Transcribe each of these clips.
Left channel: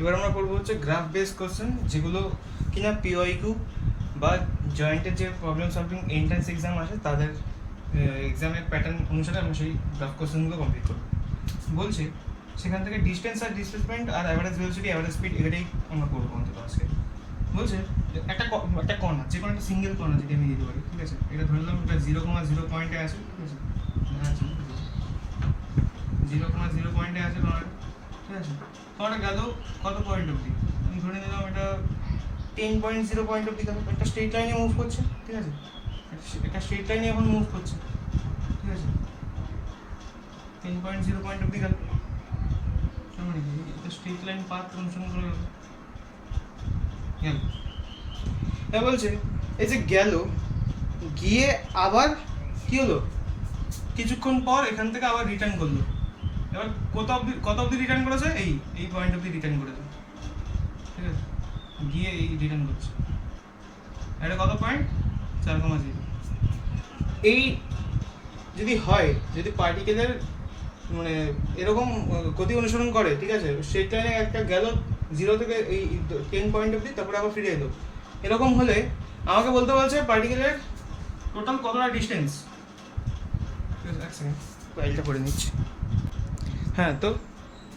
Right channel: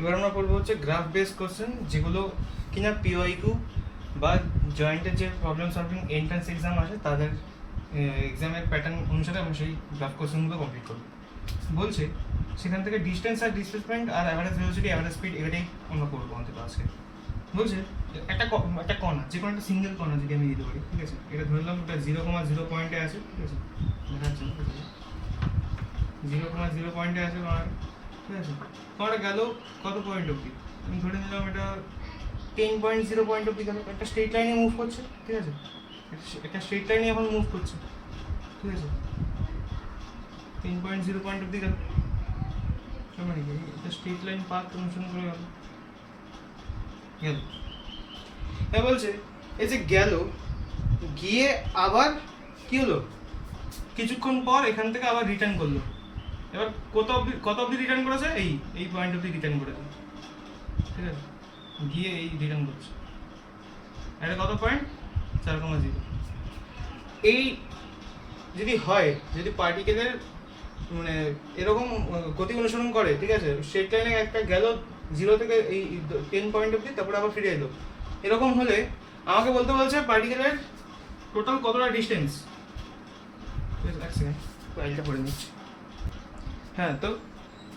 এবার আমরা করবো হচ্ছে গ্রাফ বেস কোশ্চেন, যেগুলো কিনা পিওয়াইকিউ বা জয়েন্টের যে প্রবলেম সলভিং এন্ট্রান্স এক্সাম আছে তাদের এক্সামের প্যাটার্ন অনুসারে আমরা সেই গ্রাফ কোশ্চেনগুলো কমপ্লিট করবো। বলছে সেখান থেকে ডিস্টেন্স আর ডিসপ্লেসমেন্ট আর অ্যাভারেজ ভেলোসিটি অ্যাভারেজ স্পিড এটাই আমরা করবো অন্তত আজকে। বলছে একটা কণা, যে কোনো একটা সিঙ্গেল কণা যদি আমি দিতে পারি, ঠিক আছে, এটা ধরে নিলাম এটা 0,0 পয়েন্টে আছে, ঠিক আছে, দেখা যাচ্ছে 0,0 পয়েন্টে আছে কণাটা, ঠিক আছে। কণাটা গেল কত পয়েন্ট অবধি, আমি ধরে নিলাম এটা 10.0 পয়েন্ট অবধি গেল, একটা স্ট্রেট লাইনে মুভ করছে, ঠিক আছে, একটা স্ট্রেট লাইনে এখন মুভ করছে, ঠিক আছে, 10.0 পয়েন্ট অবধি গেল, মানে কি এটা স্ট্রেট লাইন পাথ অনুসরণ করে গেল। এবার বলছে এই যে গেল, গিয়ে আবার কি হলো, কিছুক্ষণ পর এখান থেকে আবার রিটার্ন করলো। এবার কত অবধি রিটার্ন করেছে, এই পয়েন্ট অবধি রিটার্ন করেছে, ঠিক আছে, গিয়ে এই রিটার্ন করছে। এটা কত পয়েন্ট, 4,0। এই যদি হয়, যদি পার্টিকেলের মানে এরকম গতি অনুসরণ করে, ঠিক আছে, স্ট্রেট লাইনে একটা গেল 0 থেকে এই 10 পয়েন্ট অবধি, তারপরে আবার ফিরে এলো, এরকম হলে আমাকে বলতে বলছে পার্টিকেলের টোটাল কতটা ডিস্টেন্স। এক সেকেন্ড ফাইলটা করে নিচ্ছি। হ্যাঁ, তো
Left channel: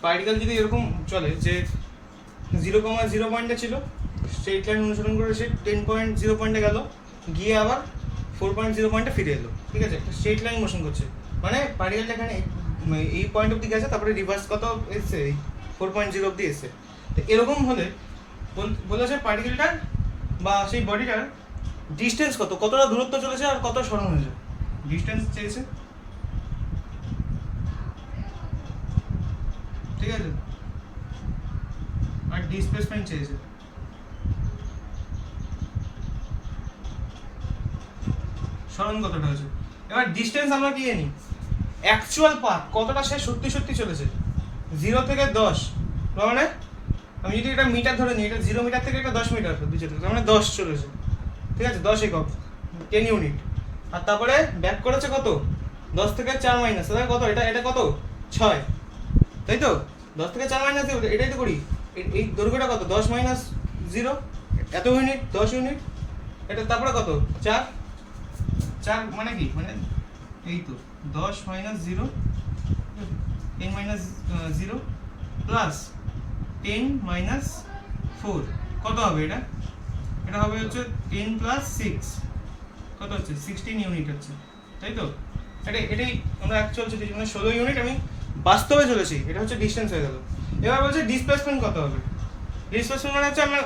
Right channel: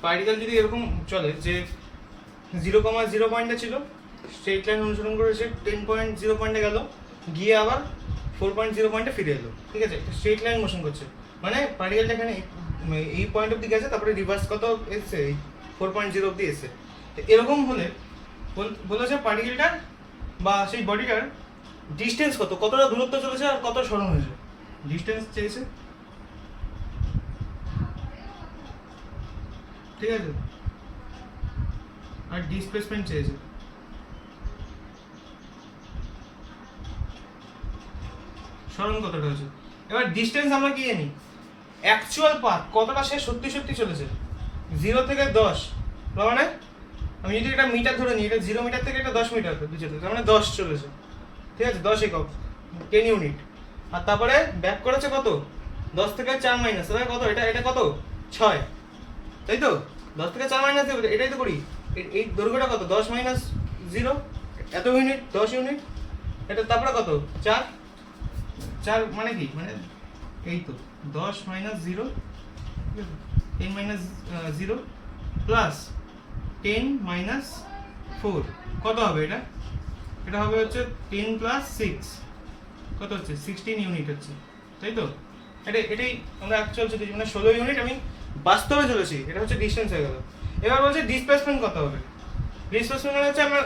পার্টিকেল যদি এরকম চলে যে 0,0 পয়েন্টে ছিল, স্ট্রেট লাইন অনুসরণ করে সে 10.0 পয়েন্টে গেল, গিয়ে আবার 4.0 পয়েন্টে ফিরে এলো, ঠিক আছে, স্ট্রেট লাইন মোশন করছে, মানে পার্টিকেলটা এখানে এই পয়েন্ট অবধি গেছে, তারপরে রিভার্স কত এসছে, 4.0 অবধি এসছে। তো এরকম হলে বলেছে পার্টিকেলটার বা সেই বডিটার ডিস্টেন্স কতটা দূরত্ব চলেছে আর কত সরণ হয়েছে। ডিস্টেন্স চেয়েছে, ঠিক আছে, আর ডিসপ্লেসমেন্ট চেয়েছে। সরণ কতটা হয়েছে। এবার ডিস্টেন্স আমরা কি জানি, অ্যাকচুয়াল পাথ কতটা সে সত্যি সত্যি চলেছে, 0 থেকে 10, মানে আমি যদি এটা মিটার ধরে নিই, এটা 0 মিটার থেকে এটা 10 মিটার চলেছে, মানে 10 চলেছে, ঠিক আছে, 10 একক, 10 ইউনিট। আর তারপরে ব্যাক করেছে কত, 10 থেকে 4 মাইনাস, তাহলে কত, এটা কত 6, তাই তো, 10 থেকে 4 মাইনাস এটাই তো করি। এই দৈর্ঘ্যটা কত, 10 মাইনাস 0, এত ইউনিট, 10 ইউনিট। এটা তারপরে কত, 4 মানে কি, মানে এই তো 10 মাইনাস 0, 10 মাইনাস 0 প্লাস 10 মাইনাস 4, কত হবে এটা, এটা হবে হচ্ছে 10 প্লাস 6, কত হচ্ছে 16 ইউনিট হচ্ছে, তাই তো। এটাই আমরা অ্যাকচুয়াল চলেছি, মানে 16 ইউনিট আমি বাস্তবে চলেছি, এটা হচ্ছে ডিস্টেন্স হয়ে গেল। এবার বলছে ডিসপ্লেসমেন্ট কত হবে। ডিসপ্লেসমেন্ট মানে হচ্ছে আমরা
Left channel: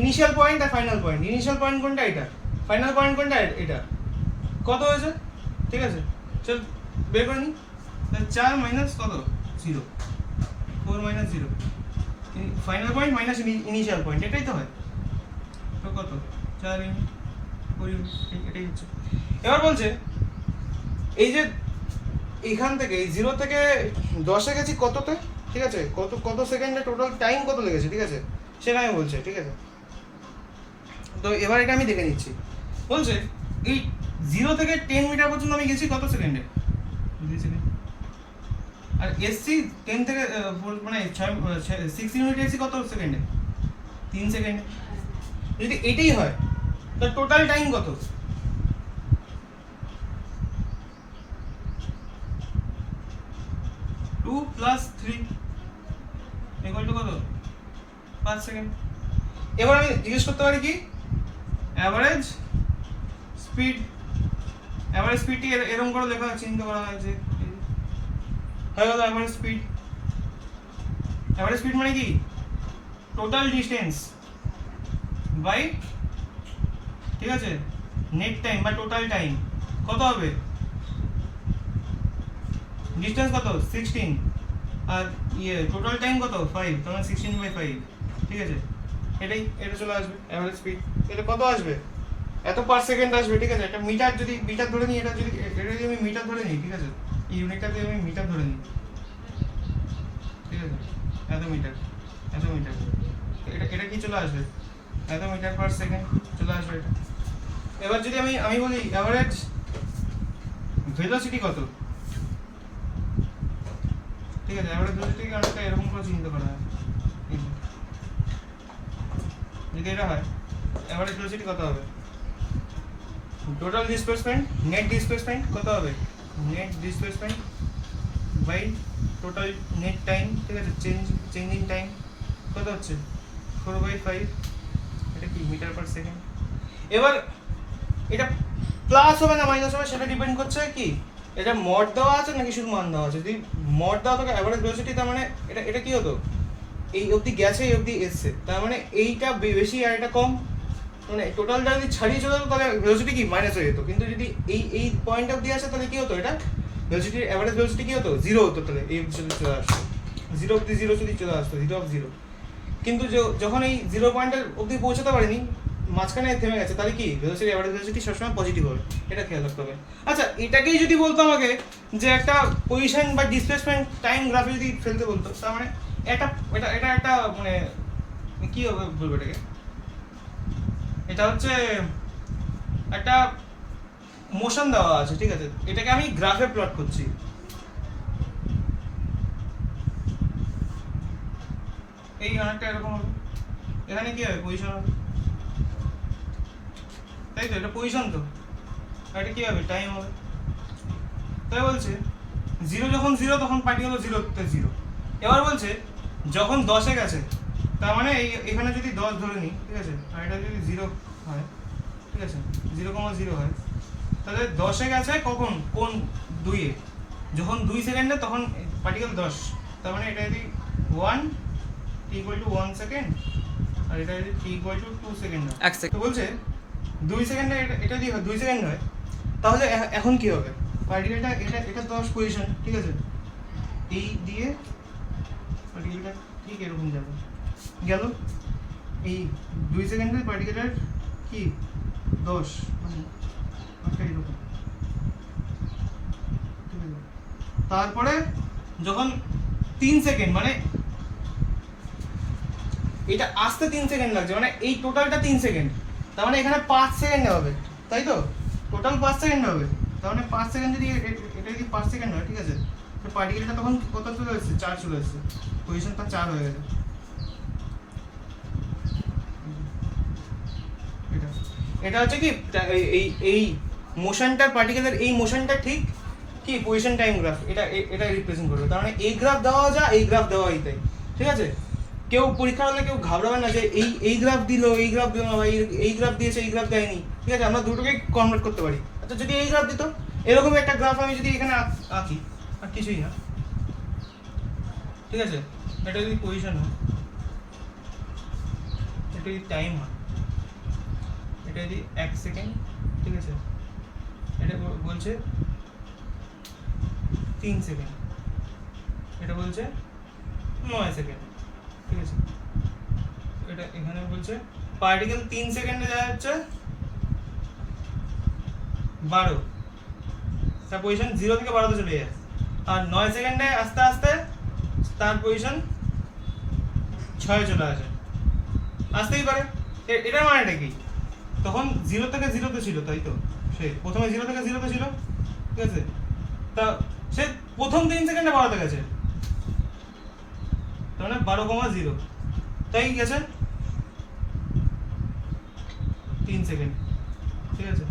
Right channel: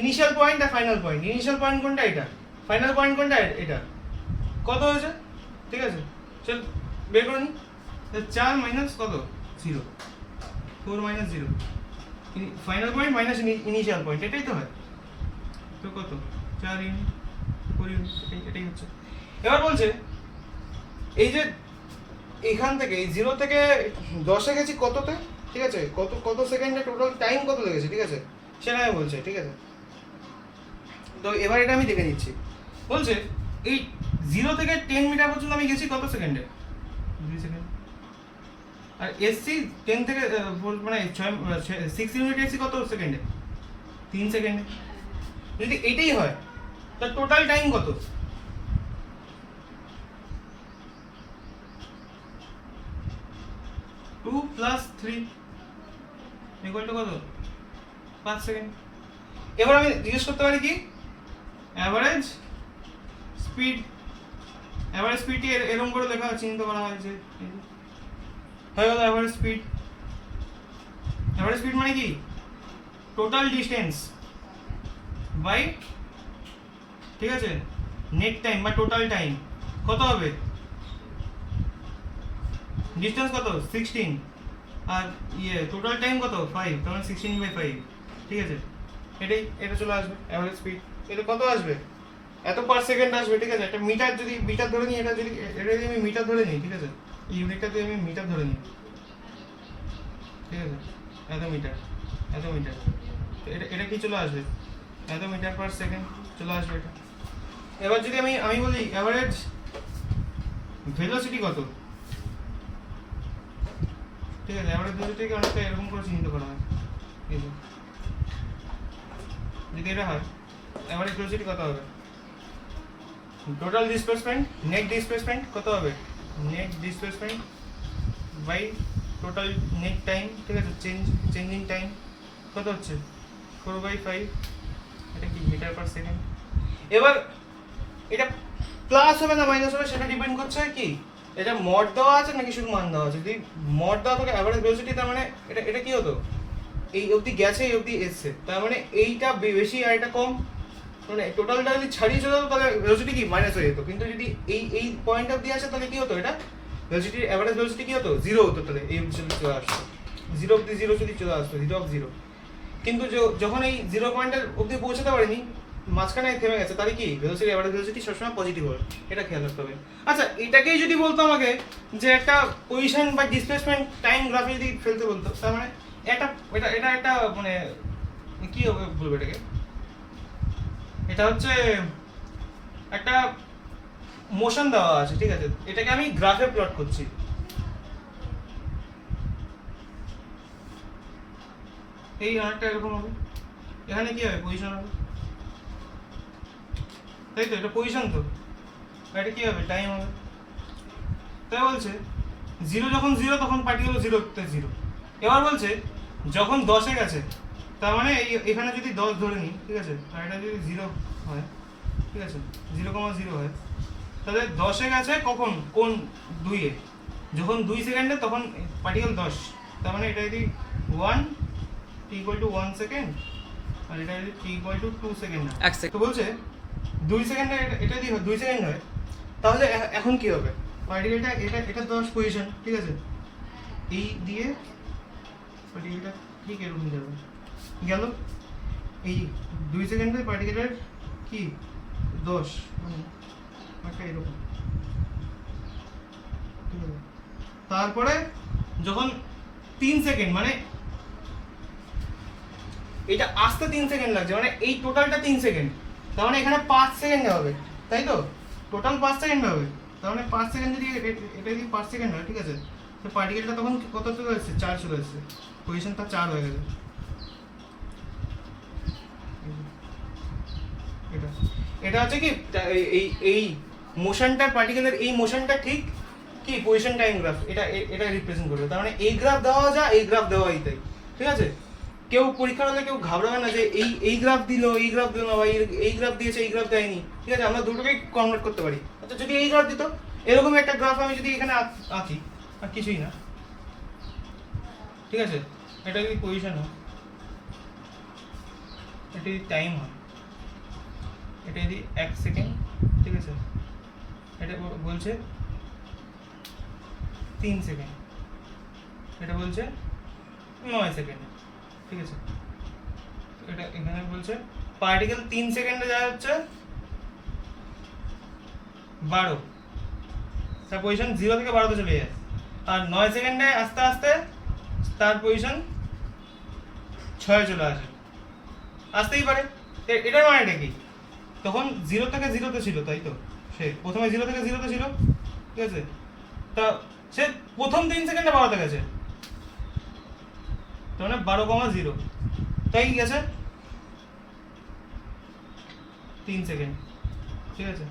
ইনিশিয়াল পয়েন্ট আর ফাইনাল পয়েন্ট, ইনিশিয়াল পয়েন্ট কোনটা, এটা, ফাইনাল পয়েন্ট কোনটা, এটা, কত হয়েছে, ঠিক আছে, চল বের করে নিই। 4 মাইনাস কত, 0, 4 minus 0, final point minus initial point, এটাই তো হয়, তো কত 4 ইউনিট, 4 ইউনিট, এটাই হচ্ছে। এবার বলছে এই যে এখান থেকে 0 থেকে 10-এ গেছি কততে, ঠিক আছে, কত সেকেন্ডে টোটাল টাইম কত লেগেছে, ঠিক আছে, সেটা আমি বলছে, ঠিক আছে। তো এবার এটা আমি দেখে নিচ্ছি। বলছে এই 0 থেকে 10 মিটার পর্যন্ত আমি গেছি কত সেকেন্ডে, 2 সেকেন্ড, আর এসসি 10 থেকে মানে 6 ইউনিট এসসি কত সেকেন্ডে, 3 সেকেন্ডে। যদি এটাই হয় তাহলে টোটাল টাইম কত, 2 প্লাস 3 ইকুয়াল টু কত, 5 সেকেন্ড। এবার আমি জিজ্ঞেস করতে পারি কি, অ্যাভারেজ স্পিড, অ্যাভারেজ স্পিডটি এরকম করে লেখা চিন্তা করা হয়েছে, হয়ে গেল অ্যাভারেজ স্পিড। অ্যাভারেজ স্পিড মানে কি, টোটাল ডিস্টেন্স বাই, ঠিক আছে, নেট টাইম বা টোটাল টাইম কত হবে, ডিস্টেন্স কত 16 আর টোটাল টাইম কত 5, তাহলে 16/5, ঠিক আছে, এটা চলে আসবে অ্যাভারেজ স্পিড। এটা কত আসবে, এত পার সেকেন্ড আসবে, ঠিক আছে। একটা মিটার যদি মিটার ধরে নিই, এটা যদি আমি মিটার ধরে নিই, ঠিক আছে, এই ইউনিটটা যদি আমি মিটার ধরে নিই, ঠিক আছে, এত মিটার, এটা কি চলে আসবে, এত মিটার পার সেকেন্ড চলে আসবে এটা। এবার যদি আমি বলি অ্যাভারেজ ভেলোসিটি কত, ঠিক আছে, অ্যাভারেজ ভেলোসিটিকে অনেকটা এরকম করে চিন্তা করা হয়, যদি এটা হয় অ্যাভারেজ ভেলোসিটি কত হবে? টোটাল ডিসপ্লেসমেন্ট নেট ডিসপ্লেসমেন্ট কত হবে? Net displacement by total net time, ঠিক আছে, চেঞ্জিং টাইম কত হচ্ছে? 4/5, এটা কি মিটার পার সেকেন্ড। এবার এটা প্লাস হবে না মাইনাস হবে সেটা ডিপেন্ড করছে কি এটা মড দেওয়া আছে নাকি শুধু মান দেওয়া আছে। যদি মড দেওয়া থাকে অ্যাভারেজ ভেলোসিটি, তার মানে এটা এটা কি হতো, এই অবধি গেছে এই অবধি এসছে, তার মানে এইটা বেশি আর এটা কম, মানে টোটালটা যদি ছাড়িয়ে চলে যেত তাহলে ভেলোসিটি কি মাইনাস হয়ে যেত। কিন্তু যদি এই পয়েন্ট অবধি আসে তাহলে কি হতো, এটা ভেলোসিটি অ্যাভারেজ ভেলোসিটি কি হতো, জিরো হতো। তাহলে এই অবধি চলে আসতো, জিরো অবধি জিরো যদি চলে আসতো, জিরো অফ জিরো। কিন্তু যখন এই জিরো পয়েন্টের অবধি পৌঁছাতে পারেনি, মাঝখানে থেমে গেছে, তাহলে কি ভেলোসিটি অ্যাভারেজ ভেলোসিটি সবসময় পজিটিভ হবে, এটা খেয়াল রাখতে হবে। আচ্ছা, এটাকেই যদি বলতো আমাকে যে একটা পজিশন বা ডিসপ্লেসমেন্ট টাইম গ্রাফে যদি ফেলতে বলতো, তার মানে এটা একটা মানে কি হবে বলবো এটাকে, এটা হচ্ছে একটা মোশন দেওয়া আছে, ঠিক আছে, এটাকে আমি গ্রাফে প্লট করছি। এই অনেকটা এরকম হবে, এখানে কি হবে পজিশন হবে, তাই তো, এটা পজিশন তো, এটা কি হবে টাইম হবে। তাই বলছে জিরো যখন জিরো তখন পার্টিকেল জিরোতে জিরো। এবার বলছে যখন 10-এ গেছে, তার মানে এখানে যদি 10 ধরে নিই, ঠিক আছে, আর এটা যদি 0 হয়, ঠিক আছে, 0,0 হয়, তাহলে 10-এ গেছে কখন, কোন 2-এ, যখন 2 সেকেন্ডে তখন পার্টিকেল 10, তার মানে এটা যদি 1 = 1 সেকেন্ড আর এটা যদি t 2 সেকেন্ড হয়, তো বলছে 2 সেকেন্ডে এটা যদি 2 সেকেন্ড হয়, তাহলে এখন কি হবে, পার্টিকেলটা এটা 10 পজিশন, ঠিক আছে, এই দিয়ে পার্টিকেলটা ঠিক এরকম যাবে, গেল এই 2 সেকেন্ডে পার্টিকেলের কি 10 মানে একটা এরকম, ঠিক আছে। তারপরে যখন 3 সেকেন্ড, মানে এটা আসতে 3 সেকেন্ড লাগছে, মানে এই টোটালটা 3 সেকেন্ড, তার মানে এখানে 5 সেকেন্ড হবে, তাই তো, টোটাল 5 সেকেন্ড হবে, তার মানে 5 সেকেন্ড যদি এটা যদি 5 সেকেন্ড হয়, ঠিক আছে, তো পার্টিকেলটা তখন কত চলে আসছে, 4 চলে আসছে, পজিশনটা 4 হয়ে গেছে। এটা হচ্ছে কি এই মোশনটা, পার্টিকেলের এই মোশনটা ঠিক কি পজিশন টাইম গ্রাফ, এটা রিপ্রেজেন্ট করবে। তার মানে এই গ্রাফ দেওয়া যায়, এই গ্রাফ দেওয়া তাই, ঠিক আছে। কেউ পরীক্ষার হলে কেউ ঘাবড়াবে না যে এই গ্রাফ দিল, এই গ্রাফ দিল না, বা এই গ্রাফ দিয়েছে এই গ্রাফ দেয়নি, ঠিক আছে, আমরা দুটোকেই কনভার্ট করতে পারি। আচ্ছা, যদি এই গ্রাফ দিত, এরকম একটা গ্রাফ আমি যদি এখানে আঁকি, আর কিছুই না, ঠিক আছে, এটা যদি পজিশন হয়, এটা যদি টাইম হয়, এটা যদি 1 সেকেন্ড, ঠিক আছে, এটা বলছে 3 সেকেন্ড, এটা বলছে 9 সেকেন্ড, ঠিক আছে, এটা এখানে বলছে পার্টিকেল 3 সেকেন্ডে যায় হচ্ছে 12, তার পজিশন 0 থেকে 12 তে চলে যায়, আর 9 সেকেন্ডে আস্তে আস্তে তার পজিশন 6 চলে আসে, আসতেই পারে। এটার মানেটা কি, তখন 0 থেকে 0 তে ছিল, তাই তো, সে প্রথমে 0 থেকে 0 তে ছিল, ঠিক আছে, তা সে প্রথম 3 সেকেন্ডে 12 তে গেছে, তার মানে 12,0, তাই গেছে 3 সেকেন্ড, ঠিক আছে,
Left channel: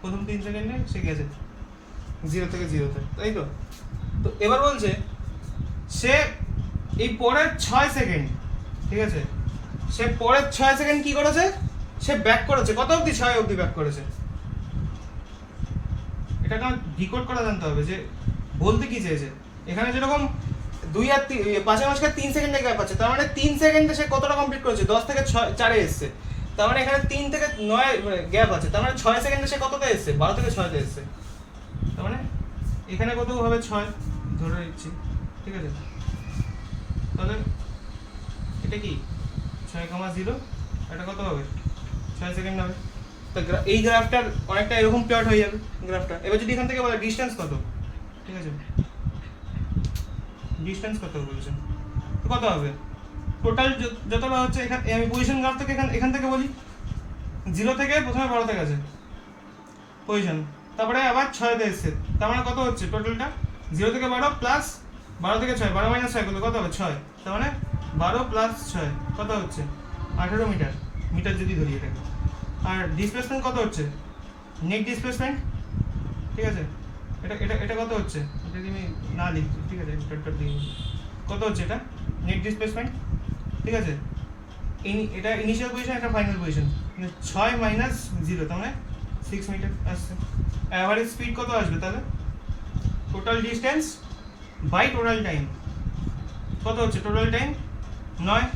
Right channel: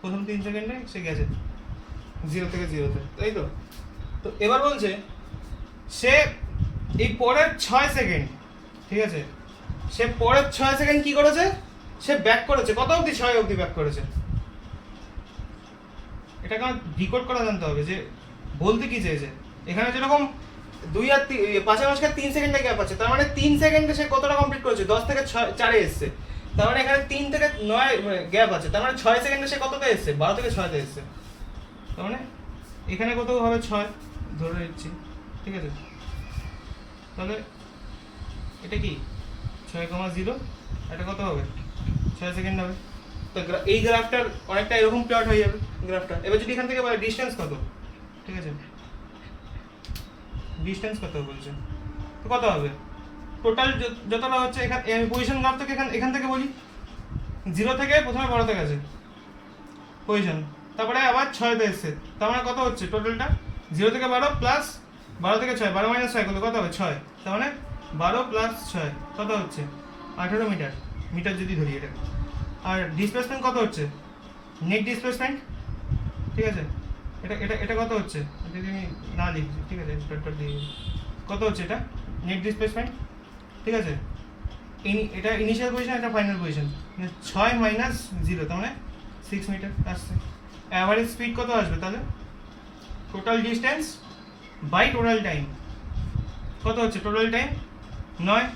প্রথম 3 সেকেন্ডে সে গেছে 0 থেকে 0 তে, তাই তো। তো এবার বলছে সে এই পরের 6 সেকেন্ড, ঠিক আছে, সে পরের 6 সেকেন্ড কি করেছে, সে ব্যাক করেছে, কত অবধি, 6 অবধি ব্যাক করেছে। এটাকে আমার ডিকোড করা জানতে হবে যে বলতে কি চেয়েছে। এখানে যেরকম 2 আর 5 মাঝখানে 3 সেকেন্ডের গ্যাপ আছে, তার মানে 3 সেকেন্ডে সে কতটা কমপ্লিট করেছে, 10 থেকে 4-এ এসছে, তার মানে এখানে 3 থেকে 9 গ্যাপ আছে, তার মানে 6 সেকেন্ডে সে কততে এসছে, 12 থেকে 6-তে এসছে, তার মানে এখানে কত হবে, 6 ধরে নিচ্ছি, ঠিক আছে, তাহলে এটা কি 6,0, এটা কত হবে, 6 সেকেন্ড হবে। তো এই গ্রাফটার অনেকটা এরকম প্লট হয়ে যাবে গ্রাফটা। এবার যদি এখান থেকে বলে ডিসটেন্স কত, ঠিক আছে, ডিসটেন্স কত বলছে, তো কত হবে, টোটাল যতটা হচ্ছে, এখানে আমি পজিশন গ্রাফ থেকে এখান থেকে বলি, 0 থেকে প্রথমে 12 তে গেছে পজিশন, তারপরে আবার 6-তে এসছে, তার মানে কত হচ্ছে টোটালটা, 0 থেকে 12 প্লাস 12 থেকে 6, 12 - 6 কত হবে, 6, তার মানে 12 + 6 কত হচ্ছে 18 মিটার, মিটার যদি ধরি এটাকে। আর ডিসপ্লেসমেন্ট কত হচ্ছে, নেট ডিসপ্লেসমেন্ট, ঠিক আছে, এটা এটা এটা কত হচ্ছে, এটা যদি আমি না লিখি, ঠিক আছে, ডট দিয়ে কত হচ্ছে এটা নেট ডিসপ্লেসমেন্ট, ঠিক আছে, এটা ইনিশিয়াল পজিশন, এটা ফাইনাল পজিশন, মানে 6 মাইনাস 0 তার মানে 6 মিটার আসছে। অ্যাভারেজ স্পিড কত আসবে তাহলে, total distance by total time কত হচ্ছে, টোটাল টাইম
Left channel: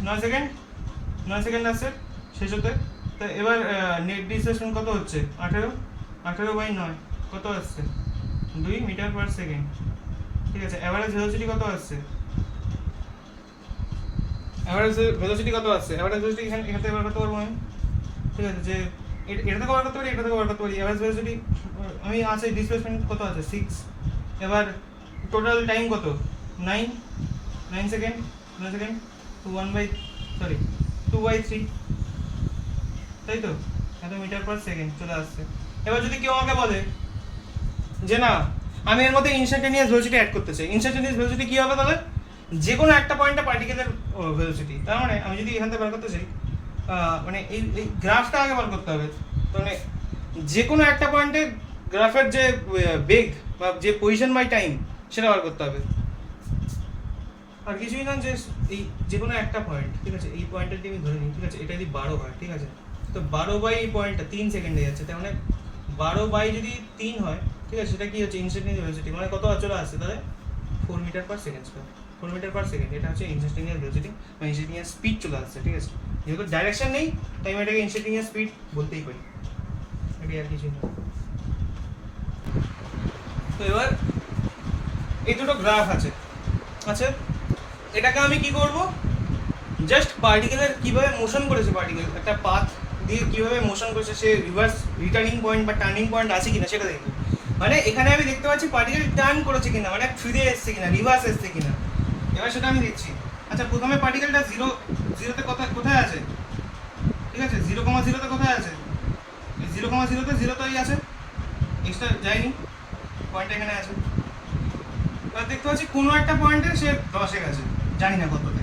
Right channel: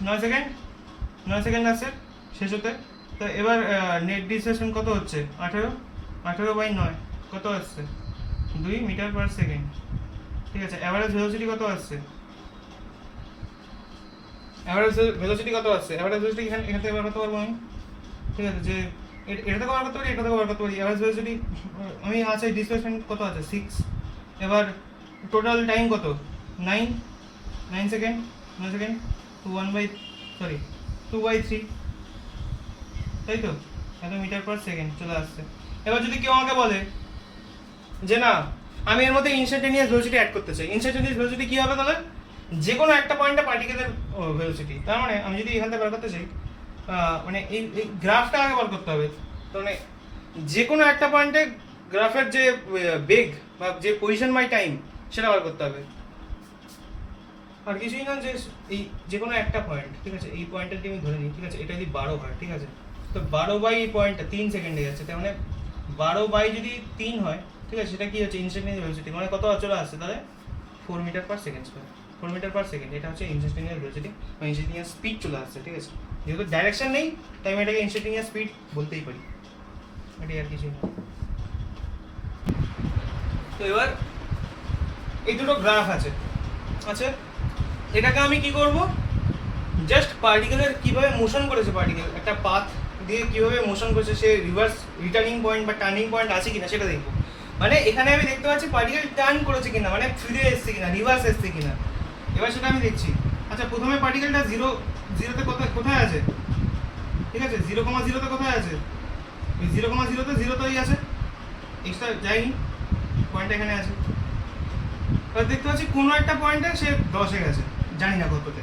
9 সেকেন্ড, 9 সেকেন্ড আসছে শেষ হতে। তো এবার নেট ডিসপ্লেসমেন্ট কত হচ্ছে, 18 বাই 9 কত আসছে, 2 মিটার পার সেকেন্ড, ঠিক আছে। অ্যাভারেজ ভেলোসিটি কত আসছে, অ্যাভারেজ ভেলোসিটি কত আসছে, অ্যাভারেজ ভেলোসিটি এখান থেকে বার করতে পারবো আমি, ঠিক আছে, যে এটা থেকে বার করতে পারি, এটা থেকে বার করতে পারি। অ্যাভারেজ ভেলোসিটি আমি আছে, ডিসপ্লেসমেন্ট কত আছে 6, এবার টোটাল টাইম কত 9 সেকেন্ড, 9 সেকেন্ড, 2/3, তাই তো, এত মিটার পার সেকেন্ড চলে আসছে। এবার যদি কেউ আমাকে বলে যে না আমি এর মধ্যে ইনস্ট্যান্টেনিয়াস ভেলোসিটি অ্যাড করতে চাই, ইনস্ট্যান্টেনিয়াস ভেলোসিটি কী হবে তাহলে, যে কোনো একটা পয়েন্টে পার্টিকেলের ভেলোসিটি, তার মানে আমি যদি এখান থেকে বার করতে চাই, মানে এই গ্রাফটা আগে বার করতে হবে, মানে যে কোনো একটা পয়েন্টে গ্রাফের যে বেগ বা যে পজিশন বাই টাইম সেটা বার করতে হবে, আর কিছুই না, যে এই যে কোনো একটা পয়েন্ট, ঠিক আছে, এই পয়েন্টটা যদি আমি ধরে নিই, ঠিক আছে, এটা যদি 12 হয়, ঠিক আছে, তো 12 বাই এই পয়েন্টটা 3 সেকেন্ডে যাচ্ছে, তার মানে 12 বাই যদি 3 হয়, ঠিক আছে, সেটা কি হচ্ছে ইনস্ট্যান্টেনিয়াস ভেলোসিটি, মানে কত চলে আসছে তাহলে 4 metre per second square, 4 metre per second, এটা হচ্ছে ইনস্ট্যান্টেনিয়াস ভেলোসিটি বা ইনস্ট্যান্টেনিয়াস স্পিড চলে আসছে, ঠিক আছে। যেহেতু ডাইরেকশন নেই তাই আমি এটাকে ইনস্ট্যান্টেনিয়াস স্পিড বলতেই পারি, এটাই আর কিছু না। তো এবার এই দুটো গ্রাফ আছে, আচ্ছা এটাকে আমি কি করব, জাস্ট পার্টিকেলের কিভাবে মোশন করেছে, পার্টিকেল একটা পাথ দিয়ে কিভাবে মোশন করেছে, সে রিভার্স রিটার্নিং পয়েন্ট বা টার্নিং পয়েন্ট আছে কিনা সেটা দেখবো। মানে এখানে আমি দেখতে পাচ্ছি পার্টিকেল টার্ন করেছে কিনা, মানে ফিরে এসছে কিনা, রিভার্স এসছে কিনা, এবার সেটা আমি দেখছি। আচ্ছা প্রথমে পার্টিকেলটা 0 কোথায় আছে, ঠিক আছে, 0,0 কোথায় আছে, 0,0 0 আছে, এক্সট্রা যায়নি, পয়েন্টটা এখানে আছে। এবার দেখতে পাচ্ছি কোনো একটা পয়েন্টে সে 10-এ গেছে, জানি না কততে,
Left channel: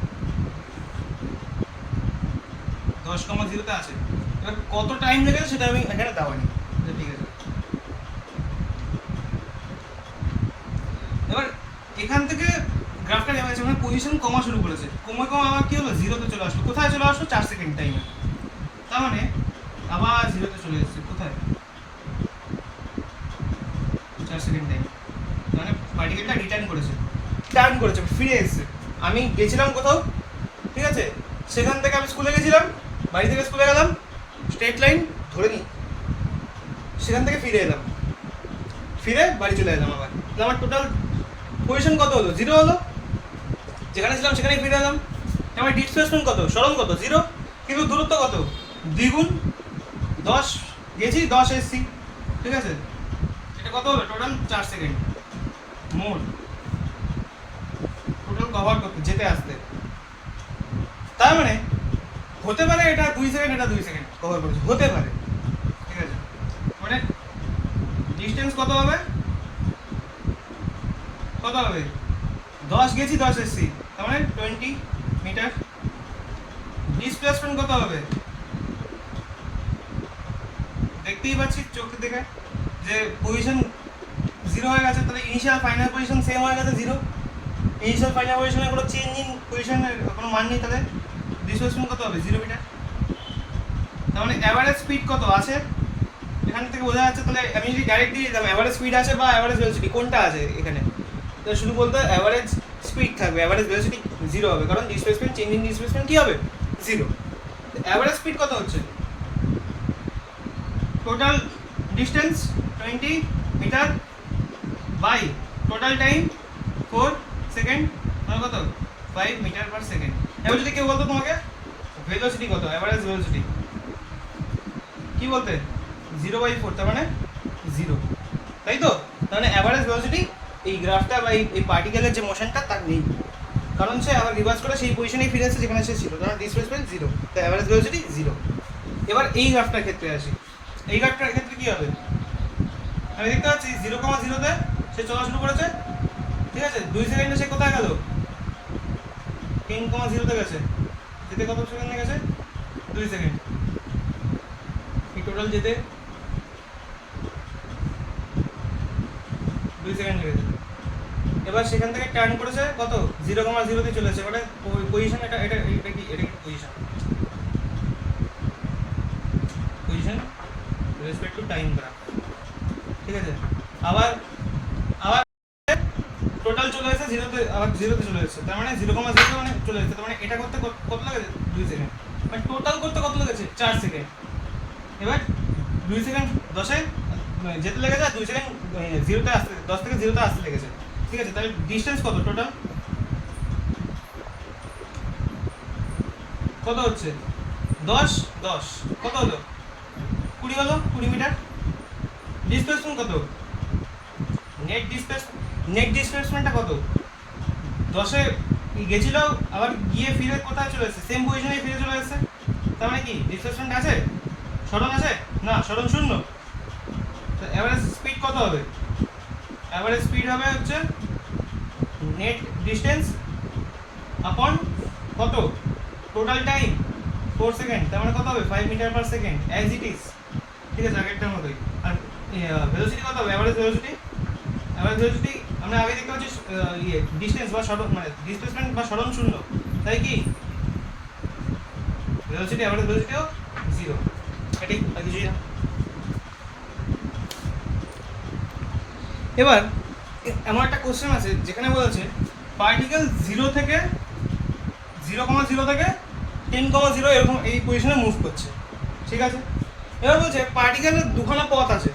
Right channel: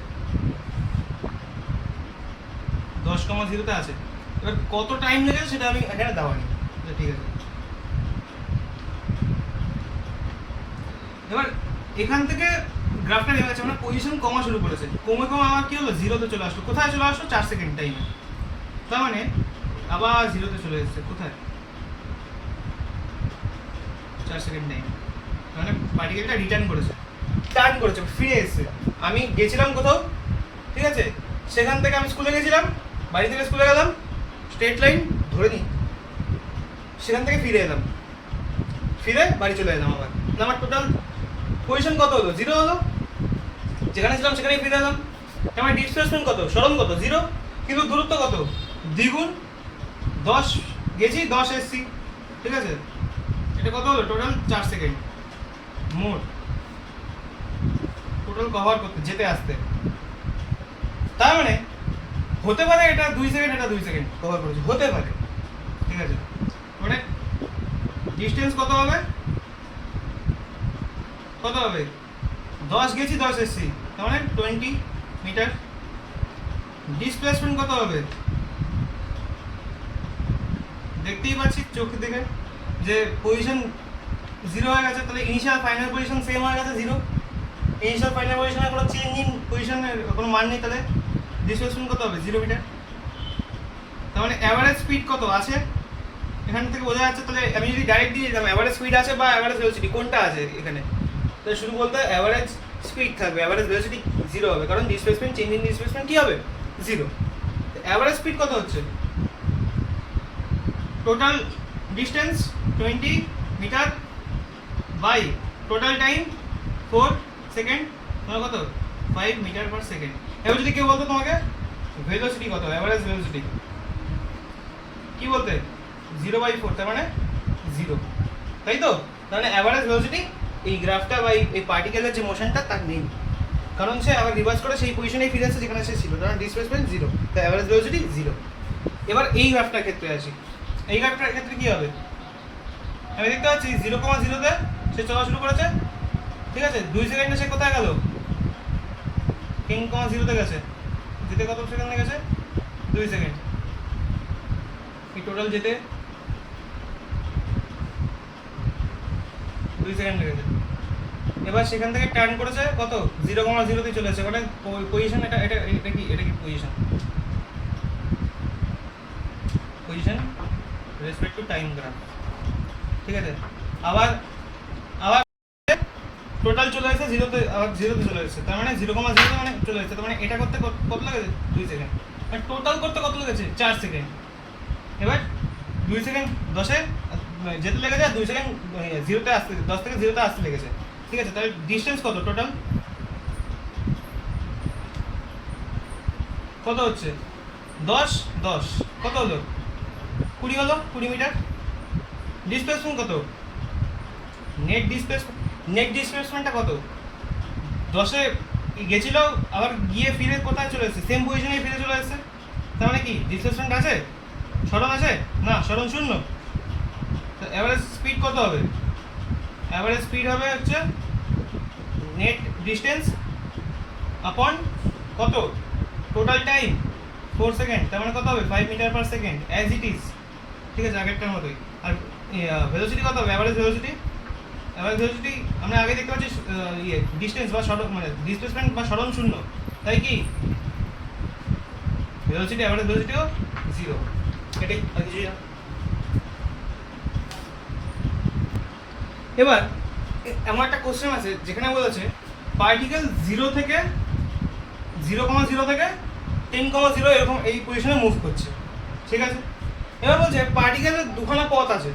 10,0 আছে। এবার কত টাইম লেগেছে সেটা আমি এখানে দেওয়া নেই, ঠিক আছে। এবার এখান থেকে গ্রাফটা নেমে গেছে, মানে পজিশন কমা শুরু করেছে, কমে আবার কি হলো 0-তে চলে আসলো, কোথায় চলে আসলো 4 সেকেন্ড টাইমে, তার মানে আবার 0-তে চলে এসেছে, কোথায় 4 সেকেন্ড টাইম, মানে পার্টিকেলটা রিটার্ন করেছে, টার্ন করেছে, ফিরে এসেছে। আমি গেছিলাম কোথাও, ঠিক আছে, সেখান থেকে আমি স্কুলে গেছিলাম, বাড়ি থেকে স্কুলে গেলাম, স্ট্রেট লাইন ধরে নিই, সেখান থেকে ফিরে এলাম, ফিরে বাড়ি চলে এলাম, আবার আমার টোটাল পজিশন কত হলো, 0 হলো, যেখানে ছিলাম সেখানেই ফিরে এলাম। আমার ডিসপ্লেসমেন্ট কত, সরণ কত 0, কিন্তু দূরত্ব কত দ্বিগুণ, 10 গেছি 10 এসছি, ঠিক আছে, এটা কত হলো টোটাল 4 সেকেন্ড মোট টোটাল কভার করতে যেতে আসতে। তার মানে হতে পারে এটা 2 সেকেন্ড, এটা 2 সেকেন্ড কভার করেছে, হতে পারে, ঠিক আছে। মানে ডিস্টেন্স কত হবে, 10 গেছি 10 এসছি, তার মানে 20 মিটার। ডিসপ্লেসমেন্ট কত হবে, দেখতেই পাচ্ছি চোখের দিকে যে পজিশন 0 হয়ে গেছে, তাহলে ইনিশিয়াল ফাইনাল পজিশন সেম হয়ে গেছে 0, ইনিশিয়াল ফাইনাল পজিশনে কোনো চেঞ্জ ইন পজিশনের কোনো মান নেই, তাহলে ডিসপ্লেসমেন্ট কত হবে 0 মিটার। তার মানে অ্যাভারেজ স্পিড কত আছে এখান থেকে বোঝা যাচ্ছে। তাহলে আমি যদি ডাইরেক্ট দিয়ে দিতাম অ্যাভারেজ স্পিড আছে বা অ্যাভারেজ ভেলোসিটি কোনটা আছে এখানে, তাহলে শুধু বলতে অ্যাভারেজ স্পিড থাকবে, অ্যাভারেজ ভেলোসিটি 0 হবে, কারণ ডিসপ্লেসমেন্ট চেঞ্জ ইন ডিসপ্লেসমেন্ট কী হবে 0। অ্যাভারেজ স্পিড কত হচ্ছে, total distance 20 metre by total time 4 second, মানে কত 5 মিটার পার সেকেন্ড। এবার যদি কেউ বলতো তোমাকে ভেলোসিটি কত, অ্যাভারেজ ভেলোসিটি কি বলতে 0/4, তার মানে 0, তাই তো। তার মানে অ্যাভারেজ ভেলোসিটি এই গ্রাফটা বা এই পার্টিকেলের যে মোশনটা তার নেই, কারণ সে আবার রিভার্স করে সেই পজিশনেই ফিরে আসছে যেখানে সে ছিল, কারণ ডিসপ্লেসমেন্ট 0, তো অ্যাভারেজ ভেলোসিটি 0। এবার এই গ্রাফটার ক্ষেত্রে আসি, এই গ্রাফটার ক্ষেত্রে কী হবে, আমি দেখতে পাচ্ছি 0,0-তে সে চলা শুরু করেছে, ঠিক আছে, 2 সেকেন্ডে সে কোথায় গেল 10,0-তে গেছে, যেতে কত সেকেন্ডে গেছে 2 সেকেন্ড, এই টোটাল যেতে 2 সেকেন্ড লেগেছে। এবার সেখান থেকে টার্ন করেছে কত 0,0 তে চলে এসেছে, মানে পজিশন এটা এটা এটা কি position respect to time graph, ঠিক আছে। আবার আবার টোটাল চলে এসেছে 0তে, আবার 0তে চলে এসেছে, তার মানে 0,0 মানে চলে এসেছে, তার মানে এটা করতে কত লেগেছে 2 সেকেন্ড, মানে টোটাল করতে কত লেগেছে 4 সেকেন্ড। এবার 2 সেকেন্ড 10-এ যেতে লেগেছে, আর 2 সেকেন্ড 0তে আসতে, 10 থেকে 0তে আসতে লেগেছে, ঠিক আছে। তাহলে ডিস্টেন্স কত টোটাল, কত হচ্ছে 10 10 কত হলো 20 হলো, 20 মিটার। ডিসপ্লেসমেন্ট কত, নেট ডিসপ্লেসমেন্টটা কত, 10-এ গেছিল, আবার গিয়ে ফিরে কোথায় চলে এসেছে, সেম পজিশনে ফিরে চলে এসেছে, তার মানে কি ডিসপ্লেসমেন্ট আছে, সরণ আছে না, সরণ শূন্য। তো অ্যাভারেজ স্পিড কত হবে, অ্যাভারেজ স্পিড হবে হচ্ছে নেট ডিস্টেন্স আপন কত টোটাল টাইম 4 সেকেন্ড, তার মানে কত হবে 5 metre per second as it is, ঠিক আছে, আগেরটার মতোই। আর ভেলোসিটি কত হবে, অ্যাভারেজ ভেলোসিটি আমরা আগে দেখতে পাচ্ছি ডিস্টেন্স বা সরণ, মানে ডিসপ্লেসমেন্ট বা সরণ শূন্য, তাই কি ভেলোসিটি অ্যাভারেজ ভেলোসিটিও 0, এটাই আর কিছুই না। এবার এমন একটা কোশ্চেন আছে যেখানে বলেছে পার্টিকেল 0 থেকে 0,0 থেকে 10,0 এরকম এই পজিশনে মুভ করছে, ঠিক আছে। এবার বলছে পার্টিকেলের দুখানা পথ আছে,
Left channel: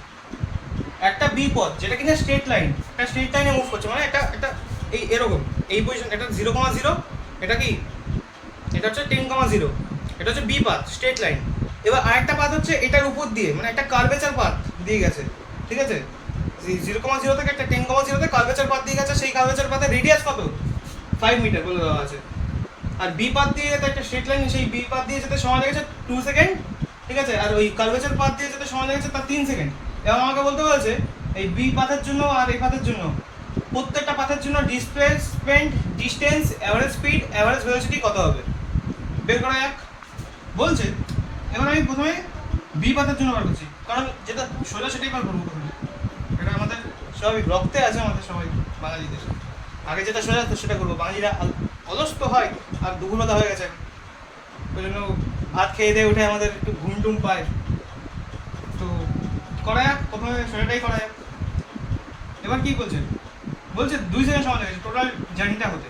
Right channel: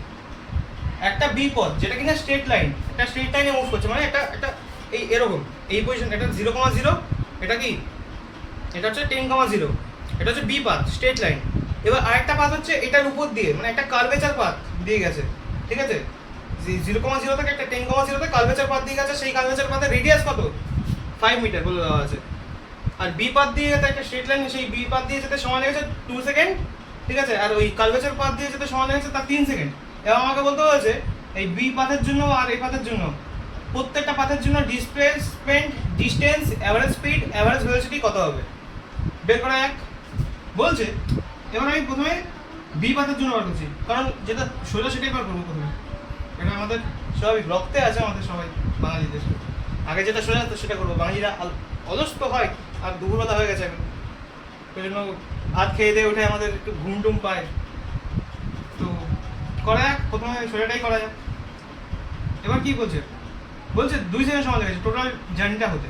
একটা বি পথ যেটা কিনা স্ট্রেট লাইন, একটা স্ট্রেট লাইনে মুভ করছে, মানে এটা এটা এই এরকম এই পজিশন, এটা 0,0, এটা কি এটা হচ্ছে 10,0, এটা হচ্ছে বি পাথ স্ট্রেট লাইন। এবার আরেকটা পাথ হচ্ছে এটার উপর দিয়ে, মানে একটা কার্ভেচার পাথ দিয়ে গেছে, ঠিক আছে। 0,0 থেকে একটা 10,0 তে কার্ভেচার পাথ দিয়ে গেছে, সেই কার্ভেচার পাথের রেডিয়াস কত 5 মিটার বলে দেওয়া আছে। আর বি পাথ দিয়ে যেতে একটা স্ট্রেট লাইন, সেই বি পাথ দিয়ে যেতে সময় লেগেছে 2 সেকেন্ড, ঠিক আছে। আর ওই কার্ভেচার পাথ দিয়ে যেতে সময় লেগেছে তার 3 সেকেন্ড। এবং আমাকে বলতে বলেছে এই বি পাথের জন্য আর এই পাথের জন্য প্রত্যেকটা পাথের জন্য displacement, distance, average speed, average velocity কত হবে বের করা যাক বলছে। এবার আমি প্রথমে বি পাথের জন্য বার করছি, কারণ যেটা সোজা সেটাই বার করবো প্রথমে, এটা আমাদের স্বাভাবিক রক্তে আছে, আমাদের সবাই বাঙালিদের আগে যেটা সোজা তো সেটা করবো। বাঙালিরা অলস্ত হয় আর দুপুরবেলা হয়ে গেছে, ওই জন্য ভাত খেয়ে দিয়ে উঠে আমাদের একটু ঘুম টুম পায়, তো করা যাক প্রথমে সোজাটাই করা যাক। এবার কি বলছে, বলছে 2 সেকেন্ড সময় লেগেছে টোটাল জার্নিটা হতে।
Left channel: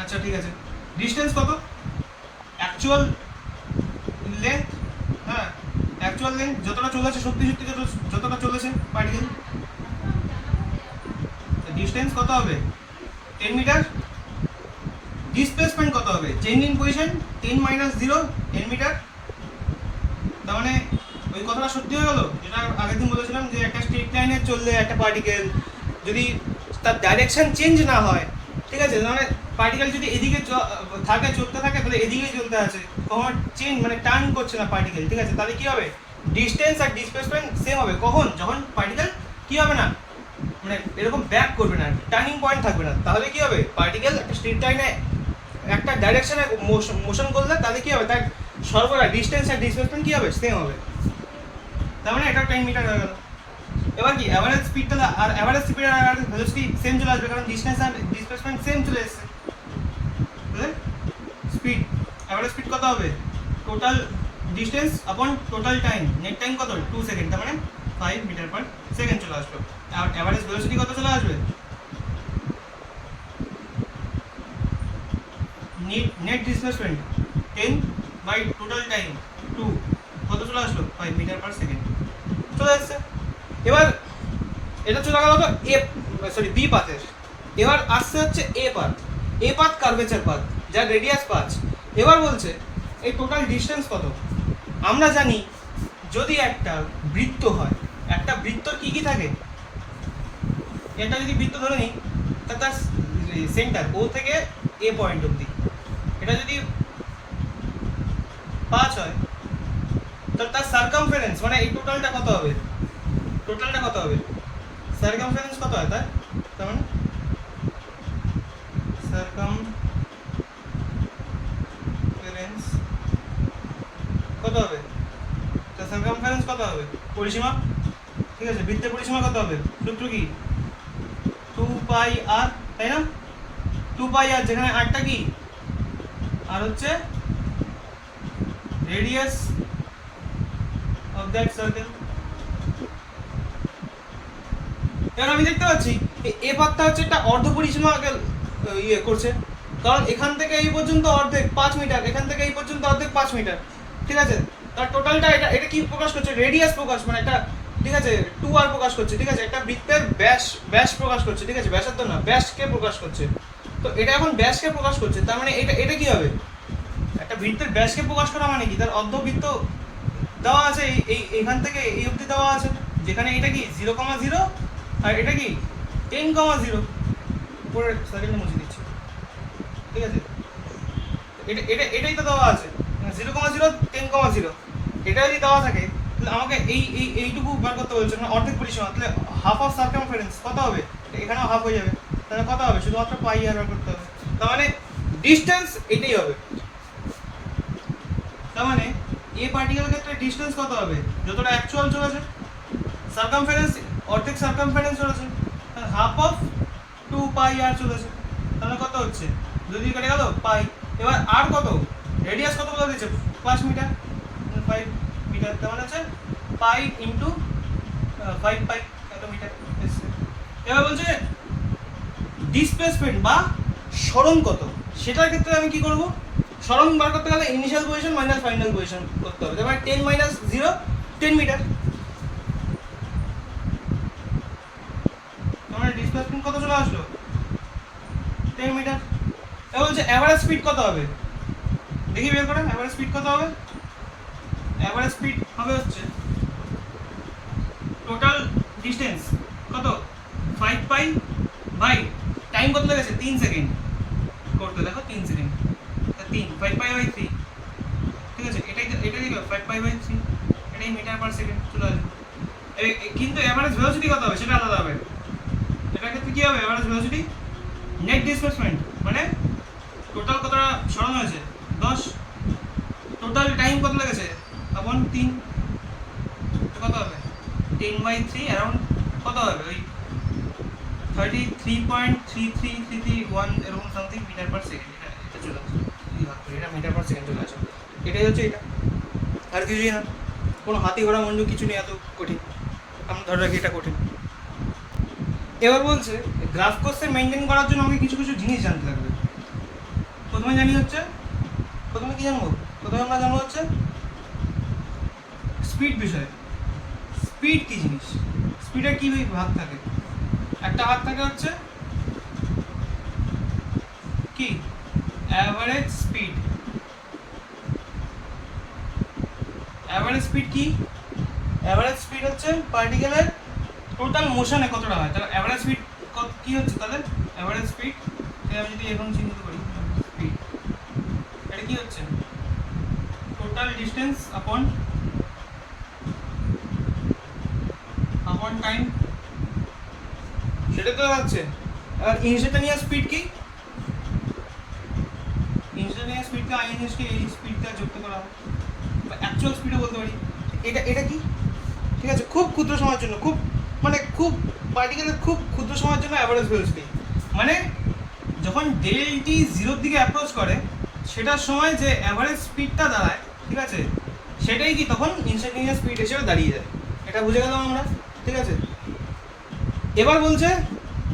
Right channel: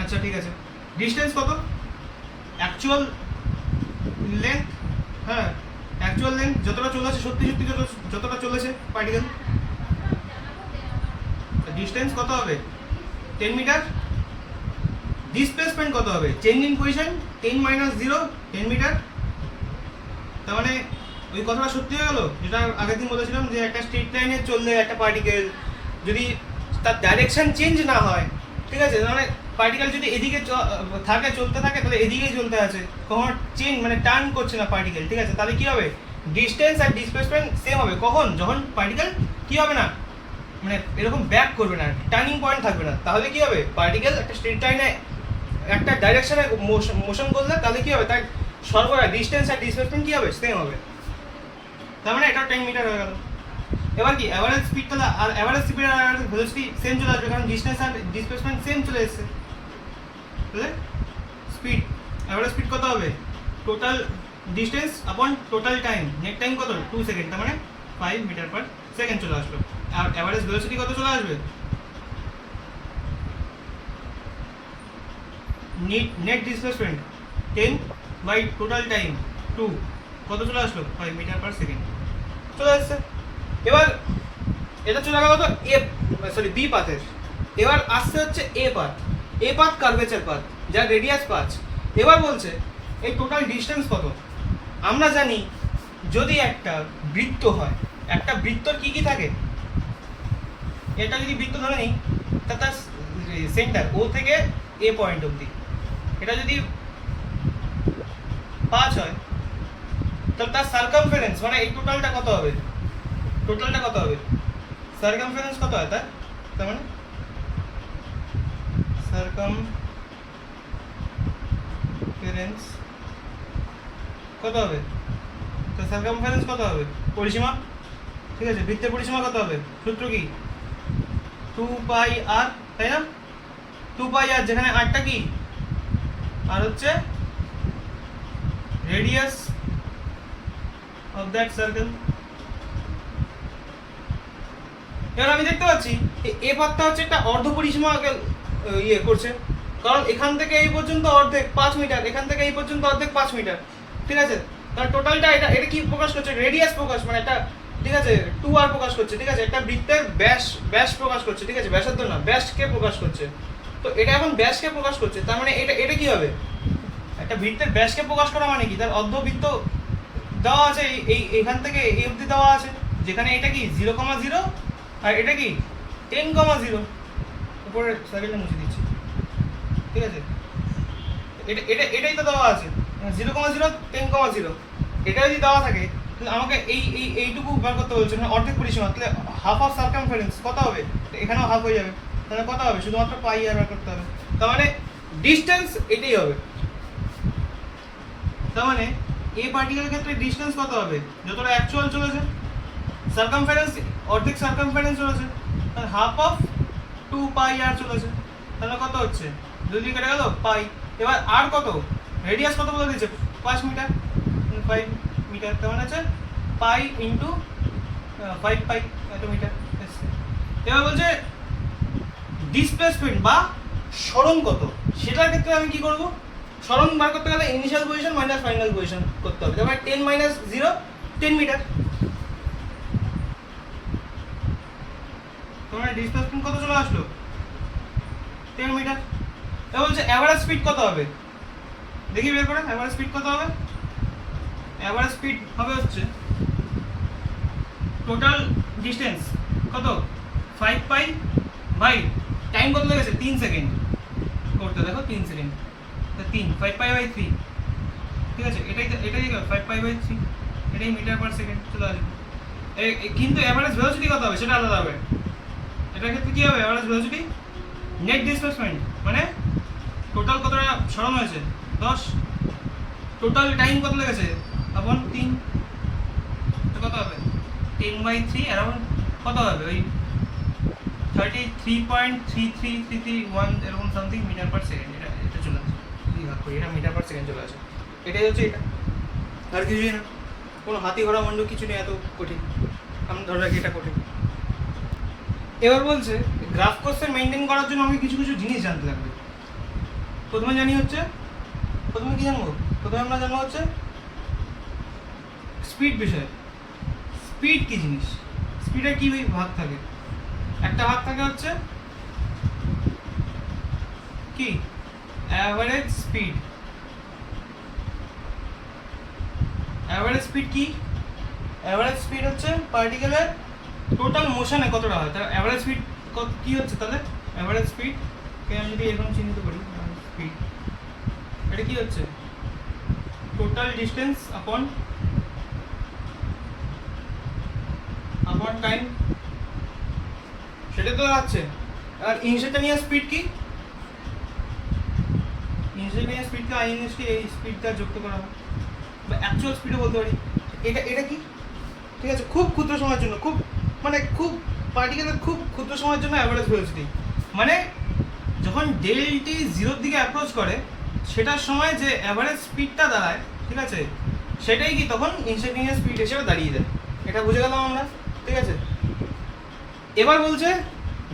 আচ্ছা ঠিক আছে, ডিস্টেন্স কত, অ্যাকচুয়াল লেন্থ, হ্যাঁ অ্যাকচুয়াল লেন্থ যতটা চলেছে, সত্যি সত্যি যতটা চলেছে পার্টিকেল, ডিস্টেন্স কত হবে 10 মিটার। ডিসপ্লেসমেন্ট কত হবে, চেঞ্জ ইন পজিশন 10 - 0 10 মিটার। তার মানে ওই কথাটা সত্যি হয়ে গেল যেটা আগের দিন বলেছিলাম, যে একটা স্ট্রিট লাইনে চললে একটা পার্টিকেল যদি তার ডাইরেকশন চেঞ্জ না হয়, ঠিক আছে, মানে পার্টিকেল যদি এদিকে থাকে চলতে থাকে তাহলে এদিকেই চলতে আছে, কখন চেঞ্জ মানে টার্ন করছে না পার্টিকেল, ঠিক আছে, তাহলে কি হবে ডিস্টেন্স আর ডিসপ্লেসমেন্ট সেম হবে, কখন যখন পার্টিকেল কি হবে না মানে এরকম ব্যাক করবে না, টার্নিং পয়েন্ট থাকবে না, তাহলে কি হবে পার্টিকেল একটা স্ট্রিট লাইনে একটা ডাইরেকশনে মোশন করলে তাহলে কি হবে তার সর্বদা ডিস্টেন্স আর ডিসপ্লেসমেন্ট কি হবে সেম হবে। তার মানে এটা 10 মিটার হয়ে গেল। এবার কি অ্যাভারেজ স্পিড, তাহলে আর অ্যাভারেজ স্পিড আর অ্যাভারেজ ভেলোসিটি সেম চলে আসবে, কারণ ডিস্টেন্স আর ডিসপ্লেসমেন্ট সেম চলে এসেছে। তাহলে স্পিড, অ্যাভারেজ স্পিড কত হবে, total distance upon total time, net time কত 2 সেকেন্ড, তার মানে 5 মিটার পার সেকেন্ড চলে আসলো। আর অ্যাভারেজ ভেলোসিটি কত চলে আসবে, net displacement 10 by total time 2, কত চলে আসলো 5 মিটার পার সেকেন্ড চলে আসছে। এবার এটা চলে গেল তো বি পাথের। এবার আসছে হচ্ছে এ পাথ কার্ভেচার পাথ যার রেডিয়াস 5। এবার বলছে এই টোটাল ডিস্টেন্স কত। আমরা জানি যদি একটা বৃত্ত হয়, একটা বৃত্তর কি কি থাকে, এটা যদি বৃত্ত ধরে নিই তার সেন্টার ও থেকে এ পয়েন্ট অবধি, এটা যদি 5 হয় তাহলে তার সার্কামফারেন্স মানে এই টোটালটা কত হবে, সার্কামফারেন্স কত হয় তার মানে সার্কামফারেন্স কত হবে, তা সার্কামফারেন্স কত হবে? পরিসীমা, ঠিক আছে, বৃত্তের পরিসীমা কত হবে? সূত্র কি? 2πr, তাই না? 2πr, যেখানে আরটা কি? আর হচ্ছে রেডিয়াস অফ দ্যাট সার্কেল। এবার আমি দেখতে পাচ্ছি এ পাতটা হচ্ছে একটা অর্ধ পরিসীমা ইয়ে করছে, কারণ এখান থেকে এই পর্যন্ত অর্ধেক 5 মিটার, এখান থেকে এই পর্যন্ত অর্ধেক 5 মিটার, ঠিক আছে। তার টোটালটা এটা এটা কি প্রকাশ করছে? রেডিয়াস প্রকাশ, মানে একটা, ঠিক আছে, 2r প্রকাশ করছে, ঠিক আছে, একটা বৃত্তের ব্যাস প্রকাশ করছে, ঠিক আছে, ব্যাসার্ধ না, ব্যাসকে প্রকাশ করছে। তো এটা এখন ব্যাসকে প্রকাশ করছে, তার মানে এটা এটা কি হবে? একটা বৃত্তের ব্যাসকে প্রকাশ করা মানে কি? তার অর্ধবৃত্ত দেওয়া আছে, এই এখান থেকে এই অবধি দেওয়া আছে, যেখানে এটা কি 0,0 আর এটা কি 10,0। উপরের সার্কেলটা মুছে দিচ্ছি, ঠিক আছে। এটাই তো দেওয়া আছে 0,0 10,0। এটা যদি দেওয়া থাকে তাহলে আমাকে এইটুকু বার করতে বলছে, মানে অর্ধেক পরিসীমা, তাহলে হাফ অফ সার্কামফারেন্স কত হবে? এখানেও হাফ হয়ে যাবে, তাহলে কত হবে? শুধুমাত্র পাই আর বার করতে হবে। তার মানে ডিসটেন্স এটাই হবে। তার মানে এই পার্টিকেলের ক্ষেত্রে ডিসটেন্স কত হবে? যতটা অ্যাকচুয়াল চলেছে, সার্কামফারেন্স অর্ধেক সার্কামফারেন্স চলেছে, আর হাফ অফ 2πr চলেছে, তাহলে কত হচ্ছে? 2 দিয়ে কেটে গেল পাই। এবার আর কত? রেডিয়াস কত বলে দিয়েছে? 5 মিটার, 5 মিটার, তার মানে হচ্ছে পাই ইন্টু 5 পাই, এত মিটার। এবার বলছে ডিসপ্লেসমেন্ট বা সরণ কত, সেটার ক্ষেত্রে আমি কি করব? সরণ বার করতে গেলে initial position minus final position করতে হবে। তারপরে 10 মাইনাস 0 10 মিটার, মানে ডিসপ্লেসমেন্ট কত চলে আসলো? 10 মিটার। এবার বলছে অ্যাভারেজ স্পিড কত হবে? দেখি বের করেন অ্যাভারেজ স্পিড কত হবে। অ্যাভারেজ স্পিড হবে হচ্ছে টোটাল ডিসটেন্স কত? 5 পাই বাই টাইম কত লেগেছে? 3 সেকেন্ড করতে, দেখো 3 সেকেন্ড, তা 3 5 পাই বাই 3, ঠিক আছে। এটাই 5 পাই বাই 3, এটাই মিটার পার সেকেন্ড চলে আসবে। কিন্তু অ্যাভারেজ ভেলোসিটি কত হবে সেটা আলাদা হবে। এটার ক্ষেত্রে কি হবে? অ্যাভারেজ ভেলোসিটি নেট ডিসপ্লেসমেন্ট, মানে টোটাল কতটা সরণ হয়েছে 10, টোটাল টাইম কত লেগেছে আপন 3, কত হবে? 10/3 অ্যারাউন্ড কত হবে? ওই 33.33331 এরকম সামথিং মিটার পার সেকেন্ড। এটা চলে আসে, যদি ভাগ করি এটা মিটার পার সেকেন্ড চলে আসে। এটাই হচ্ছে এটা, আর কিছুই না। কোনো হাতি ঘোড়া মঞ্জু কিছু নেই এত কঠিন, আমি ধরে রাখি এটা কঠিন। এবার বলছে গ্রাফ কোর্সে মেনটেন করার জন্য আমাকে কিছু কিছু জিনিস জানতে লাগবে। প্রথমে জানি হচ্ছে, প্রথমে কি জানবো? প্রথমে আমরা জানবো হচ্ছে স্পিড বিষয়। স্পিড কি জিনিস? স্পিডের কি ভাগ থাকে? একটা ভাগ থাকে হচ্ছে কি অ্যাভারেজ স্পিড। অ্যাভারেজ স্পিড কি? অ্যাভারেজ স্পিড হচ্ছে পার্টিকেলের টোটাল মোশনে কতটা হয়, তার অ্যাভারেজ স্পিড কি হচ্ছে তাদের? অ্যাভারেজ স্পিড কে আমি যদি এরকম চিহ্নিত করি, স্পিড এটা কি হচ্ছে? টোটাল ডিসটেন্স আপন টাইম, সেটা তো যাচ্ছে। আর ইনস্টান্টেনিয়াস স্পিড কি? ইনস্টান্টেনিয়াস স্পিডকে আইএনএস কি এই স্পিডটা যুক্ত করা হয়, বা অ্যাকচুয়াল স্পিডও বলতে পারি। এটা কি? ঠিক আছে, খুব ক্ষুদ্র সময়ের জন্য, খুব মানে খুব পার্টিকেলের খুব ক্ষুদ্র সময়ের জন্য অ্যাভারেজ ভেলোসিটি, মানে যখন ডেলটি 0-র দিকে অ্যাপ্রোচ করে সেটার সময় যে অ্যাভারেজ স্পিডটা দাঁড়ায়, ঠিক আছে, সেটাই কি তখন ইনস্টান্টেনিয়াস স্পিড হিসেবে দাঁড়িয়ে যায়। এটা বুঝে গেলাম আমরা, ঠিক আছে। এবার বলছে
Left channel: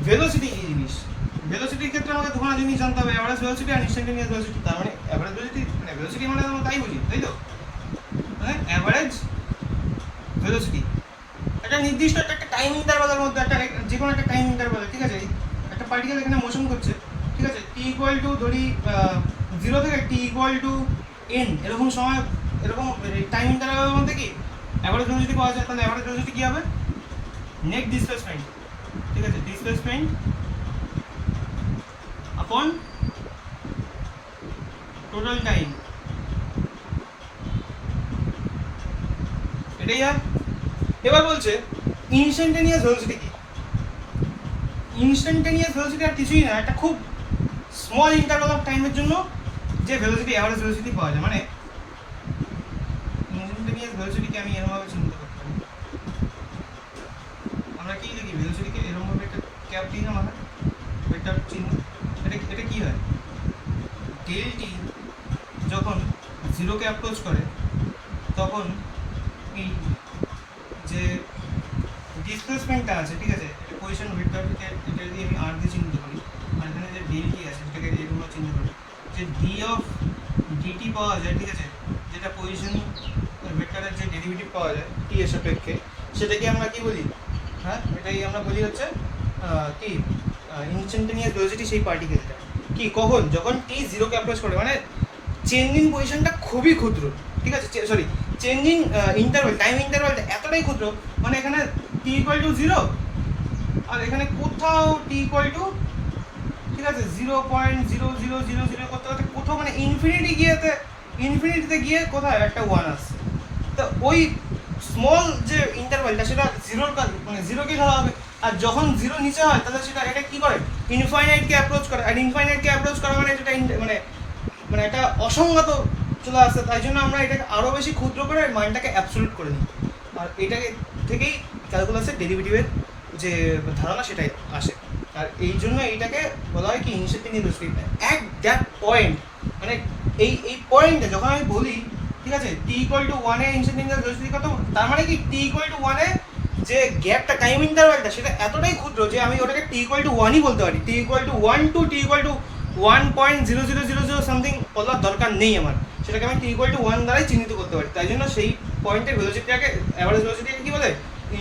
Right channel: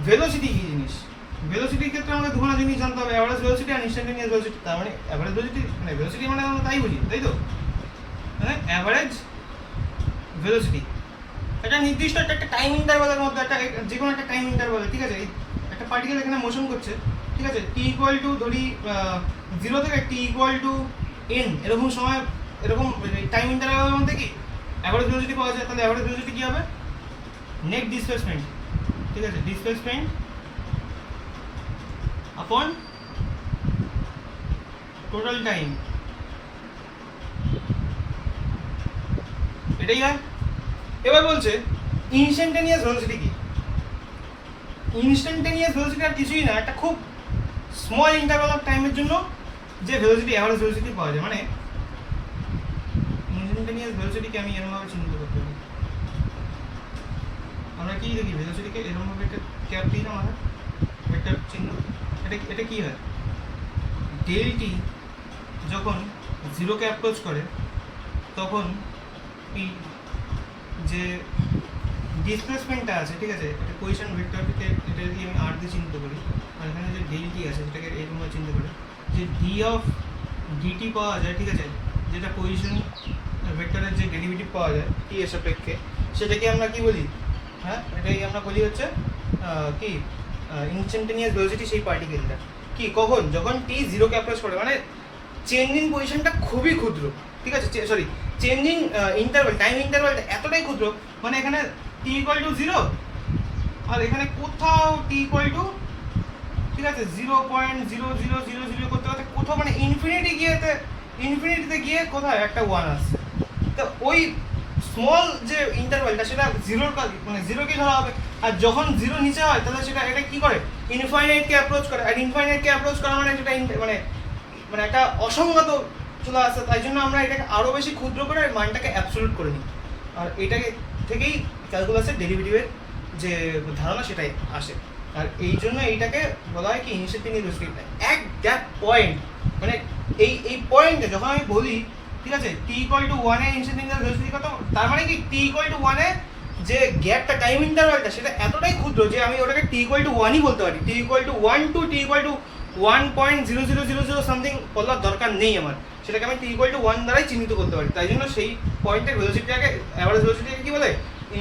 ভেলোসিটি কি জিনিস। ভেলোসিটির ক্ষেত্রে আমাকে দুখানা জিনিস জানতে হবে, অ্যাভারেজ ভেলোসিটি আর ইনস্টান্টেনিয়াস ভেলোসিটি। তার মানে অ্যাভারেজ ভেলোসিটি মানে ভেলোসিটি মানে আমরা তাই বুঝি, তাই তো, মানে অ্যাভারেজ ভেলোসিটি একটা নির্দিষ্ট একটা টাইম ইন্টারভালের মধ্যে, একটা যে কোনো একটা টাইম ইন্টারভালে, ঠিক আছে, একটা পার্টিকেল এখানে মোশন করছে, ঠিক আছে, টি ইকুয়াল টু ধরি 0 থেকে টি ইকুয়াল টু n এরকম সময়, এরকম টাইম ইন্টারভালের মধ্যে কি অ্যাভারেজ ভেলোসিটি পাওয়া যায়। তাহলে অ্যাভারেজ ভেলোসিটি কি হবে? নেট ডিসপ্লেসমেন্ট, ঠিক আছে, ডিসপ্লেসমেন্ট আপন টোটাল টাইম, এটাই হয়। এবার বলছে ইনস্ট্যান্টেনিয়াস ভেলোসিটি কি? ইনস্ট্যান্টেনিয়াস ভেলোসিটি আর কিছুই না, একটা খুব স্মল ইন্টারভাল অফ টাইমের জন্য যে ভেলোসিটি, অ্যাভারেজ ভেলোসিটি পাওয়া যায়। মানে ইনস্ট্যান্টেনিয়াস ইনস্ট্যান্টেনিয়াস ভেলোসিটিকে আমি এরকমভাবে চিহ্নিত করতে পারি। আমরা কি দেখি ভেলোসিটিকে এরকমভাবে একটা ক্যাপ দিই না আমরা একটা চিহ্ন, এটা কি হয়, ডেল টি যখন জিরোকে অ্যাপ্রোচ করে তখন এই যে ডিসপ্লেসমেন্টটা আছে, ঠিক আছে, পজিশন ভেক্টরটিকে এটা যদি আমি আর দিয়ে চিহ্নিত করি, আর এখানে যে ডেল টি আছে সেটাকে এরকম চিহ্নিত করি, যে ডি অফ ডিটি পাওয়া যায়, ঠিক আছে, যেটা পজিশন ভেক্টরের যে ডেরিভেটিভ পাওয়া যায় টি এর সাপেক্ষে, সেটাকে আমরা কি বলি, হ্যাঁ এটাই আমরা বলি হচ্ছে কি ইনস্ট্যান্টেনিয়াস ভেলোসিটি সেই পার্টিকেলটা। কি কখন, যখন টি জিরোকে অ্যাপ্রোচ করে, মানে চেঞ্জিং পজিশনটা খুবই ক্ষুদ্র, ঠিক আছে, সরি চেঞ্জিং ইন্টারভ্যাল, টাইম ইন্টারভ্যালটা এতটাই ক্ষুদ্র, মানে এখানে টি ইকুয়াল টু 0 আর এখানে কোথাও টি ইকুয়াল টু, ঠিক আছে, 0.0000 করতে করতে কোথাও মানে ইনফিনিটিতে গিয়ে কোথায় একটা 1 আসছে। তো ওই স্মল যে ইন্টারভ্যালটা সেটা জিরোর মানে জিরোকে ধরা হবে, আর যখন জিরো নিচে হয় তাহলে সেটা এটা কি করে, ইনফাইনাইটকে অ্যাপ্রোচ করে, আর ইনফাইনাইটকে অ্যাপ্রোচ করা মানে সেটা মানে একটা অসংগত চলে আসছে, তাই জন্য আমরা এটাকে আরও বেশি ক্ষুদ্র করে মানটাকে অ্যাবসলিউট করে নিই, আর এটাকে থেকেই ক্যালকুলাসের ডেরিভেটিভের যে ধারণা সেটাই আসে, আর এই জন্য এইটাকে বলা হয় কি ইনস্ট্যান্টেনিয়াস ভেলোসিটি। এক দ্যাট পয়েন্ট, মানে এই পয়েন্টে যখন আমি বলি, ঠিক আছে, টি ইকুয়াল টু 1 এ ইনস্ট্যান্টেনিয়াস ভেলোসিটি কত, তার মানে কি টি ইকুয়াল টু 1 এ যে গ্যাপটা, টাইম ইন্টারভ্যালটা সেটা এতটাই ক্ষুদ্র যে আমি ওটাকে টি ইকুয়াল টু 1ই বলতে পারি, t equal to 1 to t equal to 1.0000 something বলার দরকার নেই আমার, সেটাকে আমি টি ইকুয়াল টু 1 দ্বারাই চিহ্নিত করতে পারি। তাই জন্য সেই পয়েন্টের ভেলোসিটিটাকে, অ্যাভারেজ ভেলোসিটিকে কি বলে,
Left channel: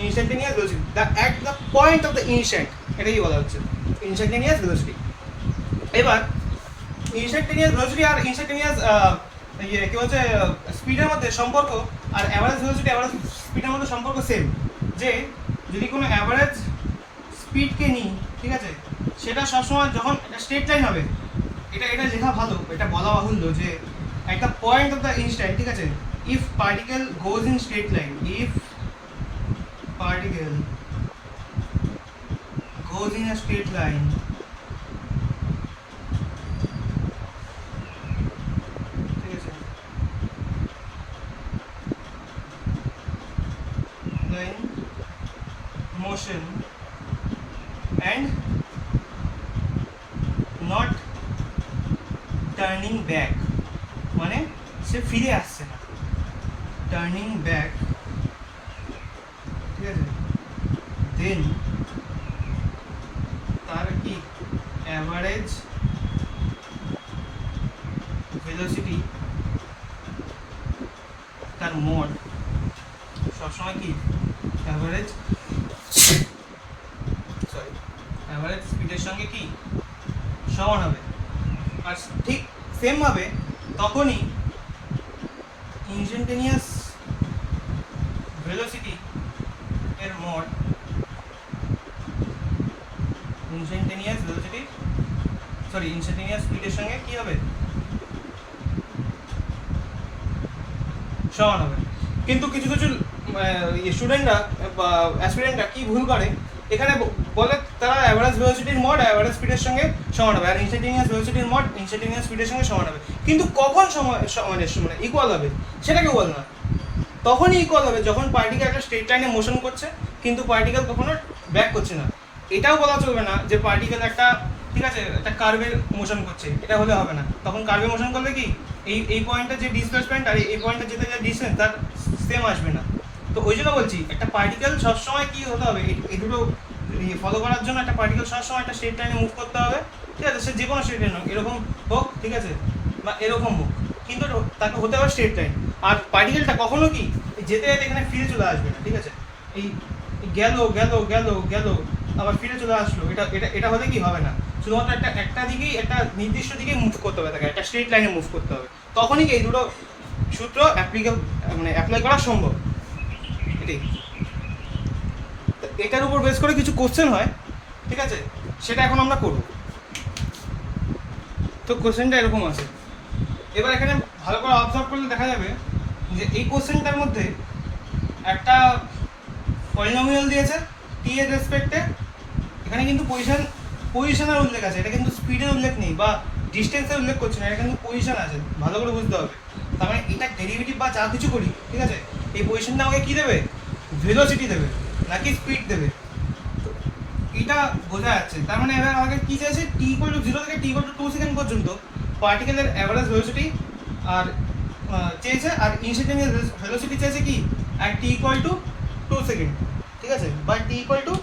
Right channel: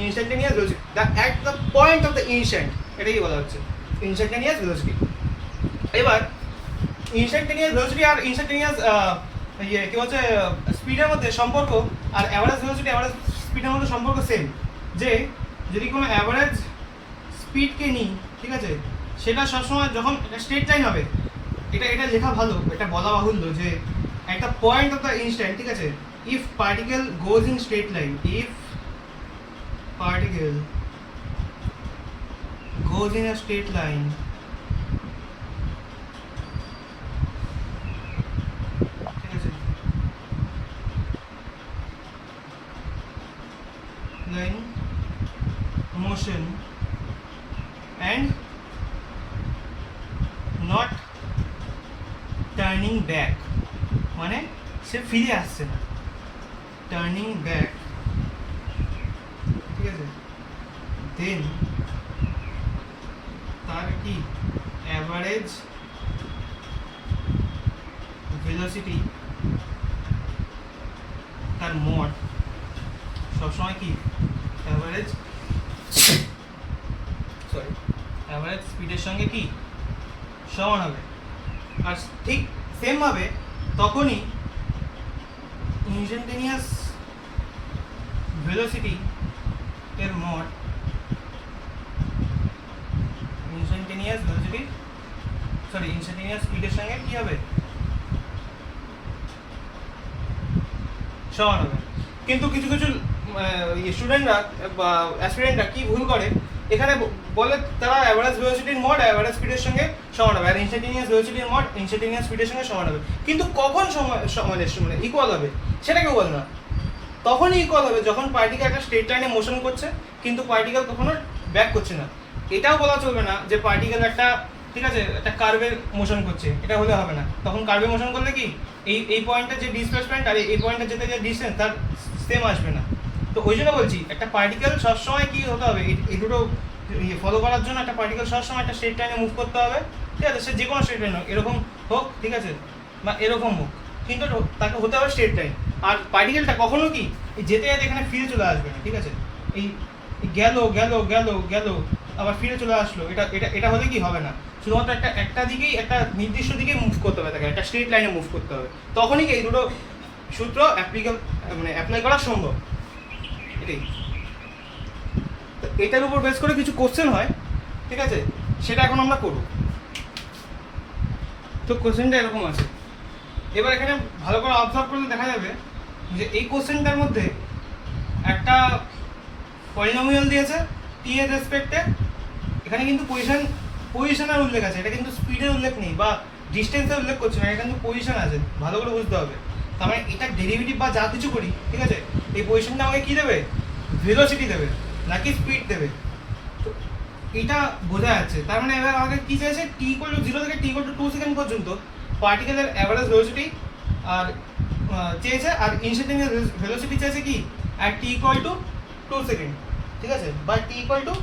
instantaneous velocity, at the point of the instant, এটাই বলা হচ্ছে ইনস্ট্যান্টেনিয়াস ভেলোসিটি। এবার ইনস্ট্যান্টেনিয়াস ভেলোসিটি আর ইনস্ট্যান্টেনিয়াস কি বলছে স্পিডের মধ্যে সম্পর্ক, আর অ্যাভারেজ ভেলোসিটি অ্যাভারেজ স্পিডের মধ্যে সম্পর্ক সেম, যে যদি কোনো অ্যাভারেজ স্পিডকে নিই, ঠিক আছে, সেটা সবসময় যখন একটা স্ট্রেট লাইন হবে, এটা লেখা ভালো, এটা বলা বাহুল্য যে একটা পয়েন্ট অফ দ্য ইনস্ট্যান্ট, ঠিক আছে, if particle goes in straight line, if particle goes in a straight line, ঠিক আছে, line motion and not turning back, মানে সে ফিরে আসছে না, টার্নিং ব্যাক, ঠিক আছে, দেন তার কি অ্যাভারেজ ভেলোসিটি, তার মড সবসময় কি অ্যাভারেজ স্পিডের সঙ্গে কি সমান হবে, আর ঠিক সেমভাবে তখনই ইনস্ট্যান্টেনিয়াস ভেলোসিটি এর মড ইনস্ট্যান্টেনিয়াস স্পিডের সঙ্গে কি হবে, সমান হবে। কিন্তু কিছু স্টুডেন্টরা বা অ্যাসপিরেন্টরা কি ভুল করে, এখানে বলে তারা অ্যাভারেজ ভেলোসিটির মড অ্যাভারেজ স্পিডের সঙ্গে সমান হবে, আর ইনস্ট্যান্টেনিয়াস ভেলোসিটির মড ইনস্ট্যান্টেনিয়াস স্পিডের সঙ্গে সমান হবে, কিন্তু কখন মানে ইকুয়াল হবে সেটাকে বল না, তখনই ইকুয়াল হবে যখন পার্টিকেল একটা স্ট্রেট লাইনে মোশন করছে কিন্তু পার্টিকেল কখনো ব্যাক করছে না। এটাও বলা চলবে না যে পার্টিকেল একটা, ঠিক আছে, একটা কার্ভের মোশন করছে, এটা হলে হবে না, তখন কার্ভে মোশন করলে কি এই পয়েন্টটা যে ডিসপ্লেসমেন্ট আর এই পয়েন্টটা যেতে যে ডিসটেন্স তার সেম আসবে না। তো ওই জন্য বলছি একটা পার্টিকেল সবসময় কি হতে হবে, এই দুটো ফলো করার জন্য একটা পার্টিকেল সবসময় একটা স্ট্রেট লাইনে মুভ করতে হবে, ঠিক আছে, সে যে কোনো স্ট্রেট লাইন হোক, এরকম হোক, ঠিক আছে, বা এরকম হোক, কিন্তু তাকে হতে হবে স্ট্রেট লাইন। আর পার্টিকেলটা কখনো কি যেতে যেতে এখানে ফিরে চলে আসবে না, ঠিক আছে, এই গেল গেল গেল গেল আবার ফিরে চলে আসলো, এটা হলে কি হবে না, শুধুমাত্র একটা দিকেই, একটা নির্দিষ্ট দিকে মুভ করতে হবে, তাকে একটা স্ট্রেট লাইনে মুভ করতে হবে, তখনই কি এই দুটো সূত্র অ্যাপ্লাই করা সম্ভব। এটাই, এটার উপর বেস করে কিছু কোশ্চেন হয়, ঠিক আছে, সেটা এখন আমরা করব। তো কোশ্চেনটা এরকম আছে, এবার এখানে ভালো করে অবজার্ভ করলে দেখা যাবে যে এই কোশ্চেনটার মধ্যে একটা পলিনোমিয়াল দিয়েছে টি এর রেসপেক্টে, এখানে কিন্তু পজিশনের উল্লেখ আছে, এটা কিন্তু স্পিডের উল্লেখ নেই বা ডিস্টেন্সের উল্লেখ করছে না, এটা কিন্তু পজিশন আছে, ভালো করে বুঝতে হবে। তার মানে এটা ডেরিভেটিভ বা যা কিছু করি, ঠিক আছে, এই পজিশনটা আমাকে কি দেবে, ভেলোসিটি দেবে নাকি স্পিড দেবে। তো এটা বোঝা যাচ্ছে। তার মানে এবার আমাকে কি চাইছে, টি ইকুয়াল টু 0 থেকে টি ইকুয়াল টু 2 সেকেন্ড পর্যন্ত পার্টিকেলের অ্যাভারেজ ভেলোসিটি আর চেয়েছে, আর ইনস্ট্যান্টানিয়াস ভেলোসিটি চেয়েছে কি আর টি ইকুয়াল টু 2 সেকেন্ড, ঠিক আছে, বা টি ইকুয়াল টু,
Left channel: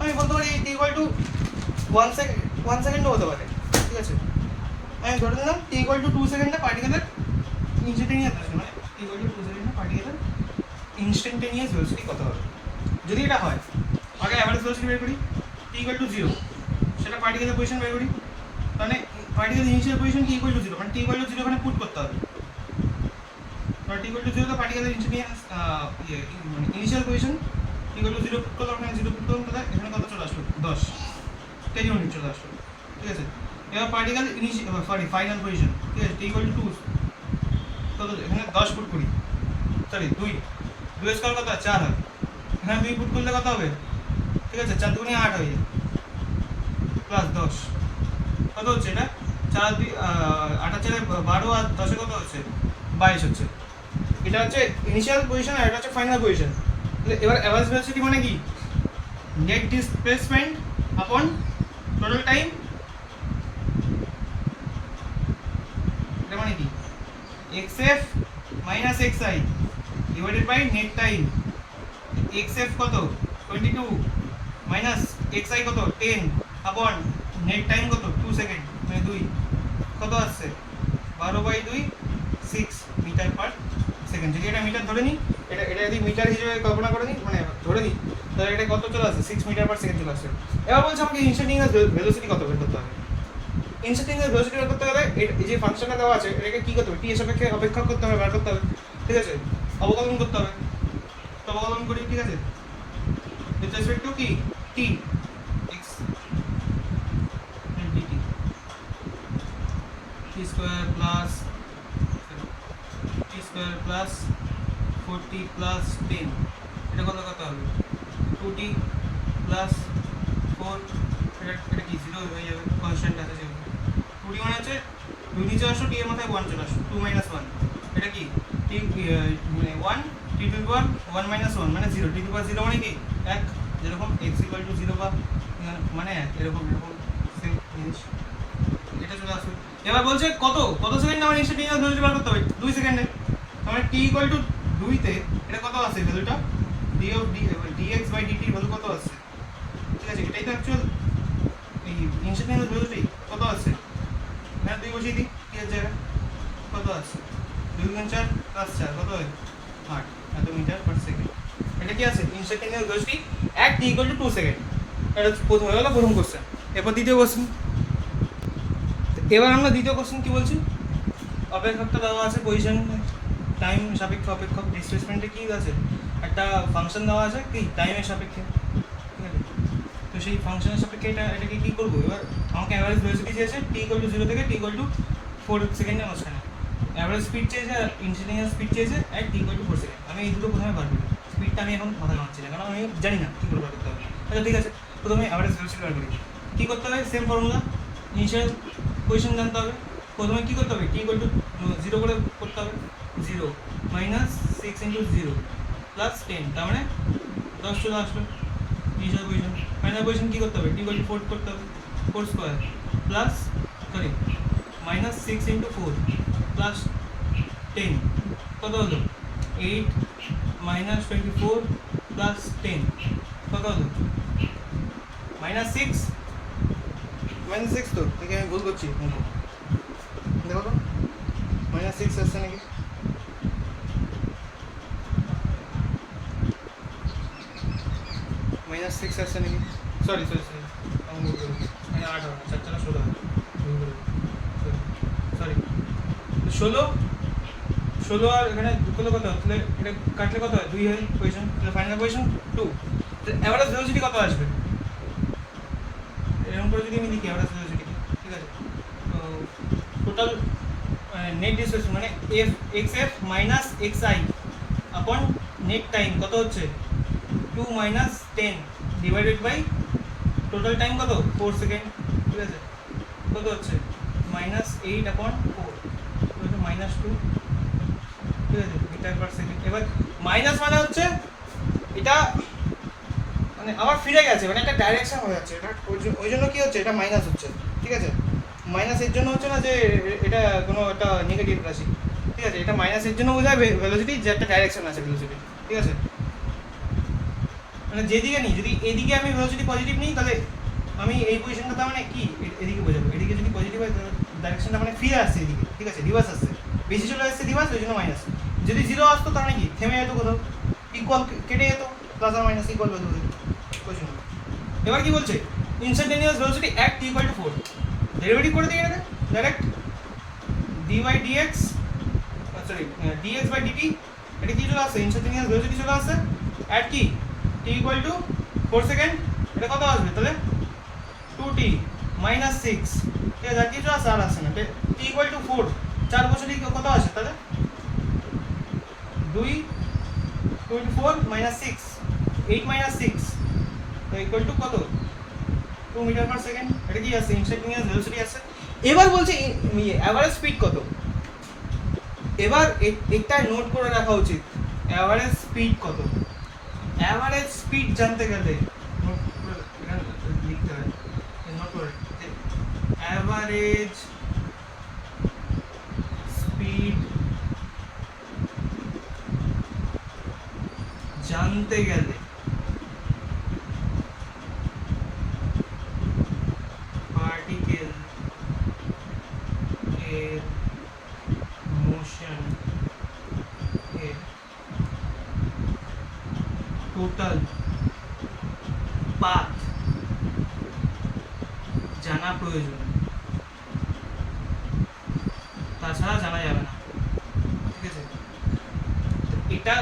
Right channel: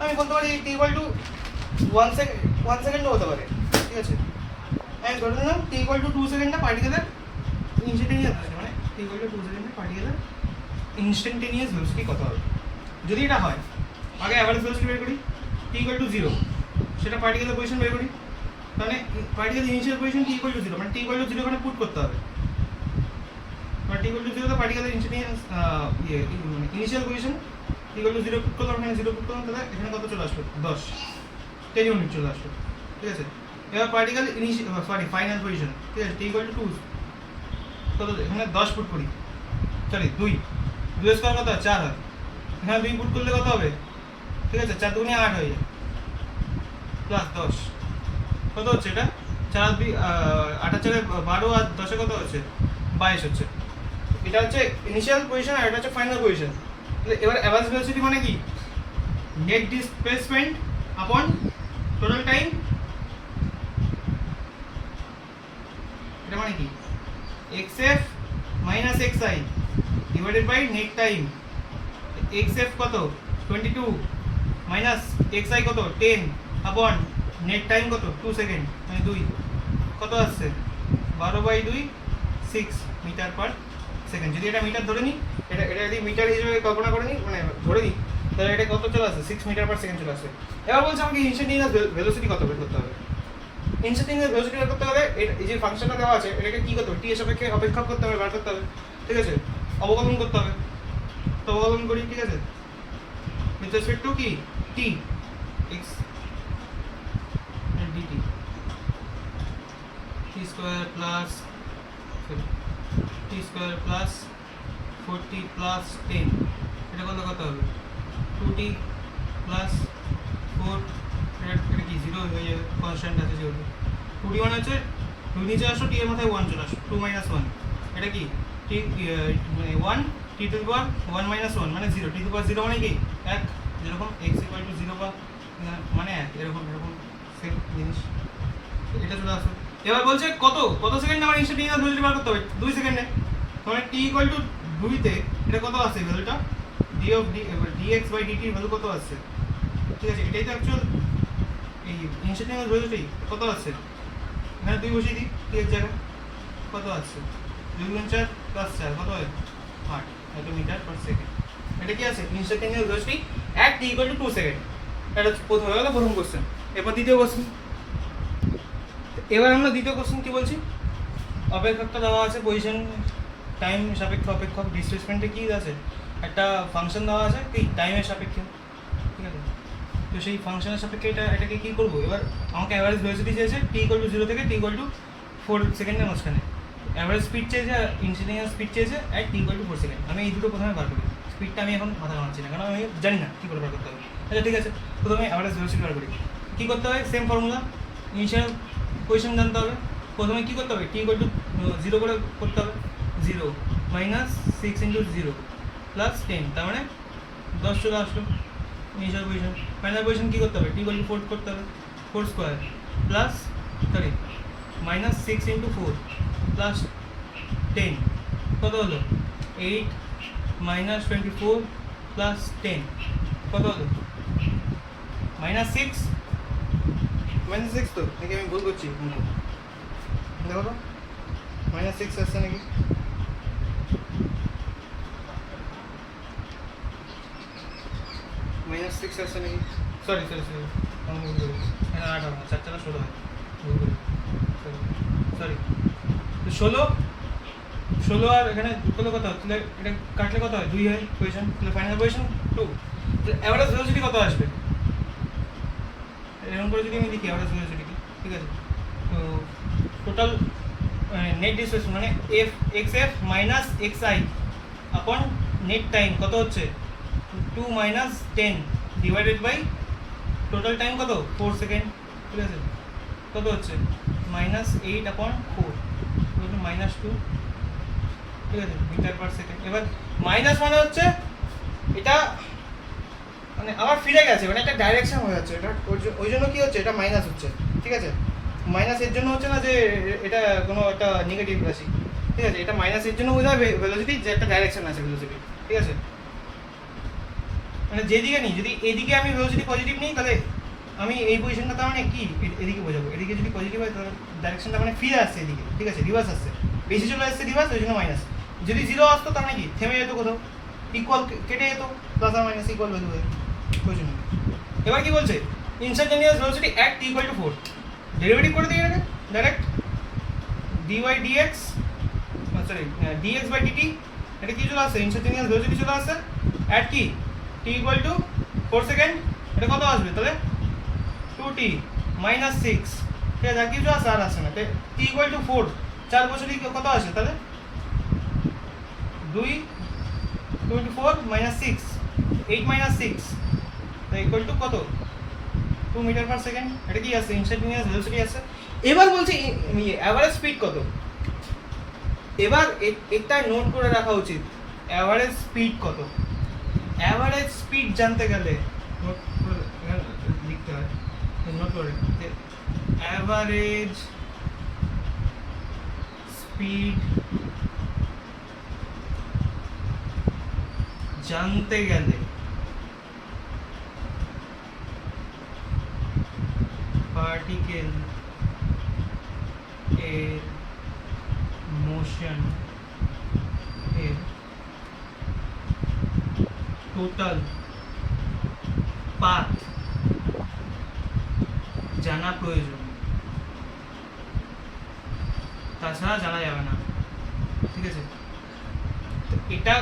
আমি বলতে পারি টি ইকুয়াল টু 1 সেকেন্ডও হতে পারে, ঠিক আছে। আমি ধরে নিলাম টি ইকুয়াল টু 2 সেকেন্ডে পার্টিকেলের ইনস্ট্যান্টানিয়াস মানে টি ইকুয়াল টু 2 সেকেন্ডে পার্টিকেলের ইনস্ট্যান্টানিয়াস ভেলোসিটি কত হবে। যদি এটা হয় আগে অ্যাভারেজ ভেলোসিটি বের করি, টি ইকুয়াল টু 0, সেটা পার্টিকেলের পজিশন বের করি, তাহলে পার্টিকেল ইনিশিয়াল পজিশন টি ইকুয়াল টু 0, মানে টি ইকুয়াল টু 0 ওখানে পুট করতে হবে, মানে টি ইকুয়াল টু 0 তো পার্টিকেলের ইনস্ট্যান্টানিয়াস মানে ইনিশিয়াল পজিশন টি ইকুয়াল টু 0 পুট করলাম, এখানে 0 পুট করলাম, তাহলে এখানে কত চলে আসলো, 10 10 ইউনিট চলে আসলো, ঠিক আছে। এবার পার্টিকেল ফাইনাল পজিশন, ঠিক আছে, টি ইকুয়াল টু 2, কত এখানে 10 পুট করি, সরি 2 স্কোয়ার কত হয় 4 হয়, এখানে 2 পুট করলে কত হবে, ঠিক আছে, 4 দুগুণে 8 হয়ে যায়, প্লাস 10 কত হচ্ছে এটা, 4 2 8 4 12 আর 10 কত হচ্ছে 22 হচ্ছে। এটা হচ্ছে ইনিশিয়াল পজিশন আর এটা হচ্ছে ফাইনাল পজিশন। এবার অ্যাভারেজ ভেলোসিটি মানে কি, net displacement upon total time, এটা মানে কি xf minus xi divided by net time. xf কত 22 মাইনাস xi কত 10 আপন নেট টাইম কত 2 সেকেন্ড, মানে 2 কত আসছে 12/2 6 মিটার পার সেকেন্ড। যদি এটা মিটার ধরে নিই, এটা যদি মিটার হিসেবে কল্পনা করে নিই, মানে ধরে নিই, তাহলে এটা কত চলে আসছে 6 মিটার পার সেকেন্ড চলে আসছে। এবার বলছে আমাকে ইনস্ট্যান্টানিয়াস ভেলোসিটি কত বের করতে হবে। ইনস্ট্যান্টানিয়াস ভেলোসিটি বের করতে গেলে এই যে ফাংশনটা দেওয়া আছে এটাকে কি করতে হবে, টি এর সাপেক্ষে অপেক্ষক করতে হবে, বার করতে হবে, ঠিক আছে, অবকলন করতে হবে। তো অবকলন করি, ঠিক আছে, উইথ রেসপেক্ট টু কি টি x dt t square plus t square plus 40 plus 10, এটা কত হবে 2t প্লাস 4, এটা কি 0 হয়ে যাবে, কনস্ট্যান্ট আছে যেহেতু 2t মানে হচ্ছে 2 নিচে আসো, t এর মাথায় 1 চলে আসো, 2 - 1, এটা কি t মানে 1 t টু দি পাওয়ার 1 - 1 মানে 0, t টু দি পাওয়ার 0 মানে কি 1, যেরকম x = 0 বা মানে 1, এরকম সেম জিনিস এটা চলে আসবে। এবার বলছে কত সেকেন্ডে আমার ইনস্ট্যান্টানিয়াস ভেলোসিটি বার করতে হবে, 2 সেকেন্ডে, মানে t = 2 তে এটা কত আসছে ভ্যালুটা, dx/dt ভ্যালু কত আসছে, ঠিক আছে, এটাই তো অ্যাকচুয়াল এই ইনস্ট্যান্টানিয়াস ভেলোসিটি কত আসছে, এখানে 2 বসিয়ে দিই t এর জায়গায়, কত আসছে 2 গুণ 4 প্লাস 4 কত হয় 8 এত মিটার পার সেকেন্ড। এটা কি আছে ইনস্ট্যান্টানিয়াস ভেলোসিটি at t = 2 সেকেন্ড। এটা প্রথম হয়ে গেল প্রথম কোশ্চেন। এরপর দ্বিতীয় কোশ্চেন। এবার আমরা দ্বিতীয় কোশ্চেন কি বলছি, অপেক্ষকটা দেওয়া আছে, পজিশন টাইম সাপেক্ষে অপেক্ষক, ডিসপ্লেসমেন্টে কি আছে একটা ফাংশন দেওয়া আছে কি টাইমের সাপেক্ষে, ঠিক আছে। তো সেই ফাংশনের সাপেক্ষে এটাকে কি করবো, এবার আমাকে অ্যাভারেজ ভেলোসিটি চেয়েছে t = 0 থেকে t = 4 সেকেন্ডের মাঝখানে, অ্যাভারেজ স্পিড চেয়েছে আর ইনস্ট্যান্টানিয়াস স্পিড চেয়েছে at t = 4 সেকেন্ড। আমি এই দুটো প্রথমে বার করি, স্পিডটা আমি এখন মাথা ঘামাচ্ছি না, কারণ আমি জানি না কী করে বার করতে হবে। আচ্ছা ঠিক আছে, প্রথমে অ্যাভারেজ ভেলোসিটি বার করি। কী করতে হবে, সেম ফর্মুলা, ইনিশিয়াল পজিশন জানতে হবে। প্রথমে কী করতে হবে, t = 0 করে করতে হবে, 0 মাইনাস 6 × 0 প্লাস 10, তার মানে 10 চলে আসলো ইনিশিয়াল পজিশন। ফাইনাল পজিশন কী করতে হবে, t = 4 করতে হবে, 4 স্কোয়ার প্লাস মাইনাস 6 × 4 প্লাস 10 কত হলো 8 মাইনাস 24 প্লাস 10 কত হলো মাইনাস 6 তো নাকি আমি ভুল করছি, দেখো তো মাইনাস 6 আসছে নাকি, মাইনাস 6 আসছে নাকি, সরি আমি ভুল করেছি, মানে 8 হবে না, 4 4 16 হয়, ভুল করে, সরি 16 আর এখানে করলে কত হয়, তাহলে এটা কাটলে কত হয় 2 হয় পজিশন, তাহলে ফাইনাল পজিশন 2। তো অ্যাভারেজ ভেলোসিটি কত আসবে, এরকম করে যদি আমি লিখি অ্যাভারেজ ভেলোসিটি, ঠিক আছে, তো টোটাল নেট ডিসপ্লেসমেন্ট মানে xf মাইনাস xi আপন নেট টাইম কত হচ্ছে 2 - 10 ডিভাইডেড বাই টোটাল টাইম কত 4 সেকেন্ড, ঠিক আছে, কত হচ্ছে -8/4 -2 ঠিক আছে, মিটার পার সেকেন্ড। এবার মাইনাস মানে হচ্ছে এটা মানে আবার ফিরে গেছে, মানে একটা ডাইরেকশন হয়ে যাচ্ছে, এটা ওই জন্য কি হচ্ছে, এটা মাইনাস হচ্ছে, ঠিক আছে। মাইনাস এর জন্য হচ্ছে না যে এটা কোনো একটা নেগেটিভ রাশি, ঠিক আছে, এটা মাইনাস এর জন্য বোঝায় ভেলোসিটি যে একটা ডাইরেকশন আছে ভেলোসিটি, ঠিক আছে। মানে যেদিকে নিই, যদি এদিকে আমি ভেলোসিটি পজিটিভ নিই তাহলে আমি এই পজিশনটা তার মানে কি এদিকে বোঝাবো, এদিকে যদি পজিটিভ হয় তাহলে ডাইরেকশনটা মানে ফিরে আসছে এদিকে, ঠিক আছে, রিভার্স আসছে, বেশি চলে আসছে রিভার্স, ওই জন্য মাইনাস। যদি জিরো আসতো তার মানে কি থেমে যেত কোথাও, ইকুয়াল কেটে যেত, প্লাস আর মাইনাস ইকুয়াল ভ্যালু হয়ে, ওই জন্য। এবার কি বলছে, instantaneous velocity at t = 4, derivative করে দিই এটা direct dy dx, sorry dx by dt, এটা কি চলে আসছে, ইনস্টান্টেনিয়াস ভেলোসিটি চলে আসছে অ্যাট কি t = 4 সেকেন্ড, এটা কত আসবে তাহলে 2t - 6, ঠিক আছে, আর কিছু আসে আর আসে না, t = 4, 4 বছরই কত আসে তাহলে 2 × 4 - 6, 8 - 6 ইকুয়াল টু কত 2 মিটার পার সেকেন্ড, এটা কি আছে, ইনস্টান্টেনিয়াস ভেলোসিটি আছে। এবার বলছে এভারেজ স্পিড কত, এবার এটা নোট করে রাখা উচিত, এভারেজ স্পিড কত। এভারেজ স্পিড জানতে গেলে নোট করে এখানে লিখতে হয়, নোট করে এভারেজ স্পিড জানতে গেলে পার্টিকেল এর মোশন এর টোটাল পাথ জানা প্রয়োজন, তাছাড়া জানা যাবে না, ঠিক আছে। এটা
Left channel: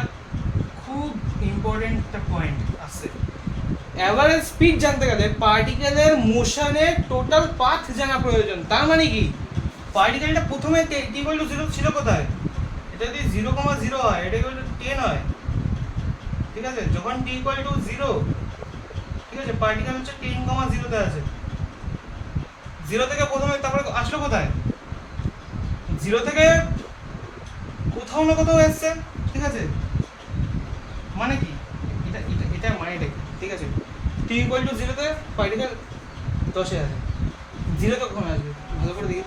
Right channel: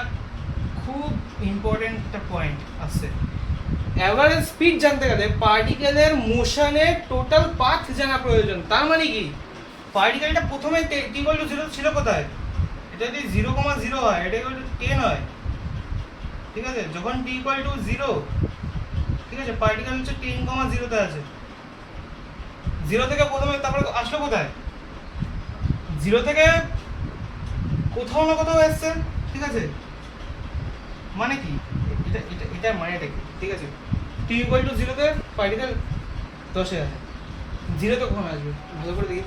খুব ইম্পর্টেন্ট একটা পয়েন্ট আসছে, এভারেজ স্পিড জানতে গেলে পার্টিকেলের মোশনের টোটাল পাথ জানা প্রয়োজন। তার মানে কি, পার্টিকেলটা প্রথমে t = 0 ছিল কোথায়, এটা যদি 0,0 হয় এটা = 10 হয়, ঠিক আছে, যখন t = 0, ঠিক আছে, পার্টিকেল হচ্ছে 10,0 তে আছে, 0 থেকে প্রথমে তারপরে আসলো কোথায়, 0 থেকে কোথাও না কোথাও আসছে, ঠিক আছে। মানে কি এটা এটা এটা মানেটা কি, ঠিক আছে, t = 0 তে পার্টিকেল 10 এ আছে, 0 তে কখন আসবে ভালো করে দেখি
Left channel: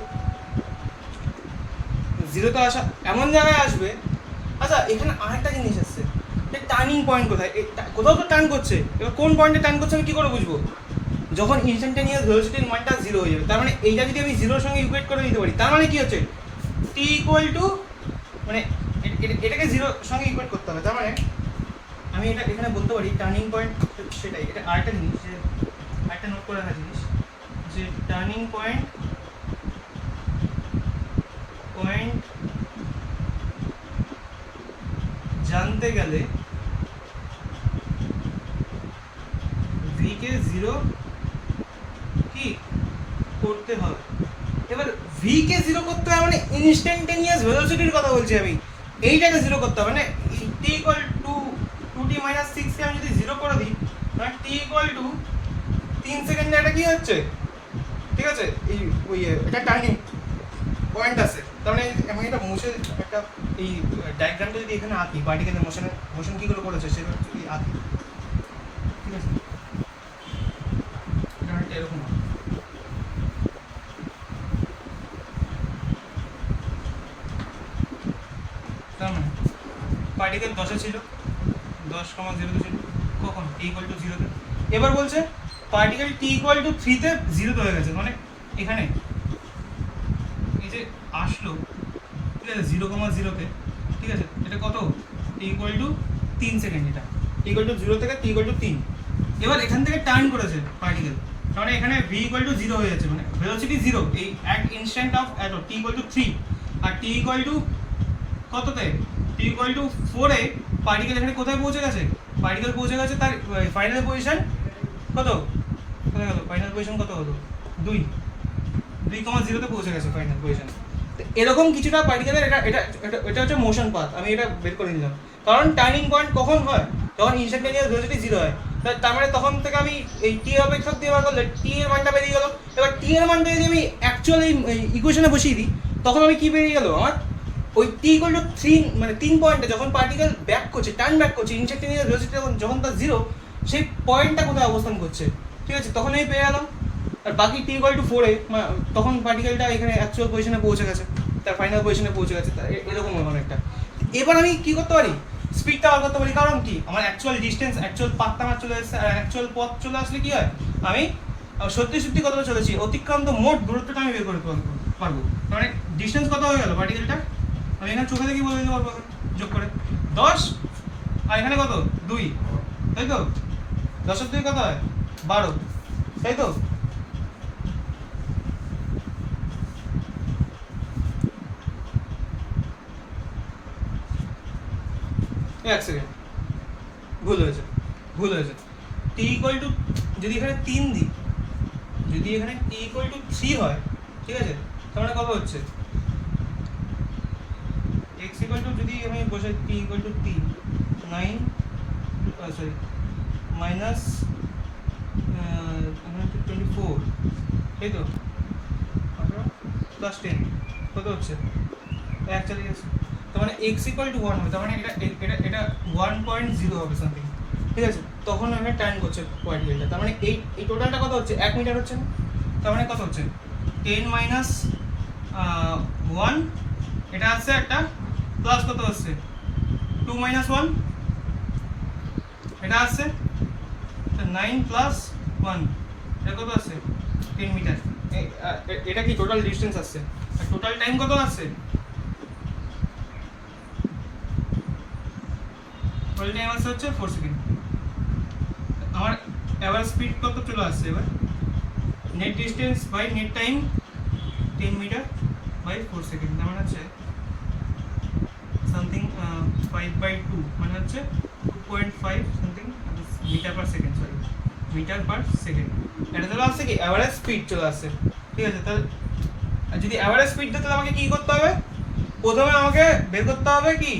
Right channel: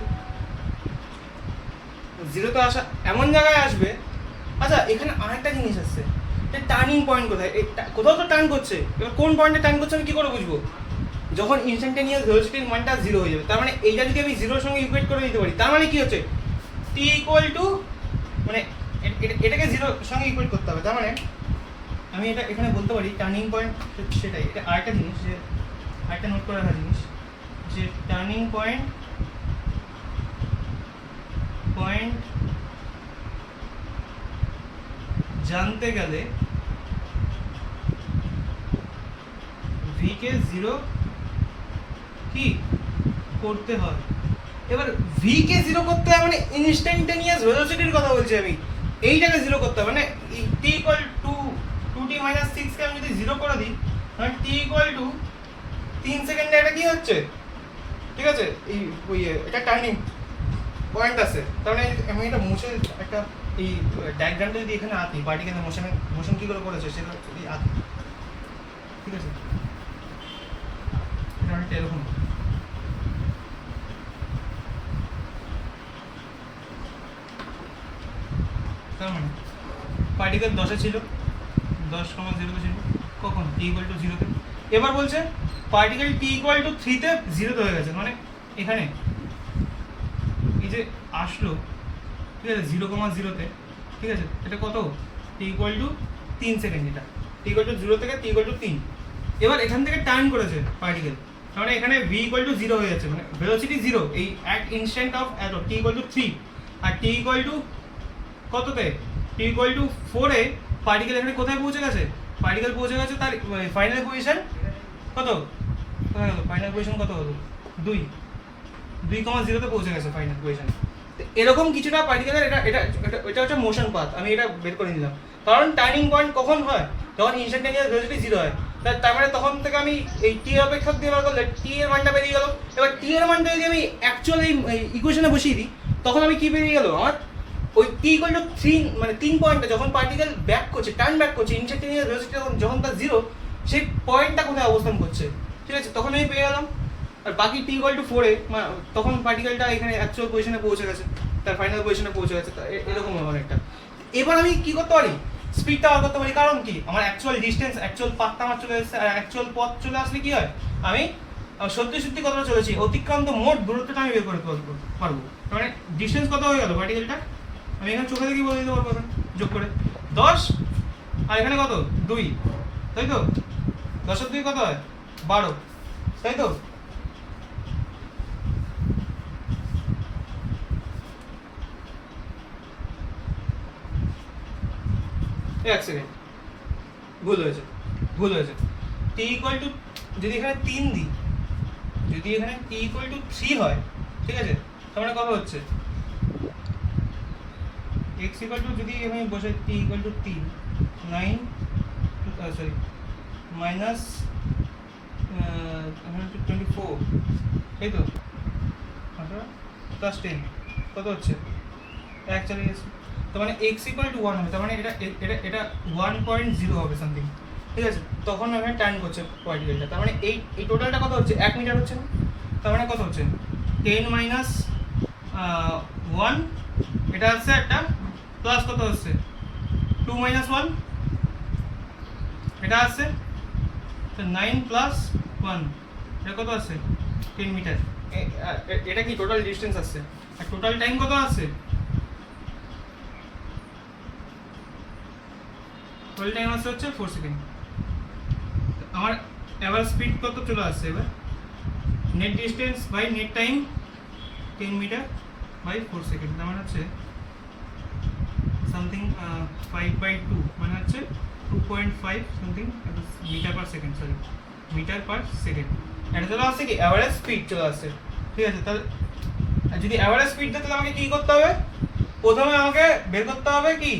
তো, 0 তে আসা এমন জায়গায় আসবে। আচ্ছা এখানে আরেকটা জিনিস আসছে, টার্নিং পয়েন্ট কোথায়, কোথাও তো টার্ন করছে, এবার কোন পয়েন্টে টার্ন করছে আমি কি করে বুঝবো, যখন ইনস্ট্যান্টেনিয়াস ভেলোসিটির মানটা 0 হয়ে যাবে, তার মানে এইটা যদি আমি 0 এর সঙ্গে ইকুয়েট করে নিতে পারি, তার মানে কি হচ্ছে t = মানে এটাকে 0 এর সঙ্গে ইকুয়েট করতে হবে, তার মানে আমি এটা এখানে বলতে পারি টার্নিং পয়েন্ট সেটাই। এটা আরেকটা জিনিস, যে আরেকটা নোট করে রাখা জিনিস, যে টার্নিং পয়েন্ট জানতে গেলে v কে 0 কি করতে হবে। এবার v কে 0 করতে হবে মানে ইনস্ট্যান্টেনিয়াস ভেলোসিটির কথা বলছি আমি, এইটাকে 0 করতে হবে, মানে t = 2t - 6 কে আমি যদি 0 করে দিই, মানে t = 3 সেকেন্ডে এটা কি হচ্ছে, ঠিক আছে, এই ওই এটা টার্নিং পয়েন্ট আছে। তার মানে আমি এটা মুছে একটা এই ডায়াগ্রামটা যদি এখানে আঁকি, পার্টিকেলের মোশন কী করে করেছে সেটা যদি আঁকি, ঠিক আছে, এটা অনেকটা এরকম। তার মানে পার্টিকেল 10 ছিল, 10,0 ছিল, কখন t = 0 তে। এবার বলছে পার্টিকেল t = 3 তে 0 তে হয়ে গেছে, মানে এখানে এই যে আসলো, ঠিক আছে, 0,0 তে, ঠিক আছে, এটা কত t = 3 সেকেন্ড, এটা t = 0 থেকে t = 3। এবার এখান থেকে টার্ন করেছে পার্টিকেল, তাহলে এখানে v = 0 হয়ে যাচ্ছে, মানে ভেলোসিটি 0 এই অ্যাট ইনস্ট্যান্ট অফ t = 3, আর t কততে, t = 4 এ পার্টিকেল এখানে কোথায় পৌঁছে গেছে, পার্টিকেল পৌঁছে গেছে তার ফাইনাল পজিশন কত, কোথায় গেল ফাইনাল পজিশন, কত হলো 2,0 তে পৌঁছে গেছে ফাইনাল পজিশন। এরকম কিছুটা পার্টিকেলের এটা এটা এটা হচ্ছে মোশন পাথ, আমি এটা বের করে নিলাম, কারণ টার্নিং পয়েন্ট কখন হয়, তখন ইনস্ট্যান্টেনিয়াস ভেলোসিটি 0 হয়, তার মানে তখন থেকে আমি এই টি অপেক্ষক দিয়ে বার করলে টি এর মানটা বেরিয়ে গেল। এবার টি এর মানটা যদি আমি অ্যাকচুয়ালি এই ইকুয়েশনে বসিয়ে দিই, তখন আমি কি বেরিয়ে গেল, আমার ওই টি ইকুয়াল টু 3 মানে 3 পয়েন্টে যখন পার্টিকেল ব্যাক করছে, টার্ন ব্যাক করছে, ইনস্ট্যান্টেনিয়াস ভেলোসিটি যখন তার 0, সেই পয়েন্টটা কোথায় অবস্থান করছে, ঠিক আছে, তখন আমি পেয়ে গেলাম। আর বাকি টি ইকুয়াল টু 4 এ তখন পার্টিকেলটা এখানে অ্যাকচুয়াল পজিশনে পৌঁছে গেছে, তার ফাইনাল পজিশনে পৌঁছে গেছে, এরকম অনেকটা। এবার আমি কি করতে পারি, স্পিডটা বার করতে পারি। কারণ কি, আমার অ্যাকচুয়াল ডিস্টেন্স, অ্যাকচুয়াল পাথটা আমার চলে এসেছে। আর অ্যাকচুয়াল পথ চলে আসলে কি হয়, আমি সত্যি সত্যি কতটা চলেছি, অতিক্রান্ত মোট দূরত্বটা আমি বের করতে পারবো। মানে ডিস্টেন্স কত হয়ে গেল পার্টিকেলটা, আমি এখানে চোখে দেখি বলে দিতে পারবো যোগ করে 10, আর এখানে কত 2, তাই তো 10 এর 2 কত হয় 12, তাই তো। এক সেকেন্ড, ভুল হয়েছে। টি ইকুয়াল টু যদি এখানে 3 দিই, যদি এখানে টি ইকুয়াল টু 3 হয়, ঠিক আছে, তার মানে কত হচ্ছে x ইকুয়াল টু, যদি আমি বসাই টি ইকুয়াল টু 3, 9 সরি মাইনাস এখানে 24, তাই তো, প্লাস 10 কত হচ্ছে 1 চলে গেছে। তার মানে x ইকুয়াল টু 1 হবে, তার মানে এটা 1.0 হবে সামথিং, ঠিক আছে। তখন আমি টার্ন করছে পার্টিকেলটা, তার মানে এই টোটালটা কত হচ্ছে 1 মিটার হচ্ছে না, তার মানে কত হচ্ছে 10 মাইনাস 1, এটা হচ্ছে একটা প্লাস কত হচ্ছে 2 মাইনাস 1, এটা আসছে 9 প্লাস 1, এটা কত আসছে 10 মিটার। এটা কি টোটাল ডিস্টেন্স আসছে, আর টোটাল টাইম কত আসছে, টোটাল টাইম আসছে হচ্ছে 4 সেকেন্ড। আমার এভারেজ স্পিড কত চলে আসছে এবার, net distance by net time 10 metre by 4 second, তার মানে হচ্ছে সামথিং 5/2, মানে হচ্ছে 2.5 something metre per second, sorry metre per second. এটা চলে আসছে কি অ্যাভারেজ স্পিড চলে আসছে, ঠিক আছে। তাহলে যদি অ্যাভারেজ স্পিড তাহলে আমাকে কি করতে হবে, প্রথমে আমাকে বের করতে হবে কি,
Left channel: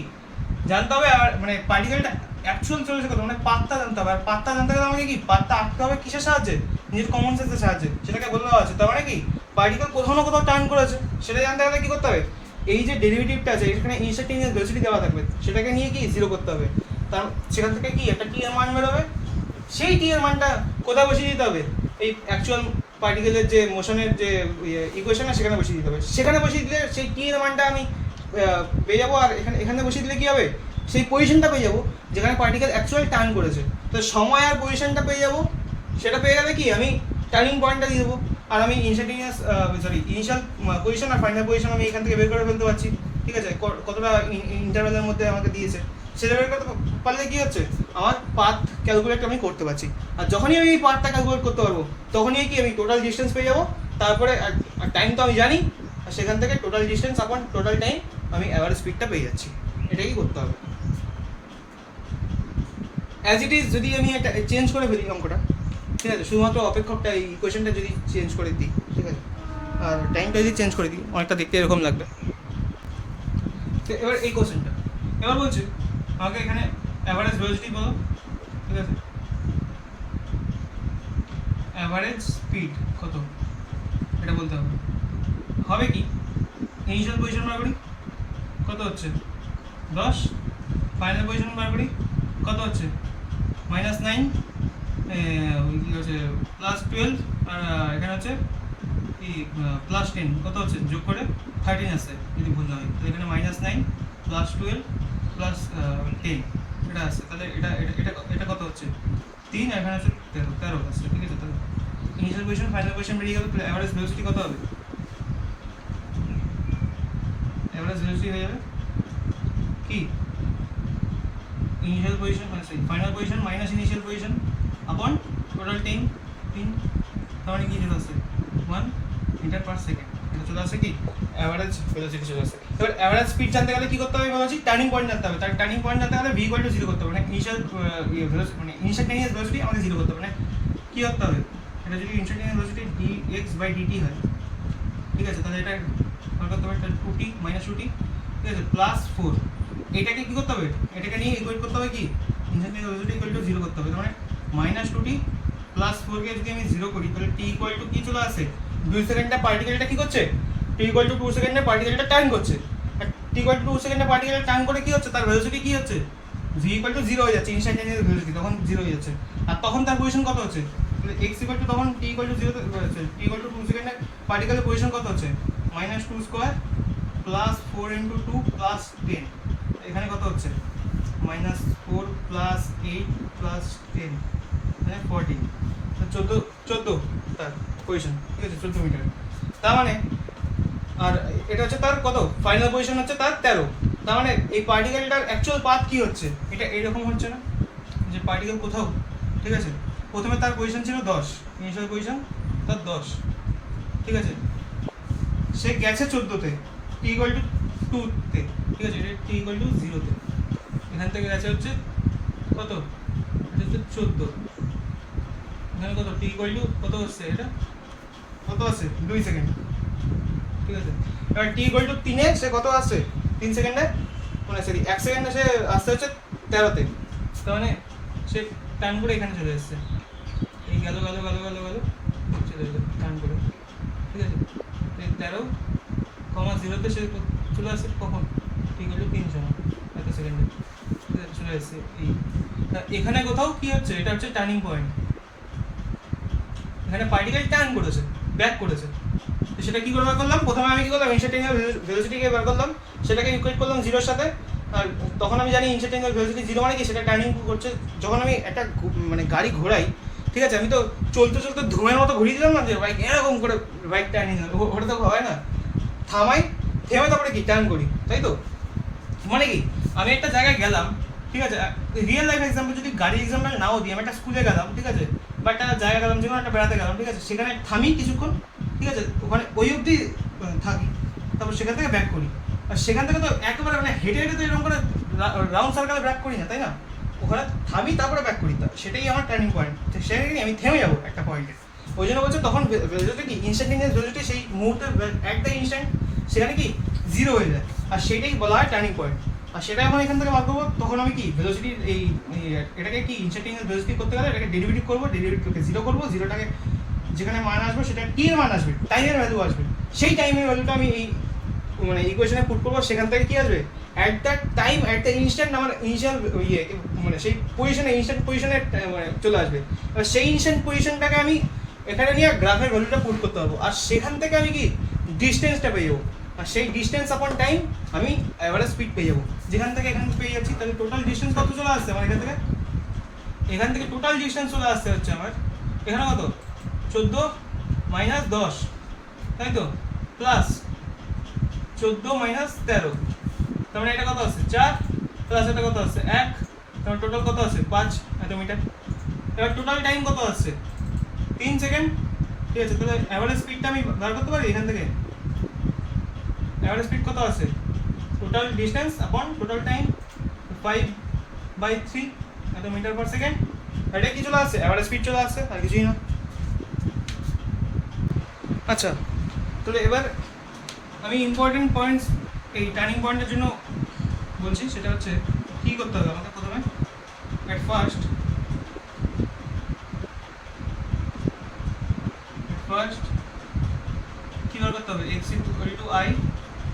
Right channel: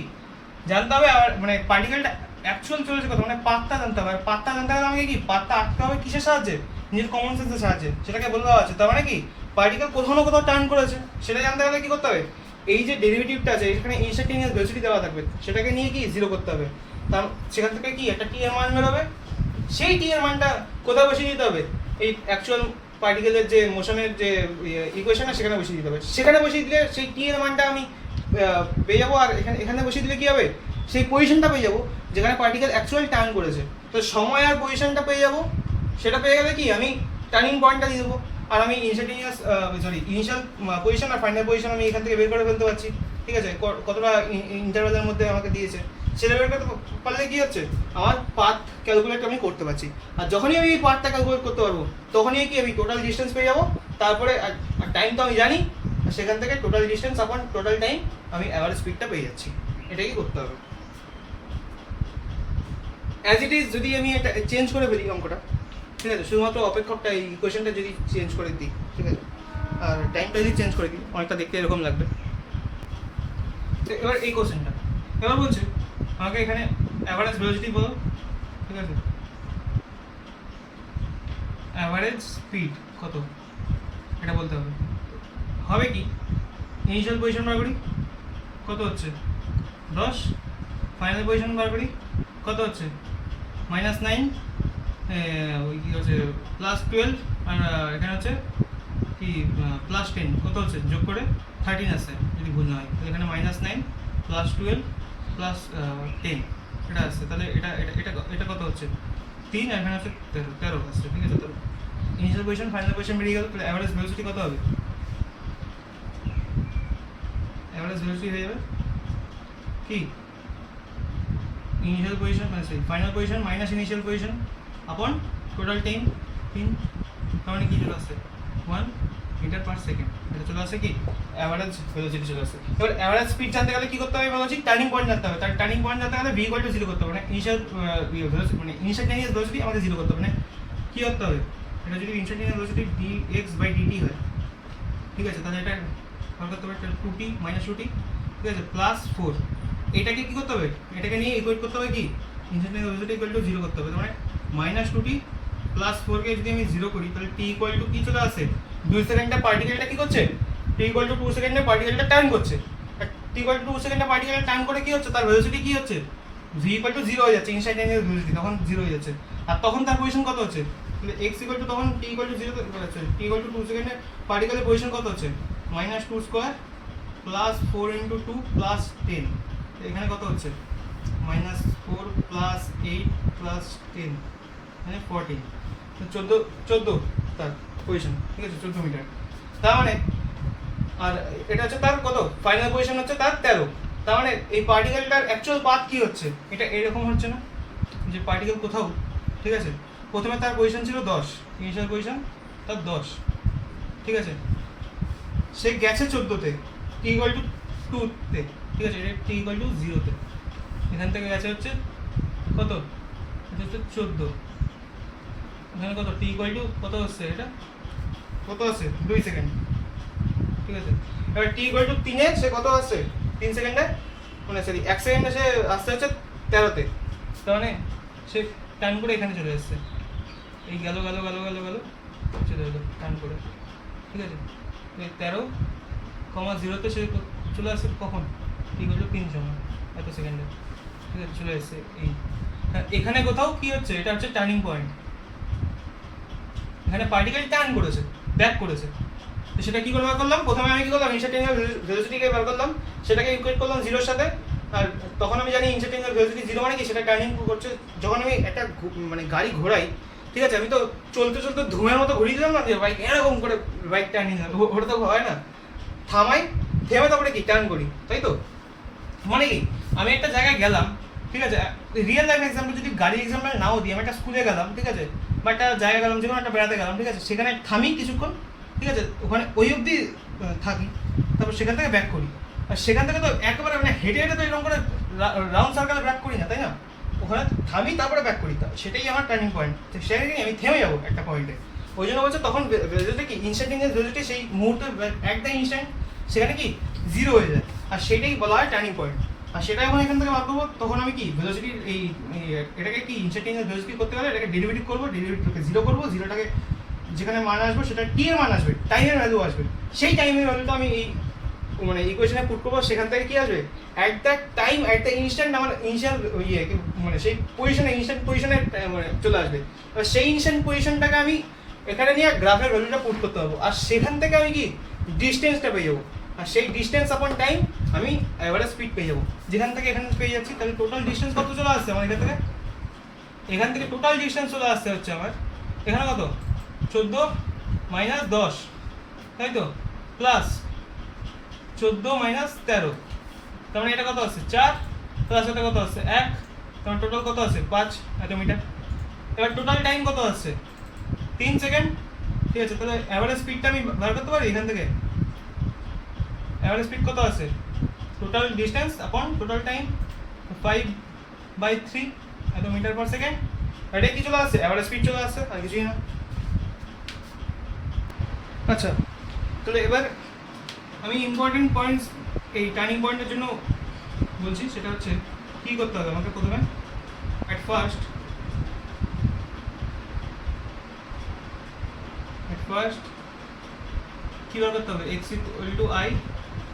জানতে হবে মানে পার্টিকেলটা অ্যাকচুয়াল চলেছে কত, মানে পাথটা জানতে হবে। আর পাথটা জানতে হবে আমাকে কি, পাথটা আঁকতে হবে কিসের সাহায্যে, নিজের কমন সেন্সের সাহায্যে, সেটাকে বলে দেওয়া আছে। তার মানে কি পার্টিকেল কোথাও না কোথাও টার্ন করেছে, সেটা জানতে গেলে কি করতে হবে, এই যে ডেরিভেটিভটা আছে এখানে ইনস্ট্যান্টেনিয়াস ভেলোসিটি দেওয়া থাকবে, সেটাকে নিয়ে কি 0 করতে হবে। তার সেখান থেকে কি একটা টি এর মান বেরোবে, সেই টি এর মানটা কোথায় বসিয়ে দিতে হবে, এই অ্যাকচুয়াল পার্টিকেলের যে মোশনের যে ইকুয়েশন আছে সেখানে বসিয়ে দিতে হবে। সেখানে বসিয়ে দিলে সেই টি এর মানটা আমি পেয়ে যাবো, আর এখানে বসিয়ে দিলে কি হবে, সেই পজিশনটা পেয়ে যাবো যেখানে পার্টিকেল অ্যাকচুয়াল টার্ন করেছে। তো সময় আর পজিশনটা পেয়ে যাবো, সেটা পেয়ে গেলে কি আমি টার্নিং পয়েন্টটা দিয়ে দেবো, আর আমি ইনস্ট্যান্টেনিয়াস ইনিশিয়াল পজিশন আর ফাইনাল পজিশন আমি এখান থেকে বের করে ফেলতে পারছি, ঠিক আছে, কতটা ইন্টারভ্যালের মধ্যে আমাকে দিয়েছে সেটা বের করতে পারলে কি হচ্ছে, আমার পাথ ক্যালকুলেট আমি করতে পারছি। আর যখনই আমি এই পাথটা ক্যালকুলেট করতে পারবো, তখনই কি আমি টোটাল ডিস্টেন্স পেয়ে যাবো। তারপরে আর টাইম তো আমি জানি, আর সেখান থেকে total distance upon total time আমি অ্যাভারেজ স্পিডটা পেয়ে যাচ্ছি। এটাই করতে হবে। অ্যাজ ইট ইজ যদি আমি এটা চেঞ্জ করে ফেলি অঙ্কটা, ঠিক আছে, শুধুমাত্র অপেক্ষকটা এই ইকুয়েশনটা যদি চেঞ্জ করে দিই, ঠিক আছে, আর টাইমটা যদি চেঞ্জ করে দিই, অনেকটা দেখতে এরকম লাগবে। তো এবার এই কোশ্চেনটা এবার বলছি আমাকে এখানে অ্যাভারেজ ভেলোসিটি বলো, ঠিক আছে, অ্যাভারেজ স্পিড কত এটা বলতে হবে। হবে কি ইনিশিয়াল পজিশন বার করি, কত হচ্ছে 10, ফাইনাল পজিশন বার করি কত হচ্ছে -9, ওই কি হচ্ছে +12, আর এখানে হচ্ছে কি +10, কত হচ্ছে যোগ করে 13 আসছে যদি ভুল না হয়। তাহলে এখানে -9 +12 +10 এটা আসছে। তাহলে এটা এটা এটা এটা কত হচ্ছে 3, আর এখানে হচ্ছে 13 আসছে, ঠিক আছে। তাহলে ইনিশিয়াল পজিশন ফাইনাল পজিশন বেরিয়ে গেল, তাহলে অ্যাভারেজ ভেলোসিটি কত হবে, অ্যাভারেজ ভেলোসিটি হয়ে যাবে কি initial position final position minus initial position আপন টোটাল টাইম 3, তার মানে কি চলে আসছে 1 মিটার পার সেকেন্ড। এটা চলে আসে কি অ্যাভারেজ ভেলোসিটি চলে আসে। এবার অ্যাভারেজ স্পিড জানতে গেলে কি করতে হবে বলা হচ্ছে, টার্নিং পয়েন্ট জানতে হবে। তার টার্নিং পয়েন্ট জানতে গেলে v = 0 করতে হবে, মানে ইনিশিয়াল ভেলোসিটি মানে ইনস্ট্যান্টেনিয়াস ভেলোসিটি আমাকে 0 করতে হবে। মানে কি করতে হবে, এটা যদি ইনস্ট্যান্টেনিয়াস ভেলোসিটি dx/dt হয়, ঠিক আছে, তাহলে এটা করতে হবে 2t - 2t, ঠিক আছে, +4। এটাকে কি করতে হবে, এটাকে নিয়ে ইকুয়েট করতে হবে কি ইনস্ট্যান্টেনিয়াস ভেলোসিটি = 0 করতে হবে। মানে -2t +4 কে যদি আমি 0 করি, তাহলে t = কি চলে আসে 2 সেকেন্ডে পার্টিকেলটা কি করছে, t = 2 সেকেন্ডে পার্টিকেলটা টার্ন করছে। আর t ইকুয়াল টু 2 সেকেন্ডে পার্টিকেল টার্ন করে কি হচ্ছে, তার ভেলোসিটি কি হচ্ছে, v ইকুয়াল টু 0 হয়ে যাচ্ছে, ইনস্ট্যান্টেনিয়াস ভেলোসিটি তখন 0 হয়ে যাচ্ছে। আর তখন তার পজিশন কত হচ্ছে, তাহলে x ইকুয়াল টু তখন t ইকুয়াল টু 0 হচ্ছে, t ইকুয়াল টু 2 সেকেন্ডে পার্টিকেলের পজিশন কত হচ্ছে, -2 স্কয়ার প্লাস 4 ইনটু 2 প্লাস 10, এখানে কত হচ্ছে -4 প্লাস 8 প্লাস 10 মানে 14, 14 তার পজিশন, ঠিক আছে 14 মিটার। তার মানে আর এটা হচ্ছে তার কত ফাইনাল পজিশন হচ্ছে তার 13। তার মানে এই পার্টিকেলটার অ্যাকচুয়াল পাথ কি হচ্ছে, এটা এইরকম হচ্ছে না যে পার্টিকেল কোথাও, ঠিক আছে প্রথমে তার পজিশন ছিল 10, ইনিশিয়াল পজিশন তার 10, ঠিক আছে সে গেছে 14তে, t ইকুয়াল টু 2 তে, ঠিক আছে এটা t ইকুয়াল টু 0 তে, এখান থেকে গেছে হচ্ছে কত, এটা হচ্ছে 14, এখানে কত t ইকুয়াল টু কত হচ্ছে, এটা কত আছে 2 সেকেন্ড, ঠিক আছে। এবার t ইকুয়াল টু 3 এ সে কত আসছে 3 সেকেন্ডে, মানে সরি 1 সেকেন্ডে সে আসছে হচ্ছে 13 তে, তার মানে সে টাইম করে এখানে চলে এসেছে, এই গেল গেল গেল গেল গেল চলে এলো টাইম করে, ঠিক আছে 13,0 তে সে চলে আসছে কখন, t ইকুয়াল টু 3 সময় এত সেকেন্ডে, ঠিক আছে চলে এসেছে এই। এখানে কোথাও কি হচ্ছে, এটা হচ্ছে টার্নিং পয়েন্ট, এখানে পার্টিকেল টার্ন করেছে, ব্যাক করেছে, তো সেটা কি করে বার করলাম, প্রথমে আমি কি করলাম ইনস্ট্যান্টেনিয়াস ভেলোসিটিকে বার করলাম, সেটাকে ইকুয়েট করলাম 0 এর সাথে। আর তখন আমি জানি ইনস্ট্যান্টেনিয়াস ভেলোসিটি 0 মানে কি, সেটা টার্নিং করছে যখন আমি একটা মানে গাড়ি ঘোরাই, ঠিক আছে আমি তো চলতে চলতে ধুমের মতো ঘুরিয়ে দিলাম না যে বাইক এরকম করে বাইক টার্নিং হবে, ওটা তো হয় না, থামাই থেমে তারপরে কি টার্ন করি, তাই তো। মানে কি আমি একটা জায়গায় গেলাম, ঠিক আছে রিয়েল লাইফ এক্সাম্পল যদি গাড়ি এক্সাম্পল নাও দিই, আমি একটা স্কুলে গেলাম, ঠিক আছে বা একটা জায়গা গেলাম, যেমন একটা বেড়াতে গেলাম, ঠিক আছে সেখানে থামি কিছুক্ষণ, ঠিক আছে ওখানে ওই অবধি থাকি, তারপর সেখান থেকে ব্যাক করি। আর সেখান থেকে তো একেবারে মানে হেঁটে হেঁটে তো এরকম করে রাউন্ড সার্কেলে ব্যাক করি না, তাই না, ওখানে থামি তারপরে ব্যাক করি, সেটাই আমার টার্নিং পয়েন্ট, তো সেখানে আমি থেমে যাবো একটা পয়েন্টে। ওই জন্য বলছে তখন ভেলোসিটি কি ইনস্ট্যান্টেনিয়াস ভেলোসিটি সেই মুহূর্তে একটা ইনস্ট্যান্ট সেখানে কি 0 হয়ে যায়, আর সেটাই বলা হয় টার্নিং পয়েন্ট। আর সেটা যখন এখান থেকে বার করবো তখন আমি কি ভেলোসিটির এই এটাকে কি ইনস্ট্যান্টেনিয়াস ভেলোসিটি করতে গেলে এটাকে ডেরিভেটিভ করবো, ডেরিভেটিভকে 0 করবো, 0টাকে যেখানে মান আসবে সেটা t এর মান আসবে, টাইমের ভ্যালু আসবে, সেই টাইমের ভ্যালুটা আমি এই মানে ইকুয়েশনে পুট করবো, সেখান থেকে কি আসবে at that time at the instant আমার ইনিশিয়াল মানে সেই পজিশনে ইনস্ট্যান্ট পজিশনে মানে চলে আসবে। এবার সেই ইনস্ট্যান্ট পজিশনটাকে আমি এখানে নিয়ে গ্রাফের ভ্যালুটা পুট করতে পারবো, আর সেখান থেকে আমি কি ডিস্টেন্সটা পেয়ে যাবো, আর সেই ডিস্টেন্স আপন টাইম আমি এভারেজ স্পিড পেয়ে যাবো, যেখান থেকে এখানে পেয়ে যাচ্ছি। তাহলে টোটাল ডিস্টেন্স কত চলে আসছে আমার এখান থেকে টোটাল ডিস্টেন্স চলে আসছে হচ্ছে আমার এখানে কত 14 মাইনাস 10, তাই তো প্লাস 14 মাইনাস 13, তার মানে এটা কত আছে 4 প্লাস এটা কত আছে 1, তার মানে টোটাল কত আছে 5 মিটার। এবার টোটাল টাইম কত আসছে 3 সেকেন্ড, ঠিক আছে। তাহলে অ্যাভারেজ স্পিডটা আমি বার করতে পারি এখান থেকে, অ্যাভারেজ স্পিড কত আছে total distance upon total time 5/3 metre per second, এটা কি চলে আসছে অ্যাভারেজ স্পিড চলে আসছে, আর কিছুই না। আচ্ছা তাহলে এবার আমি ইম্পর্টেন্ট পয়েন্টস এই টার্নিং পয়েন্টের জন্য বলছি, সেটা হচ্ছে কী করতে হবে আমাকে প্রথমে অ্যাট ফার্স্ট কী বার করতে হবে x ইকুয়াল টু i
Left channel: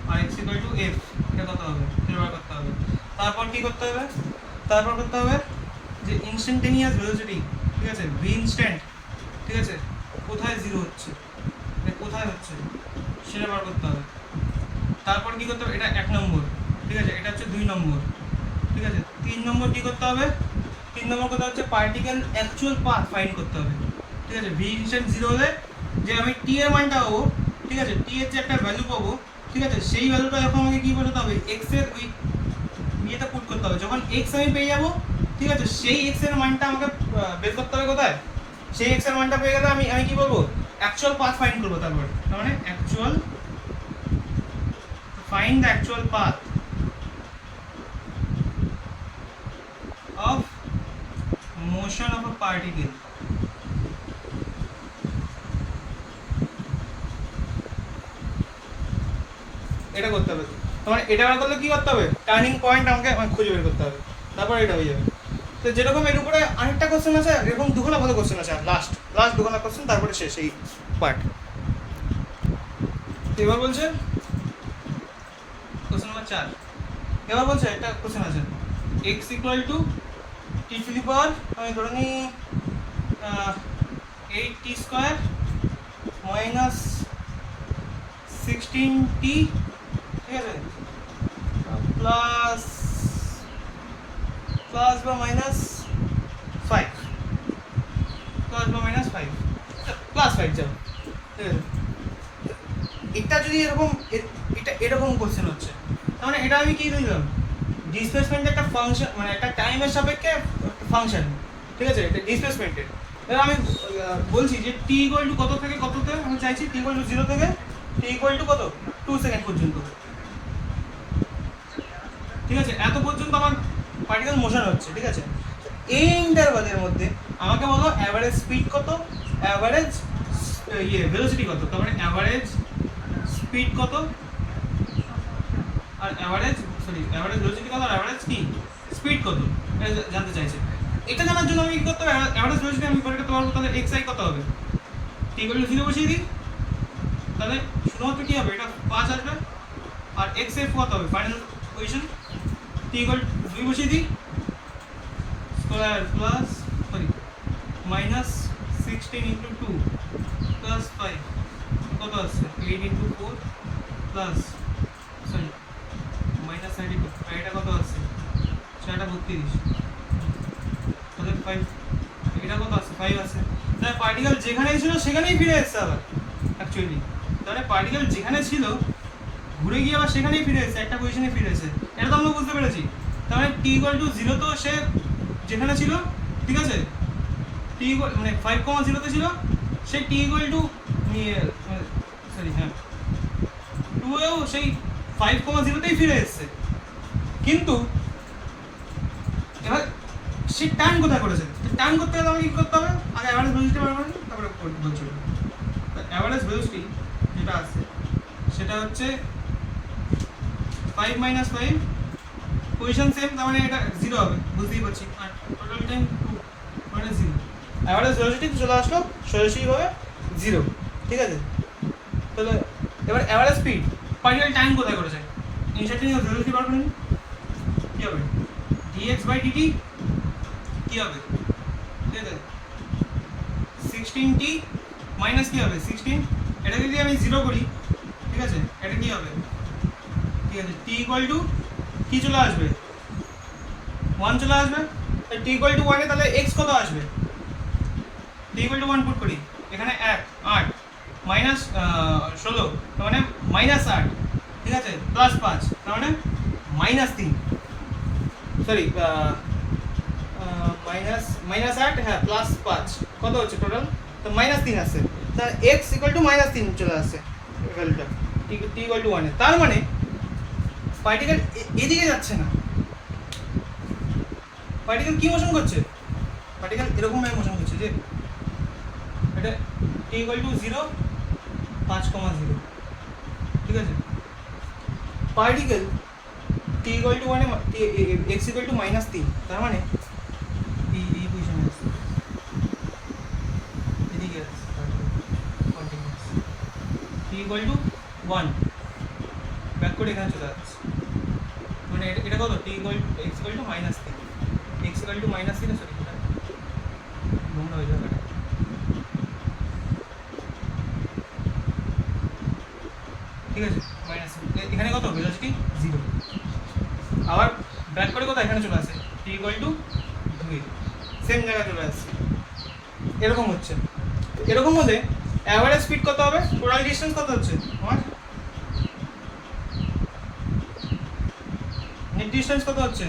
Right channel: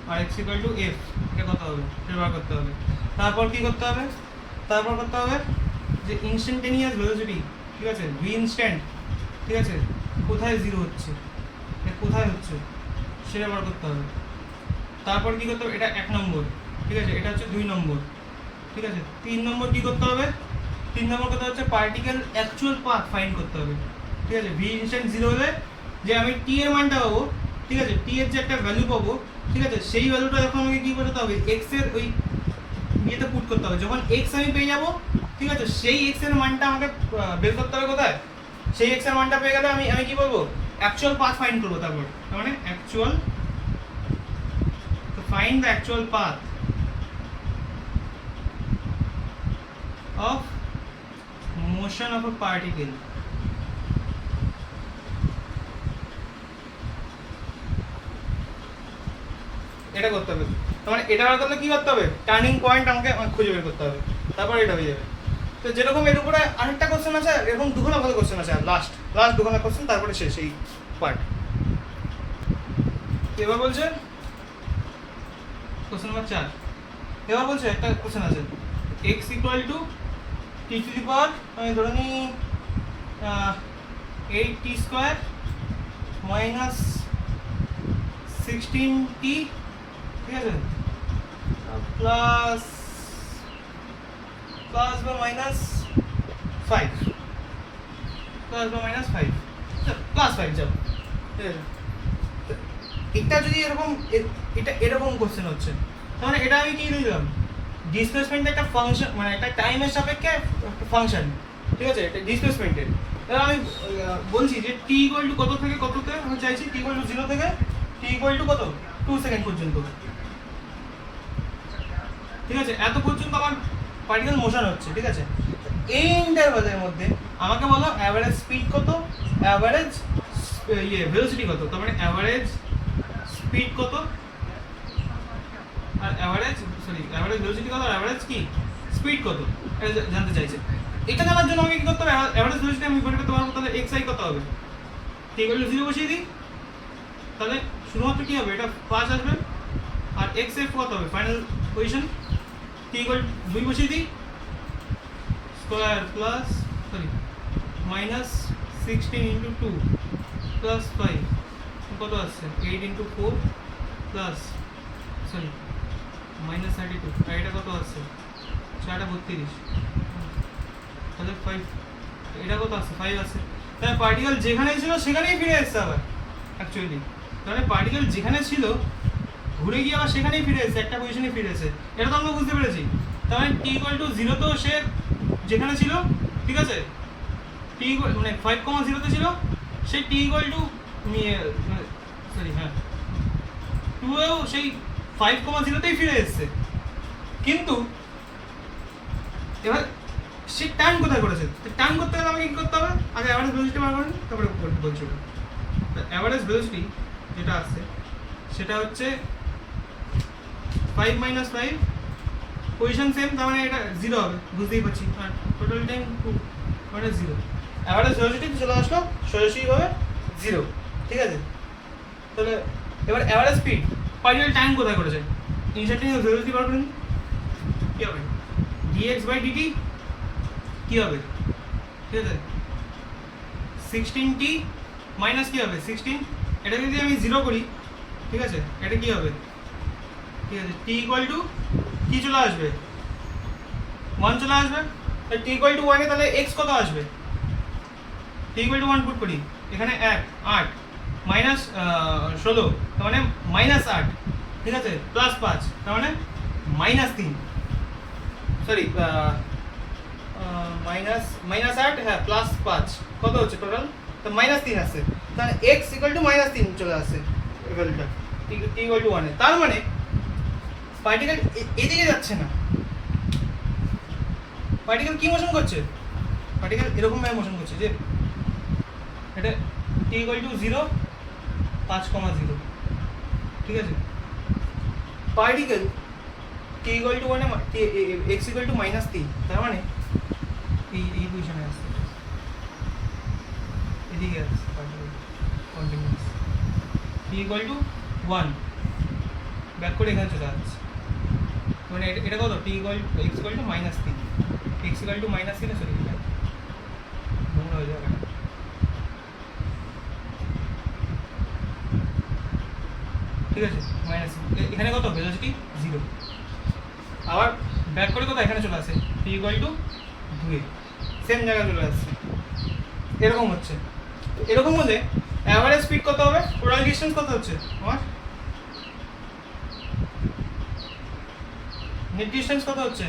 আর x ইকুয়াল টু f, এটা কত হবে সেটা বার করতে হবে। তারপর কী করতে হবে, তারপর করতে হবে যে ইনস্ট্যান্টেনিয়াস ভেলোসিটি, ঠিক আছে v ইনস্ট্যান্ট, ঠিক আছে কোথায় 0 হচ্ছে কোথায় হচ্ছে সেটা বার করতে হবে। তারপর কী করতে হবে, এটা 1 নম্বর, ঠিক আছে এটা হচ্ছে 2 নম্বর, ঠিক আছে 3 নম্বর কী করতে হবে, 3 নম্বর কথা হচ্ছে পার্টিকেল অ্যাকচুয়াল পাথ ফাইন্ড করতে হবে, ঠিক আছে ভি ইনস্ট্যান্ট 0 হলে যে আমি টি এর মানটা পাবো, ঠিক আছে টি এর যে একটা ভ্যালু পাবো, ঠিক আছে সেই ভ্যালুটা যখন আমাকে কী করতে হবে এক্স এর ওই ইয়েতে পুট করতে হবে, যখন এক্স আমি পেয়ে যাবো, ঠিক আছে সেই এক্স এর মানটা আমাকে বের করতে হবে কোথায়, সেই এক্স এর মানটা পেয়ে গেলে আমি কি বলবো অ্যাকচুয়াল পাথ ফাইন্ড করবো। তারপর তার মানে actual find the actual path of motion of a particle, এটা করতে হবে। মানে এটা বার করলে কি করতে হবে টার্নিং পয়েন্ট আমাকে খুঁজে বের করতে হবে, তারপর এটা হয়ে যাবে। তো যেরকম এর উপরে আরেকটা কোশ্চেন আছে, এরকম দুখানা ভালো কোশ্চেন আছে, লাস্ট দুখানা কোশ্চেন তারপরে শেষ এই পার্ট। এবার বলছে কোশ্চেন নাম্বার 4 এবার বলছে একটা কোশ্চেন আছে x equal to t to the power আমি ধরে নিই 8t স্কয়ার মাইনাস 16t, ঠিক আছে, প্লাস প্লাস বা মাইনাস 5, প্লাস বা মাইনাস 5, প্লাস 5 যাও, ঠিক আছে। এটা যদি এরকম এটা এরকম কোশ্চেন হচ্ছে তার মানে এটা আমি কি নিলাম, ডিসপ্লেসমেন্ট একটা ফাংশন, মানে একটা টাইমের সাপেক্ষে ফাংশন, ঠিক আছে, এটা ডিসপ্লেসমেন্টের। এবার আমি বলছি যে t ইকুয়াল টু কত থেকে কততে আমি চাইছি, t ইকুয়াল টু 0 থেকে t ইকুয়াল টু কত 2 সেকেন্ড পর্যন্ত, ঠিক আছে, এত পর্যন্ত আমার পার্টিকেল মোশন হচ্ছে, ঠিক আছে। এই ইন্টারভালের মধ্যে আমাকে বলো অ্যাভারেজ স্পিড কত, অ্যাভারেজ ভেলোসিটি কত, তার মানে অ্যাভারেজ স্পিড কত আর অ্যাভারেজ ভেলোসিটি কত আর অ্যাভারেজ কি স্পিড কত জানতে চাইছে। এটা জানার জন্য আমি কি করতে হবে, অ্যাভারেজ ভেলোসিটি আমি বের করতে পারবো, তাহলে xi কত হবে, t ইকুয়াল টু 0 বসিয়ে দিই, তাহলে শুধুমাত্র কি হবে, এটা 5 আসবে, আর xf কত হবে final position, t equal to 2 বসিয়ে দিই, square plus minus 16 into 2 plus 5 কত আসছে 8 ইন্টু 4 প্লাস মাইনাস 32, আর এটা কত আসছে 6 তাহলে 5, এটা কত আসছে 5 আসছে। তাহলে পার্টিকেল যেখানেই ছিল সেখানেই ফিরে এসছে আবার, অ্যাকচুয়ালি তাহলে পার্টিকেল যেখানে ছিল ঘুরে গিয়ে আবার সেখানেই ফিরে এসেছে, একটা পজিশনে ফিরে এসেছে, এটা তো আমরা বুঝতে পেরেছি। তার মানে t ইকুয়াল টু 0 তো সে যেখানে ছিল, ঠিক আছে, t ইকুয়াল মানে 5,0 তে ছিল, সেই t ইকুয়াল টু হ্যাঁ 2 এও সেই 5,0 তেই ফিরে এসেছে, কিন্তু এবার সে টার্ন কোথায় করেছে, টার্ন করতে গেলে আমাকে কি করতে হবে, আগে অ্যাভারেজ ভেলোসিটি বার করেন, তারপরে বলছি অ্যাভারেজ ভেলোসিটি যেটা আছে সেটা হচ্ছে 5 মাইনাস 5, পজিশন সেম, তার মানে এটা 0 হবে, বুঝতেই পারছি, আর টোটাল টাইম 2 মানে 0, অ্যাভারেজ ভেলোসিটি চলে আসলো সোজাসুজিভাবে 0, ঠিক আছে। তাহলে এবার অ্যাভারেজ স্পিড, পার্টিকেল টাইম কোথায় করেছে, ইনস্ট্যান্টিনিয়াস ভেলোসিটি বার করে নিন, কি হবে dx বাই dt কি হবে, ঠিক আছে, 16t মাইনাস কি হবে 16, এটা যদি আমি 0 করি, ঠিক আছে, এটা কি হবে, ঠিক আছে, t ইকুয়াল টু কি চলে আসবে 1 চলে আসবে, তাহলে t ইকুয়াল টু 1 এ তাহলে x কত আসবে, t ইকুয়াল টু 1 পুট করি, এখানে 8 মাইনাস 16, তার মানে মাইনাস 8, ঠিক আছে, প্লাস 5, তার মানে মাইনাস 3, সরি মাইনাস 8, হ্যাঁ প্লাস 5, কত হচ্ছে টোটাল, তো মাইনাস 3 আসছে, তাহলে x ইকুয়াল টু মাইনাস 3 চলে আসছে ভ্যালুটা, t ইকুয়াল টু 1 এ, তার মানে পার্টিকেল এদিকে যাচ্ছে না, পার্টিকেল কি মোশন করছে, পার্টিকেল এরকম ভাবে মোশন করছে যে এটা t ইকুয়াল টু 0 5,0, ঠিক আছে, particle t equal to 1 A x equal two minus 3, তার মানে এই পজিশনে আছে, এদিকে আছে particle continuous, t equal to 1 back করে এখানে চলে আসছে, মানে এটা কত t equal x equal two minus 3, x equal two minus 3, sorry নোংরা হয়ে যাবে, ঠিক আছে, মাইনাস এখানে কত ভেলোসিটি 0, আবার ব্যাক করে কোথায় এখানে চলে আসে t ইকুয়াল টু 2, সেম জায়গায় চলে আসছে, এরকম হচ্ছে, এরকম হলে অ্যাভারেজ স্পিড কত হবে, টোটাল ডিসটেন্স কত হচ্ছে আমার, নেট ডিসটেন্স কত হচ্ছে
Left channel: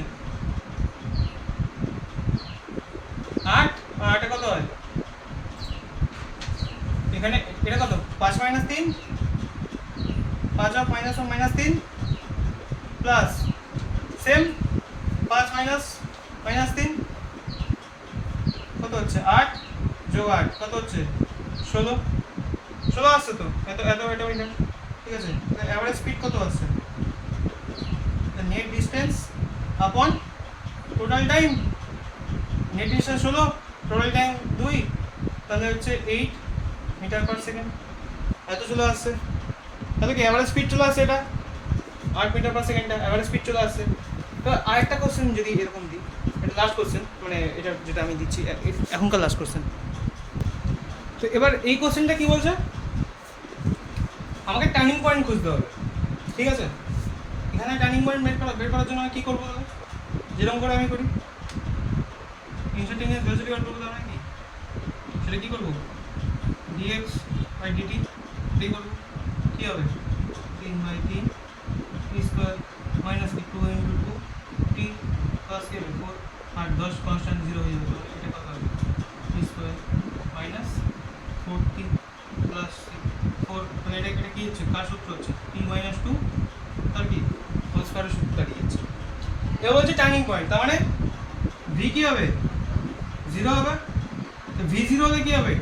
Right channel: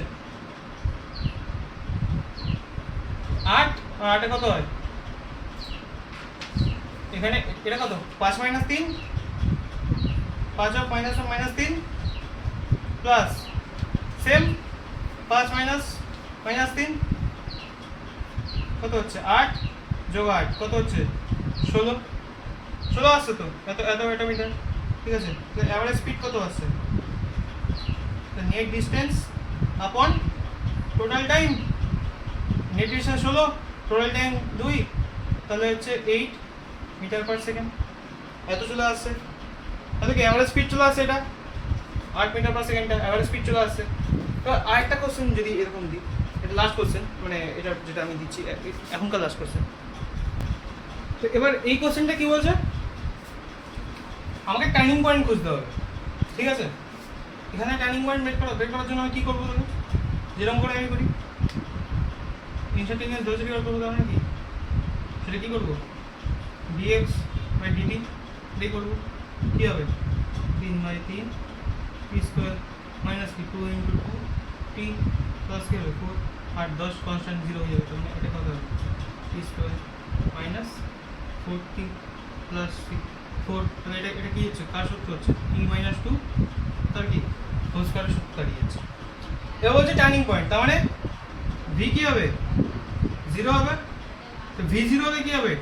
8, আর 8 কত হয় এখানে, এটা কত 5 minus 3, 5 of minus 3 plus same 5 minus 3 কত হচ্ছে 8 যোগ 8 কত হচ্ছে 16 আসছে তো, এত মিটার, ঠিক আছে, তাহলে অ্যাভারেজ স্পিড কত আসছে, নেট ডিসটেন্স আপন total time, net distance 16, total time 2, তাহলে হচ্ছে 8 মিটার পার সেকেন্ড, এত চলে আসছে, তাহলে কি অ্যাভারেজ স্পিড চলে আসছে এটা, 8 metre per second average speed চলে আসছে। তো আরেকটা কোশ্চেন যদি এরকম দিই, এটা লাস্ট কোশ্চেন, মানে এটা যেটা আমি দিচ্ছি এখনকার লাস্ট কোশ্চেন। তো এবার এই কোশ্চেনটা কি বলছে, আমাকে টার্নিং পয়েন্ট খুঁজতে হবে, ঠিক আছে? এখানে টার্নিং পয়েন্ট বের করার জন্য আমি কী করবো, যেরকম করে আমি করি ইনস্ট্যান্টেনিয়াস ভেলোসিটি বার করবো, তার কি সেটা কী করবো, ডিএক্স বাই ডিটি এটাই করবো। কী হবে 3/3 টি স্কোয়ার মাইনাস 2 ইন্টু 2 টি প্লাস কী হবে 4 আর 10 কনস্ট্যান্ট 0 হয়ে যাবে, তাহলে এটা কত হবে টি স্কোয়ার মাইনাস 4t প্লাস 4, তাহলে এটা কী হচ্ছে, কার সূত্র হচ্ছে টি মাইনাস 2 তার কি হোল স্কয়ারের সূত্র দাঁড়িয়ে যাচ্ছে। এ বলছে টার্নিং পয়েন্ট, তার মানে ভি কী হবে 0 হবে, তো ভি 0 হলে কী হবে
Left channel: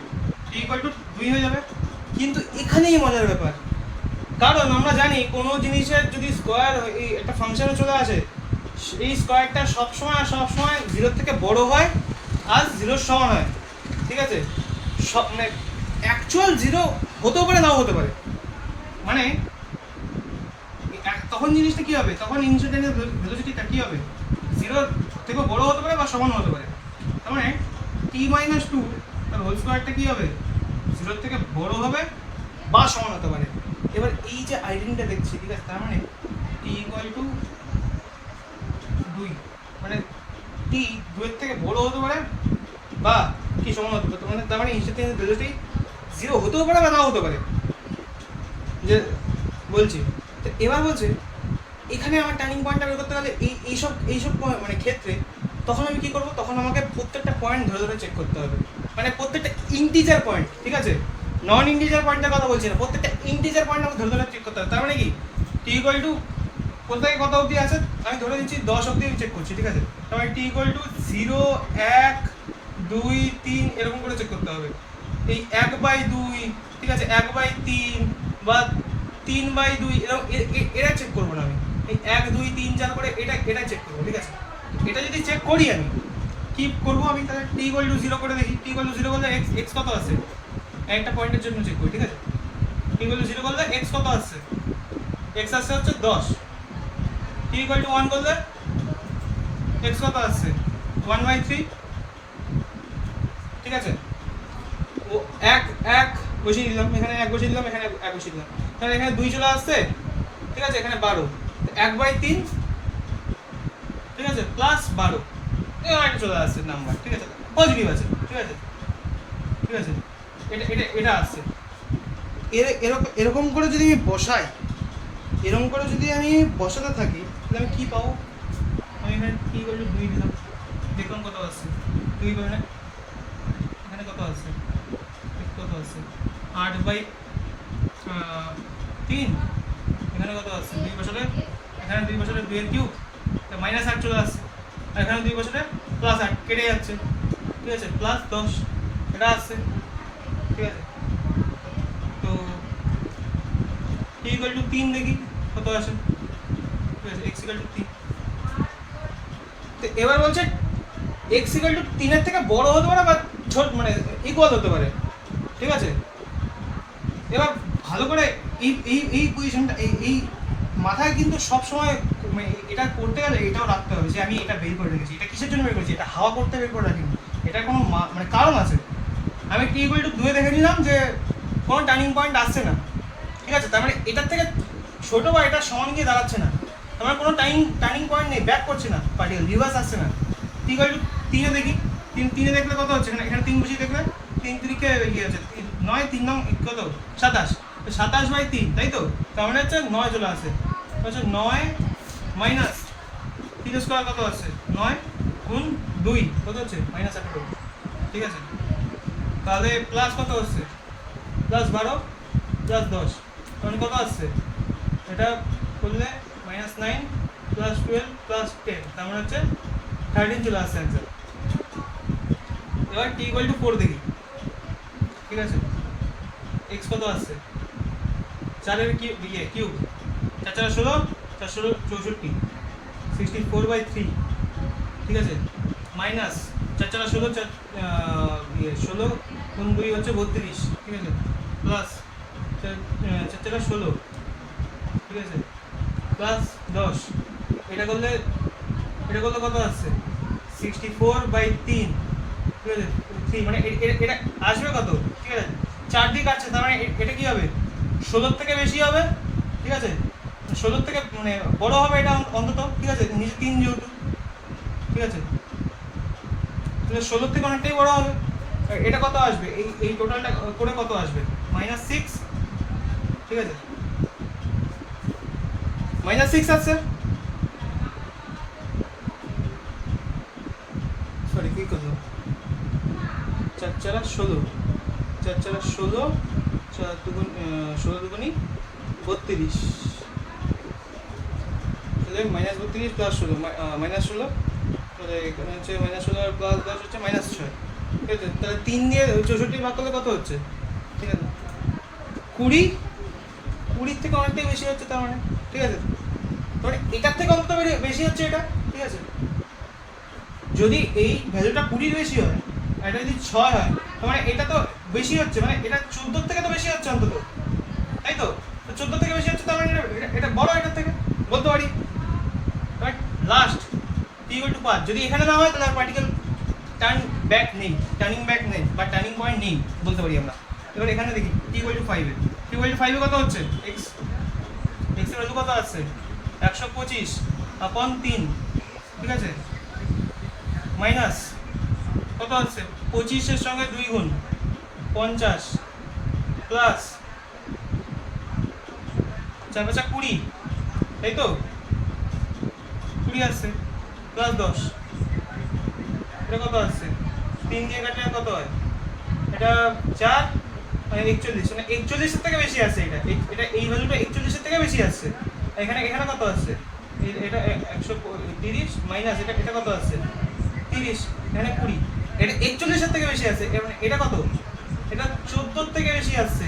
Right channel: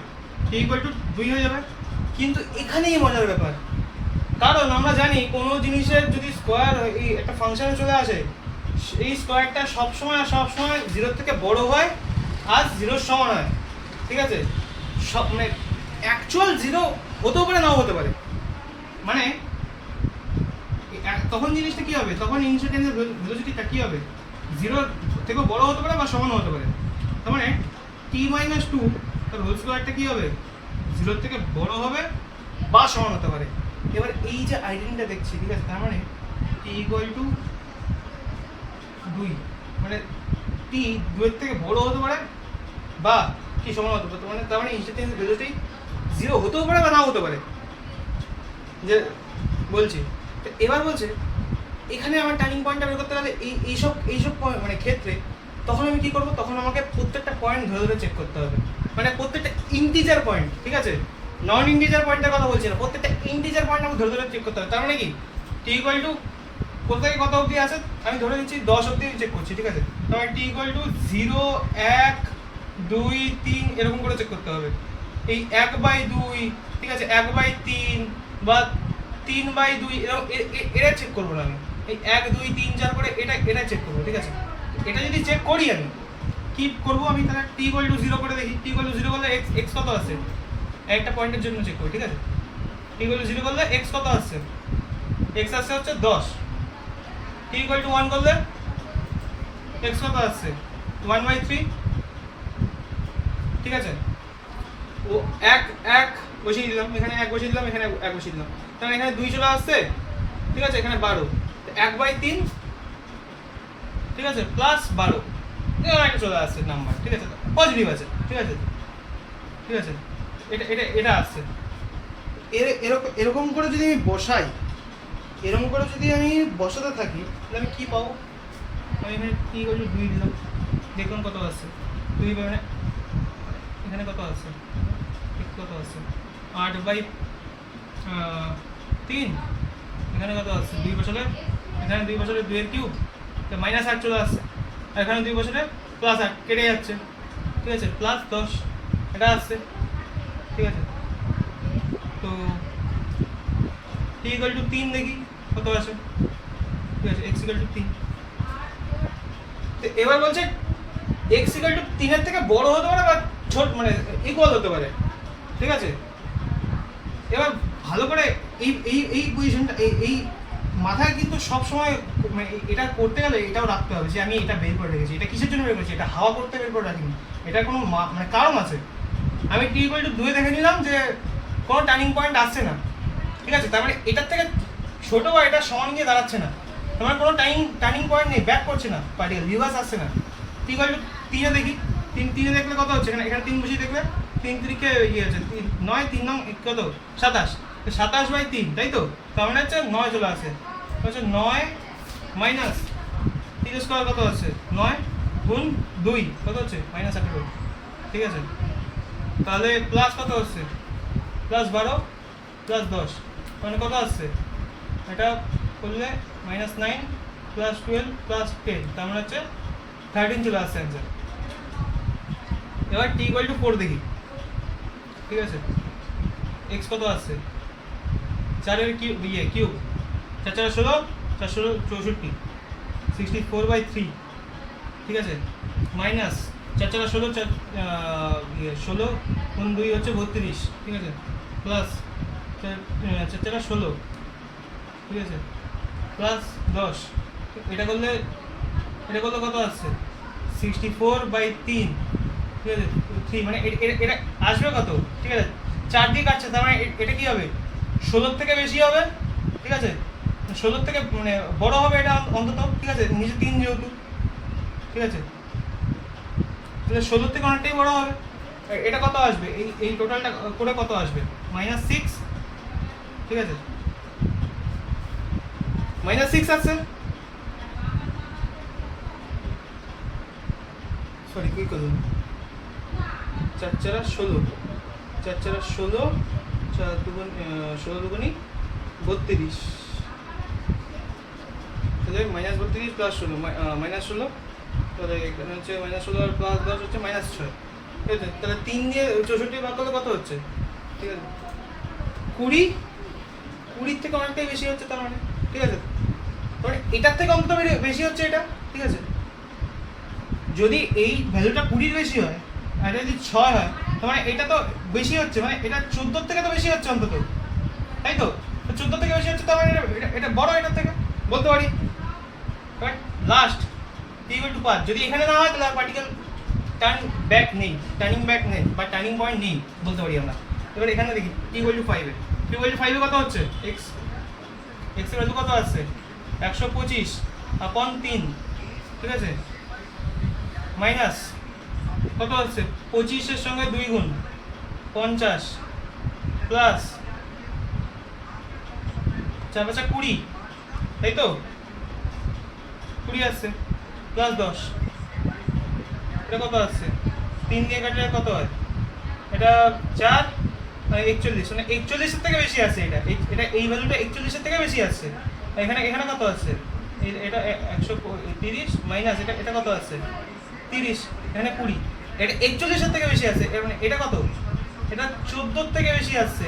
টি ইকুয়াল টু 2 হয়ে যাবে। কিন্তু এখানেই মজার ব্যাপার, কারণ আমরা জানি কোনো জিনিসের যদি স্কোয়ার এই একটা ফাংশনে চলে আসে, এই স্কোয়ারটা সবসময় 0 থেকে বড় হয় আর 0 সমান হয়, ঠিক আছে? সব মানে অ্যাকচুয়াল 0 হতেও পারে নাও হতে পারে, মানে তখন জিনিসটা কী হবে, তখন ইনস্ট্যান্টেনিয়াস ভেলোসিটিটা কী হবে 0 থেকে বড় হতে পারে বা সমান হতে পারে। তার মানে টি মাইনাস 2 তার হোল স্কোয়ারটা কী হবে 0 থেকে বড় হবে বা সমান হতে পারে। এবার এই যে আইডেন্টিটা দেখছি, ঠিক আছে, তার মানে টি ইকুয়াল টু 2, মানে টি 2 থেকে বড় হতে পারে বা কি সমান হতে পারে, মানে তার মানে ইনস্ট্যান্টেনিয়াস ভেলোসিটি 0 হতেও পারে বা নাও হতে পারে, যে বলছি। তো এবার বলছে এখানে আমার টার্নিং পয়েন্টটা বের করতে গেলে এইসব মানে ক্ষেত্রে তখন আমি কী করবো, তখন আমাকে প্রত্যেকটা পয়েন্ট ধরে ধরে চেক করতে হবে, মানে প্রত্যেকটা ইন্টিজার পয়েন্ট, ঠিক আছে, নন ইন্টিজার পয়েন্টের কথা বলছি না, প্রত্যেকটা ইন্টিজার পয়েন্ট আমাকে ধরে ধরে চেক করতে হবে। তার মানে কি টি ইকুয়াল টু কোথায় কত অবধি আছে আমি ধরে নিচ্ছি 10 অবধি চেক করছি, ঠিক আছে? তার মানে টি ইকুয়াল টু 0, 1, 2, 3 এরকম করে চেক করতে হবে। এই 1/2, ঠিক আছে, 1/3 বা 3/2 এরকম এটা চেক করবো না আমি, এই 1, 2, 3, 4 করে এটা চেক করবো, ঠিক আছে? এটা যদি চেক করি আমি কি করবো, আমি তাহলে টি ইকুয়াল টু 0 করে দেখি, টি ইকুয়াল টু 0 করলে এক্স কত আসছে, একটা পয়েন্টের জন্য চেক করি, ঠিক আছে? টি ইকুয়াল টু 0 করলে এক্স কত আসছে, এক্স আসছে হচ্ছে 10। টি ইকুয়াল টু 1 করলে এক্স কত আসছে 1/3, ঠিক আছে? ও এক বসিয়ে দিলাম, এখানে 1 বসিয়ে দিলাম, এখানে 1 বসিয়ে দিলাম, তাহলে এখানে 2 চলে আসছে, ঠিক আছে, এখানে 12, 1/3, ঠিক আছে, প্লাস 12 এরকম একটা চলে আসছে নাম্বার, ঠিক আছে, পজিটিভ আছে, ঠিক আছে, ঠিক আছে, এটা আসছে। এরকম করে যদি আমি বসাই, এরকম করে যদি আমি বসাতে থাকি, তাহলে আমি কী পাবো, আমি এখানে টি ইকুয়াল টু 2 দিলাম, দেখলাম কত আসছে 2, এখানে কত আসছে, কত আসছে 8/3, এখানে কত আসছে 2 বছরে, এখানে 2 বছরে 2 এর কিউব, -8 চলে আসছে, আর এখানে 2 বছরে +8 কেটে যাচ্ছে, ঠিক আছে, +10 এটা আসছে, ঠিক আছে? তো টি ইকুয়াল টু 3 দেখি কত আসে, ঠিক আছে, এক্স ইকুয়াল টু 3। তো এবার বলছে এক্স ইকুয়াল টু 3 এর থেকে বড় হতে পারে বা ছোট, মানে ইকুয়াল হতে পারে, ঠিক আছে? এবার ভালো করে এই পজিশনটা এই মাথায় কিন্তু সব সময় মানে এটা করতে গেলে এটাও রাখতে হবে যে আমি এটা বের করে রেখেছি, এটা কিসের জন্য বের করেছি, এটা হাওয়া করতে বের করে রাখিনি, এটার কোনো মানে কারণ আছে। আমি টি ইকুয়াল টু 2 দেখে নিলাম যে কোনো টার্নিং পয়েন্ট আসছে না, ঠিক আছে, তার মানে এটার থেকে ছোটো বা এটা সমান গিয়ে দাঁড়াচ্ছে না, তার মানে কোনো টার্নিং পয়েন্ট নেই, ব্যাক করছে না, পার্টিকেল রিভার্স আসছে না। টি ইকুয়াল টু 3 দেখি, 3 দেখলে কত হচ্ছে, এখানে 3 বসিয়ে দেখলে 3 3 ইয়ে হচ্ছে 9, 3 9 কত 27, 27/3, তাই তো? তার মানে হচ্ছে 9 চলে আসে, হচ্ছে 9 মাইনাস 3 স্কোয়ার কত আছে 9 গুণ 2 কত হচ্ছে -18, ঠিক আছে? তাহলে প্লাস কত হচ্ছে +12 +10, মানে কত আসছে এটা করলে -9 +12 +10, তার মানে হচ্ছে 13 চলে আসছে অ্যান্সার। এবার টি ইকুয়াল টু 4 দেখি, ঠিক আছে, এক্স কত আসছে 4 এর কিউব, 4 4 16, 4 16 64, 64/3, ঠিক আছে, মাইনাস 4 4 16, 16 গুণ 2 হচ্ছে 32, ঠিক আছে, প্লাস 4 4 16, ঠিক আছে, প্লাস 10, এটা করলে কত আসছে 64/3, ঠিক আছে 3 মানে এটা আসবে কত, ঠিক আছে 4 দিয়ে কাটছে, তার মানে এটা কি হবে 16 থেকে বেশি হবে, ঠিক আছে 16 থেকে মানে বড় হবে এটা অন্তত, ঠিক আছে নিচে 3 যেহেতু, ঠিক আছে তাহলে 16 থেকে অনেকটাই বড় হবে। এটা কত আসবে, এই টোটালটা করে কত আসবে -6, ঠিক আছে -6 আসছে, সরি কি করলাম 4 4 16, 4 4 16, 4 দুগুণ 16 দুগুণি 32, তাহলে -32 প্লাস 16 -16, তাহলে এখানে হচ্ছে -16 আর প্লাস 10 হচ্ছে -6, ঠিক আছে তাহলে 3 দিয়ে 64 ভাগ করলে কত হচ্ছে, ঠিক আছে 20 থেকে অনেকটাই বেশি হচ্ছে তার মানে, ঠিক আছে মানে এটার থেকে অন্তত বেশি হচ্ছে এটা, ঠিক আছে যদি এই ভ্যালুটা 20 বেশি হয় আর এটা যদি 6 হয় তার মানে এটা তো বেশি হচ্ছে, মানে এটা 14 থেকে তো বেশি হচ্ছে অন্তত, তাই তো 14 থেকে বেশি হচ্ছে তার মানে এটা বড় এটার থেকে বলতে পারি। বাট লাস্ট T=5 যদি এখানে না হয় তাহলে পার্টিকেল টার্নিং ব্যাক নেই বা টার্নিং পয়েন্ট নেই বলতে পারি আমরা। এবার এখানে দেখি T=5 এ কত হচ্ছে x এর ভ্যালু কত আসছে 125/3, ঠিক আছে মাইনাস কত হচ্ছে 25 এর সঙ্গে 2 গুণ 50 প্লাস 4 5 20, তাই তো 20 আসছে প্লাস 10, এটা কত আসছে 3 দিয়ে কাটলে কত হয়, এটা 4 মানে 41, মানে 41 এর থেকে বেশি আসছে এটা এই ভ্যালুটা 41 এর থেকে বেশি আসছে। এখানে কত আসছে এটা 130 মাইনাস এটা কত আসছে 30, এখানে 20, এটা 41 এর থেকে বেশি আসছে, মানে এটা কত এটা 14 থেকে বেশি আসছে,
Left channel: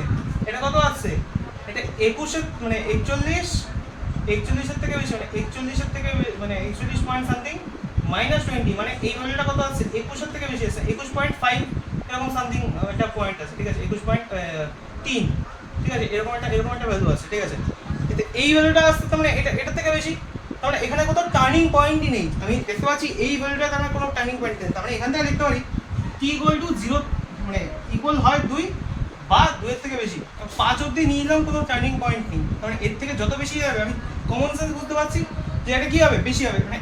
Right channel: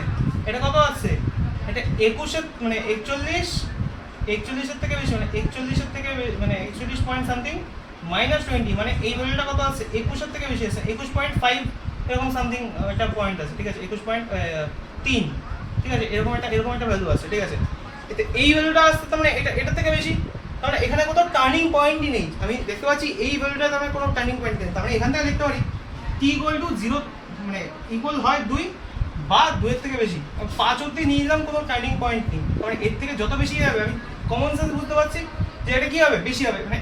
এটা কত আসছে এটা 21 এর মানে 41 এর থেকে বেশি, মানে 41 এর থেকে মানে 41 পয়েন্ট সামথিং -20, মানে এই ভ্যালুটা কত আসছে 21 এর থেকে বেশি আসছে 21.5 এরকম সামথিং একটা পয়েন্ট আছে, ঠিক আছে 21.3, ঠিক আছে এরকম একটা ভ্যালু আছে, ঠিক আছে কিন্তু এই ভ্যালুটা আসছে তার মানে এটা থেকে বেশি, তার মানে এখানে কোথাও টার্নিং পয়েন্টই নেই, আমি দেখতে পাচ্ছি এই ভ্যালুটা তার মানে কোনো টার্নিং পয়েন্ট নেই, তার মানে এখান থেকে লিখতে পারি T=0 মানে ইকুয়াল হয় 2 বা 2 এর থেকে বেশি, 5 অবধি নিয়ে নিলাম কোনো টার্নিং পয়েন্ট নেই, তার মানে এর থেকে যত বেশি যাবে আমি কমন সেন্স বুঝতে পারছি যে এটা কি হবে বেশি হবে, মানে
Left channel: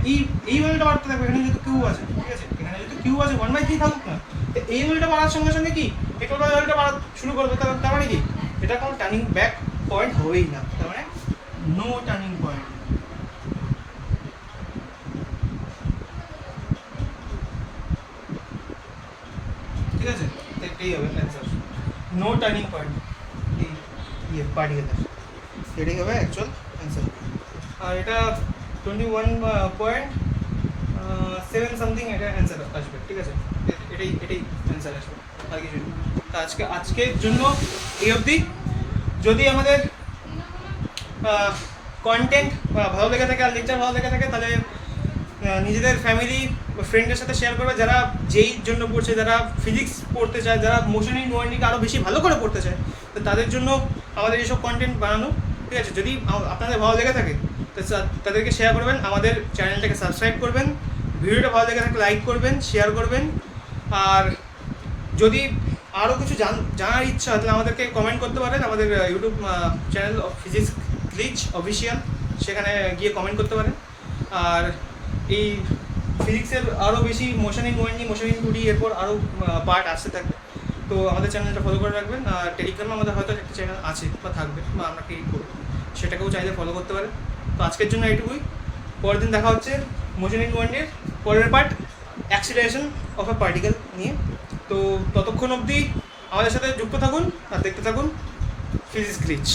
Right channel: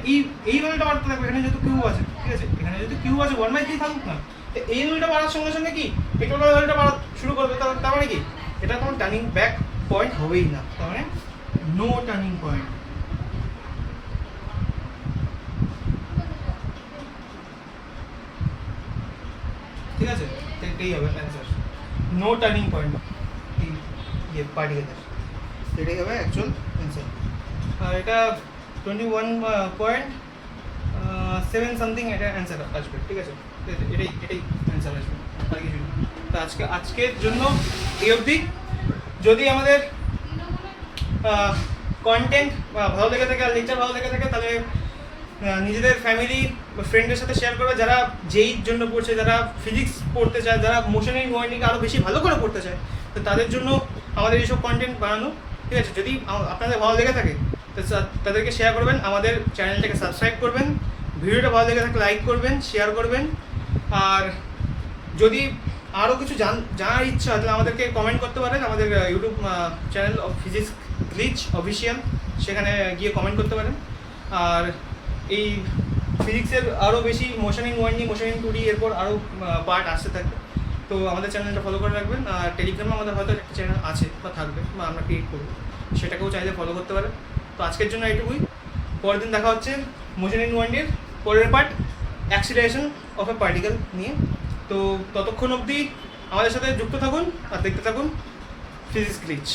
এই ভ্যালুটা বাড়তে থাকবে, এখানে যেহেতু কিউ আছে, ঠিক আছে এখানে যেহেতু কিউ আছে 1/3 থাকুক না, তো এই ভ্যালুটা বাড়ার সঙ্গে সঙ্গে কি এই টোটাল ভ্যালুটা বাড়া শুরু করবে, তার মানে কি এটা কোনো টার্নিং ব্যাক পয়েন্ট হবেই না, তার মানে নো টার্নিং পয়েন্ট। ঠিক আছে এটাই হবে answer, no turning point particle, এটাই হবে অ্যাকচুয়াল অ্যান্সার। আর এটা 21.7 সামথিং এটা অ্যান্সার আসবে, ঠিক আছে এটাই অ্যান্সার আসবে, আর কিছু তো আজকের জন্য এই অবধি। যদি আমাদের কন্টেন্ট ভালো লেগে থাকে আর লেকচার ভালো লেগে থাকে তাহলে নিজেদের ফ্যামিলি বা ফ্রেন্ডদের সাথে শেয়ার করবে, যারা যেইর জন্য পড়ছে, যারা ফিজিক্স পড়তে চায়, যারা মোশন অ্যান্ড ওয়াইন্ডিংকে আরও বেশি ভালো করে পড়তে চায়, তো তাদের জন্য আমাদের এইসব কন্টেন্ট বানানো, ঠিক আছে যদি আপনাদের ভালো লেগে থাকে তো তাদেরকে শেয়ার করবেন, আমাদের চ্যানেলটাকে সাবস্ক্রাইব করবেন, ভিডিওটা ভালো লেগে থাকলে লাইক করবেন, শেয়ার করবেন, আর যদি আরও কিছু জানার ইচ্ছা তাহলে আমাদেরকে কমেন্ট করতে পারেন, আমাদের YouTube channel of physics glitch official, সেখানে গিয়ে কমেন্ট করতে পারেন। আর এই ফিজিক্সের আরও বেশি motion in 1D motion in 2D এরপর আরও পার্ট আসতে থাকবে, তো আমাদের চ্যানেলটা ফলো করে রাখবেন। আর টেলিগ্রামে আমাদের হয়তো একটা চ্যানেল আছে বা থাকবে বা আমরা ক্রিয়েট করবো, সেটাকেও চাইলে ফলো করতে পারেন। তো আজকের জন্য এইটুকুই, পরের দিন দেখা হচ্ছে মোশন ইন 1Dর পরের part acceleration of A particle নিয়ে। তো ততক্ষণ অবধি আমাদের সাথে যুক্ত থাকুন আর দেখতে থাকুন ফিজিক্স গ্লিচ।